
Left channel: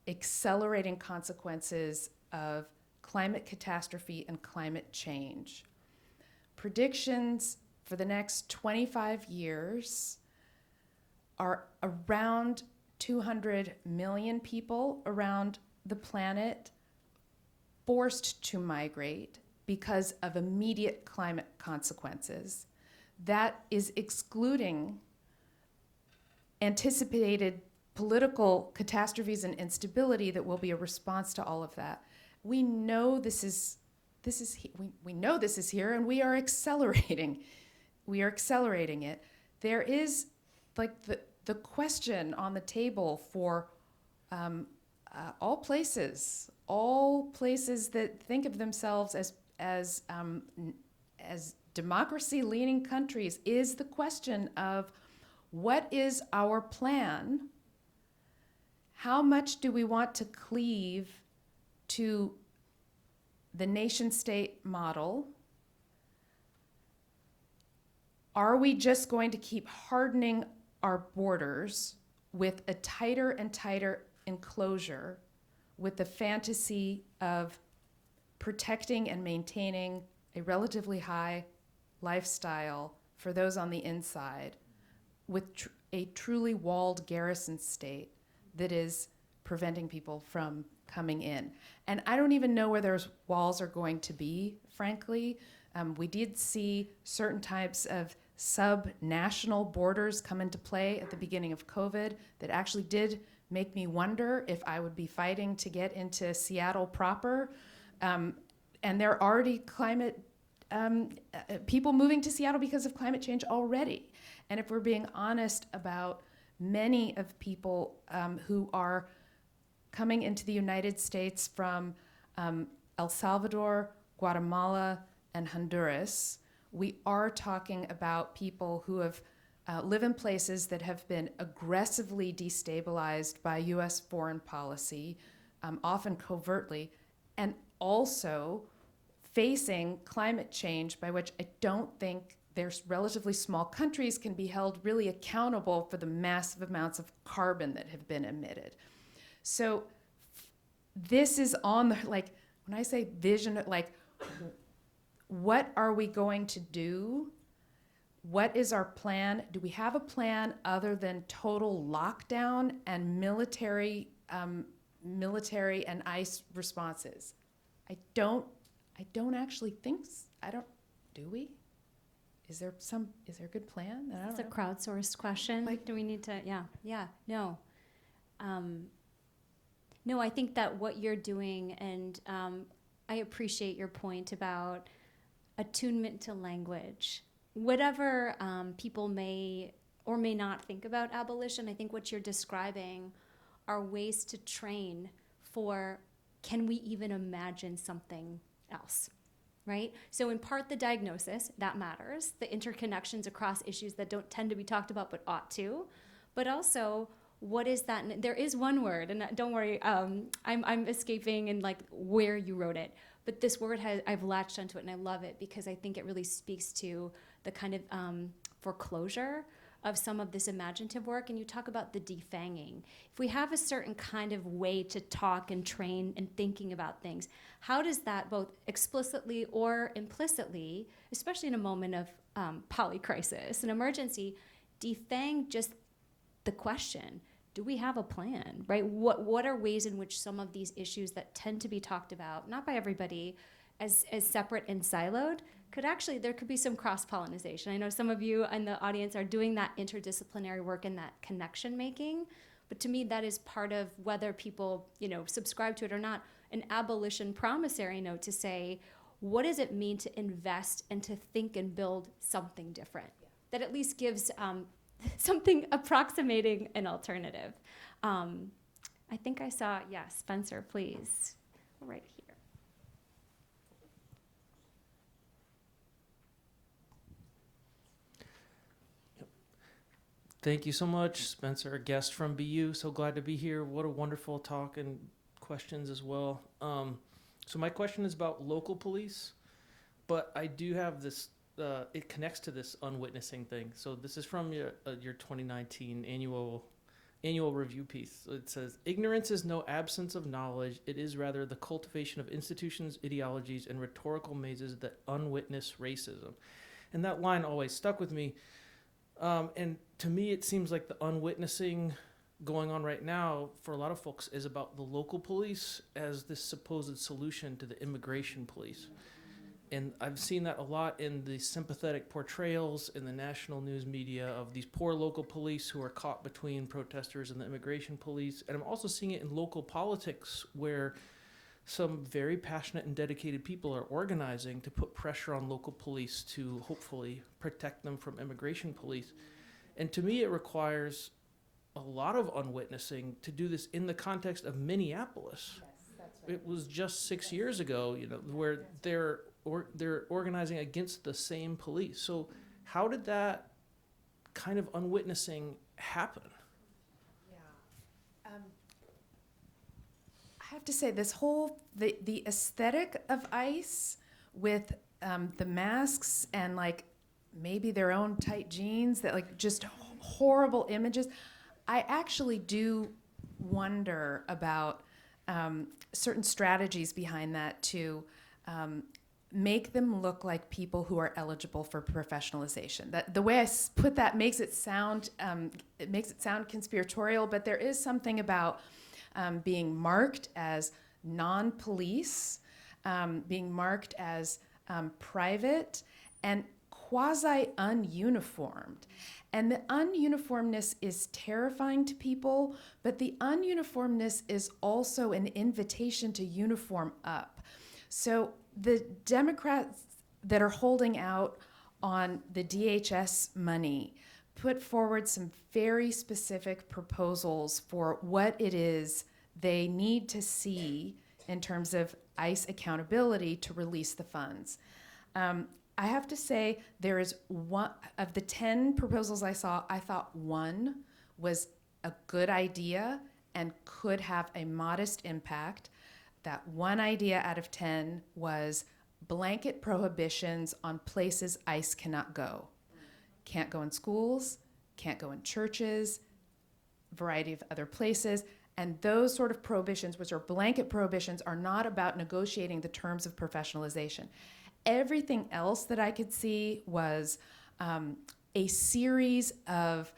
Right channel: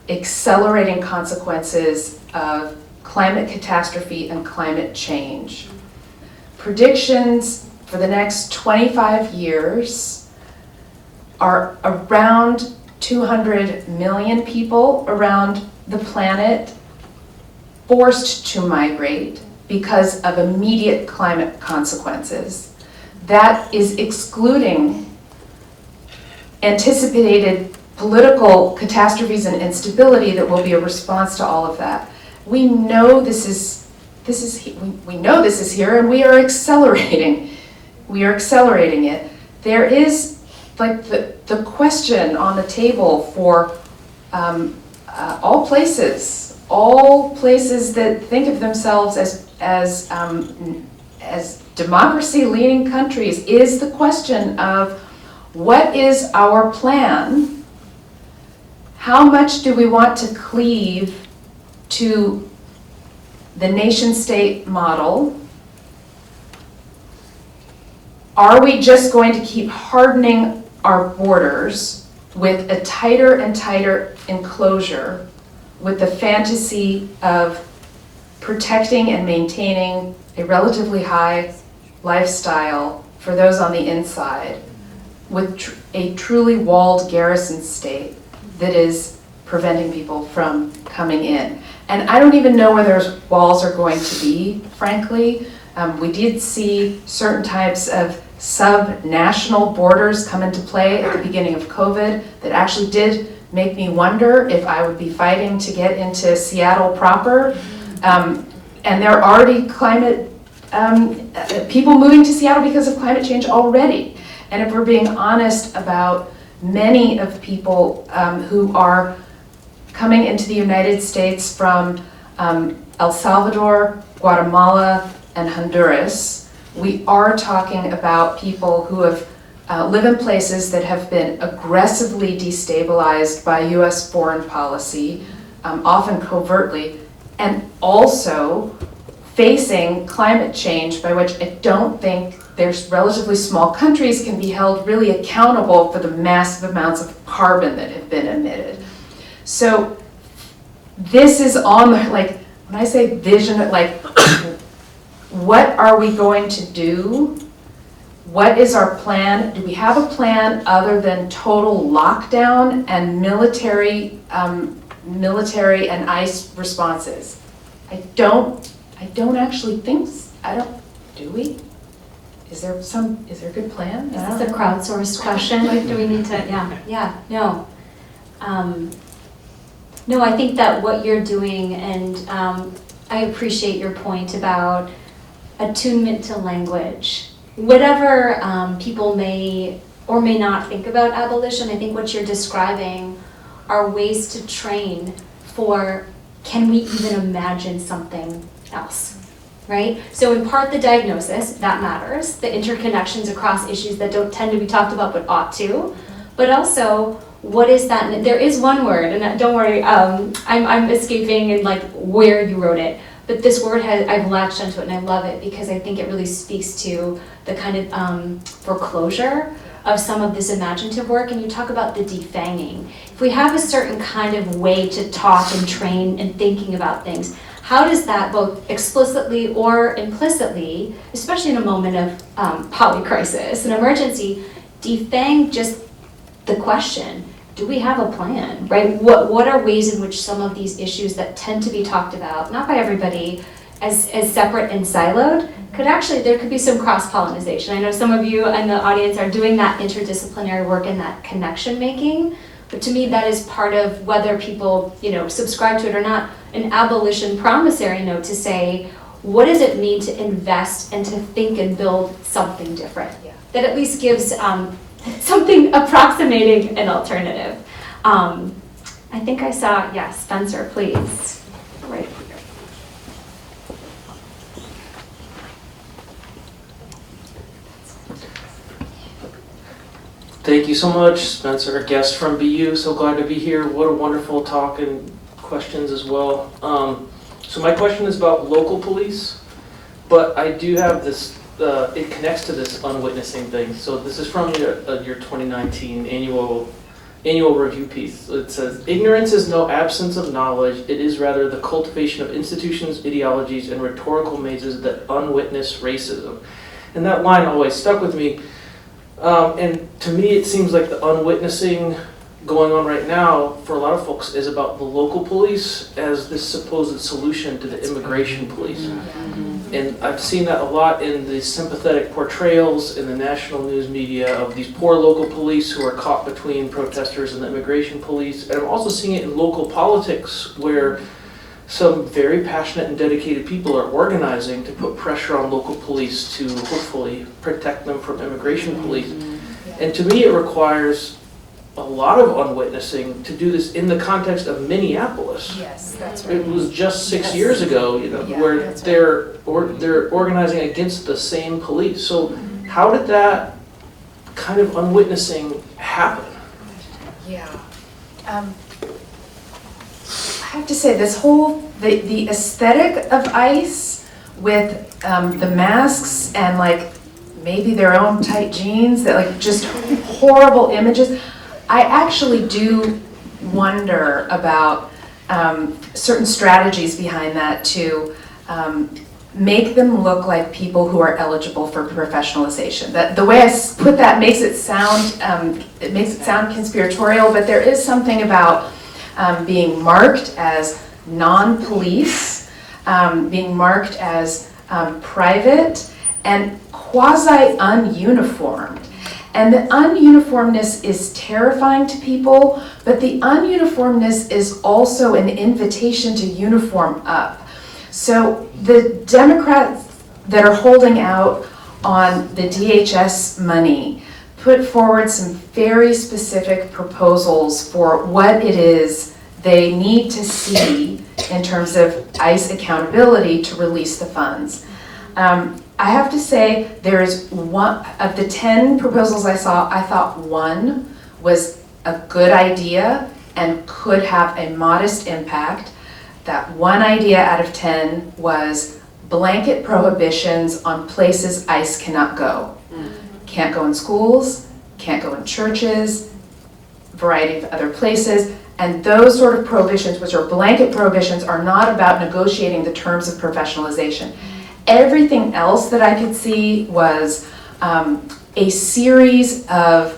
accelerating consequences of climate catastrophe and climate change. Predictions for the next 25 years are around 200 million people around the planet forced to migrate because of immediate climate consequences. That is excluding anticipated political catastrophes and instability that will be a response to all of that. We know this is here, and we are accelerating. We are accelerating it. There is like the question on the table for all places that think of themselves as democracy-leading countries is the question of what is our plan? How much do we want to cleave to the nation-state model? Are we just going to keep hardening our borders with a tighter and tighter enclosure with the fantasy of protecting and maintaining a relatively high lifestyle for those on the inside with a truly walled garrison state that is preventing people from coming in? And I don't even know where those walls are going to be, frankly. We did see certain types of sub-national borders come into play at the beginning of COVID that actually did make me wonder if I would be fighting to get into Seattle proper. And there are already people moving to Seattle because of climate change already. And if we're being honest about many of people who are coming into the United States from El Salvador, Guatemala, and Honduras, we are talking about people who have live in places that have been aggressively destabilized by US foreign policy, often covertly, and also facing climate change, by which I don't think there's relatively small countries can be held really accountable for the massive amounts of carbon that have been emitted. So this is on, like, when I say vision, like, what are we going to do? What is our plan? Do we have a plan other than total lockdown and military and ICE responses? I don't actually think, do we? Is there a good plan? Is this a crowdsourced question? Like, do we need to, no. No, I think that what you're doing, and I appreciate your point about attunement to language. Whatever people may or may not think about abolition, I think what you're describing are ways to train for, can we even imagine something else, right? So in part the diagnosis, that matters, the interconnections across issues that don't tend to be talked about but ought to, but also what is that, there is one word, and don't worry, I'm escaping and like where you wrote it, but this word I've latched onto it and I love it because I think it really speaks to the kind of foreclosure of some of this imaginative work, and you talk about the defanging. If we have a certain kind of way to talk and train and thinking about things, how does that both explicitly or implicitly, especially in a moment of polycrisis, an emergency, defang just the question, do we have a plan, right? What are ways in which some of these issues that tend to be talked about, not by everybody, as separate and siloed, there could be some cross-pollinization. I know some of you in the audience are doing that interdisciplinary work and that connection making, but to me that is part of whether people, subscribe to it or not, an abolition promissory note to say, what does it mean to invest and to think and build something different? that at least gives something approximating an alternative. I think I saw, yes, Spencer, please, right here. Thank you so much, Spencer, a guest from BU. So glad to be here. What a wonderful talk and questions as well. So my question is about local police, but I do have this, it connects to this unwitnessing thing. So this is from your 2019 annual review piece. It says, ignorance is no absence of knowledge. It is rather the cultivation of institutions, ideologies, and rhetorical mazes that unwitness racism. And that line always stuck with me. And to me, it seems like the unwitnessing going on right now for a lot of folks is about the local police as this supposed solution to the immigration police. And I've seen that a lot in the sympathetic portrayals in the national news media of these poor local police who are caught between protesters and the immigration police. And I'm also seeing it in local politics where some very passionate and dedicated people are organizing to put pressure on local police to hopefully protect them from immigration police. And to me, it requires a lot of unwitnessing to do this in the context of Minneapolis. Yes, that's right. It was just 6 years ago, Yeah, where that's they're organizing against the same police. So how did that kind of unwitnessing happen? Yeah. I have to say, this whole, the aesthetic of ICE with the masks and like maybe their own tight jeans, that like just horrible images, I actually do wonder about certain strategies behind that to make them look like people who are eligible for professionalization. That the way I put that makes it sound conspiratorial, but there is something about being marked as non-police, being marked as private, and quasi-ununiformed. And the ununiformness is terrifying to people, but the ununiformness is also an invitation to uniform up. So the Democrats that are holding out on the DHS money put forward some very specific proposals for what it is they need to see in terms of ICE accountability to release the funds. I have to say, there is one of the 10 proposals I saw, I thought one was a good idea and could have a modest impact. That one idea out of 10 was blanket prohibitions on places ICE cannot go. Can't go in schools, can't go in churches, variety of other places. And those sort of prohibitions, which are blanket prohibitions, are not about negotiating the terms of professionalization. Everything else that I could see was a series of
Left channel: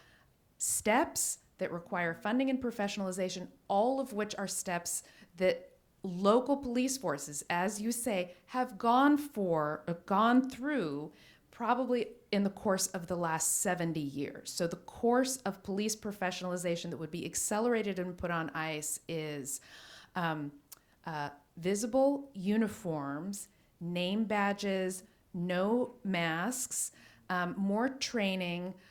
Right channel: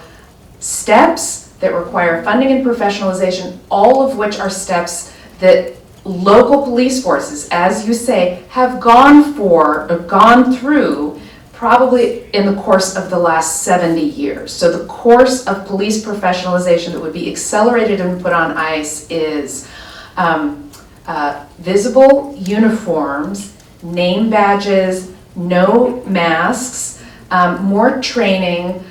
steps that require funding and professionalization, all of which are steps that local police forces, as you say, have gone through probably in the course of the last 70 years. So the course of police professionalization that would be accelerated and put on ICE is visible uniforms, name badges, no masks, more training,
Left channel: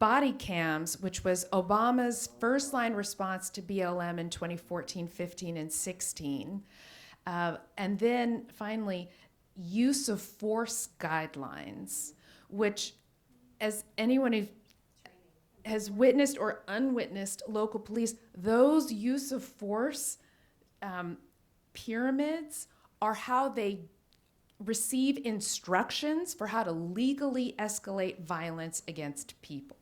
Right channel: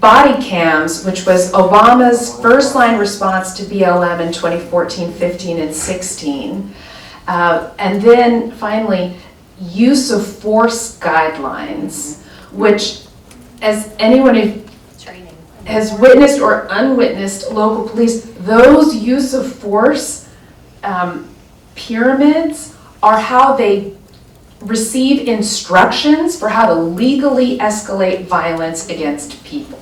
body cams, which was Obama's first line response to BLM in 2014, 15, and 16. And then finally, use of force guidelines, which, as anyone who has witnessed or unwitnessed local police, those use of force pyramids are how they receive instructions for how to legally escalate violence against people.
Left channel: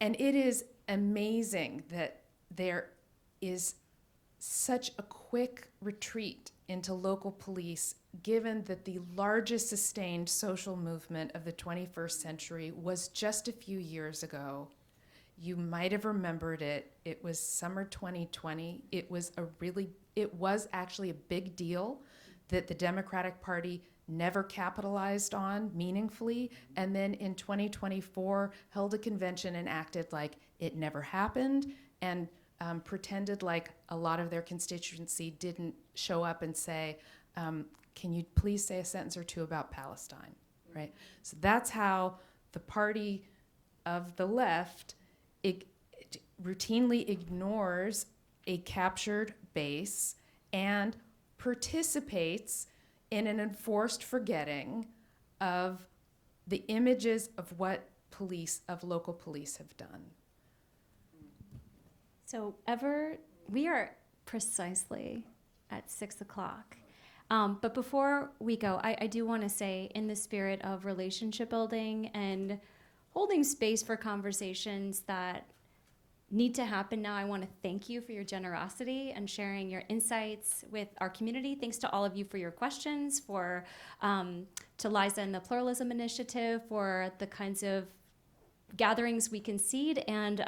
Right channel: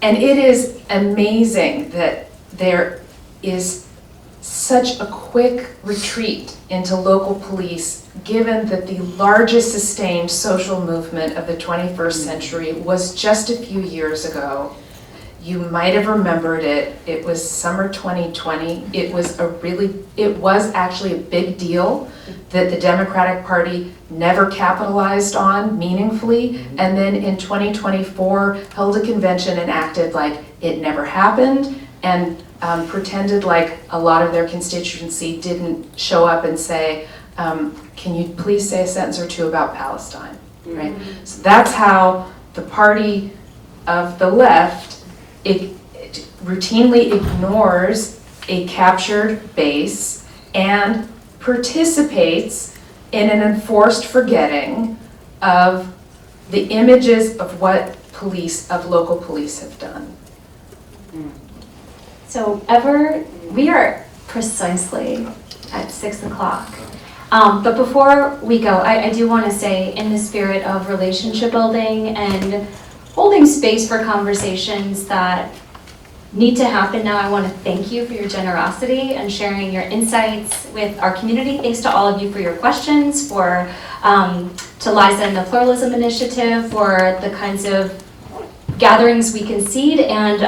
And it is amazing that there is such a quick retreat into local police, given that the largest sustained social movement of the 21st century was just a few years ago. You might have remembered it. It was summer 2020. It was actually a big deal that the Democratic Party never capitalized on meaningfully, and then in 2024 held a convention and acted like it never happened, and pretended like a lot of their constituency didn't show up and say, can you please say a sentence or two about Palestine, right? So that's how the party of the left it routinely ignores a captured base and participates in an enforced forgetting of the images of what local police have done. So we are precisely at 6 o'clock. But before we go, I do want to say, in the spirit of relationship building and holding space for conversations that need to happen now, I want to thank you for your generosity and sharing your insights with our community. Thanks to all of you for your questions, to Liza and the Pluralism Initiative for the kinds of gatherings we concede, and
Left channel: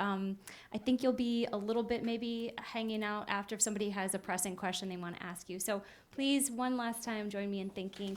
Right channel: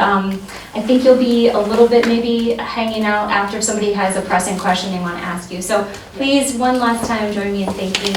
I think you'll be a little bit maybe hanging out after if somebody has a pressing question they want to ask you. So please, one last time, join me in thanking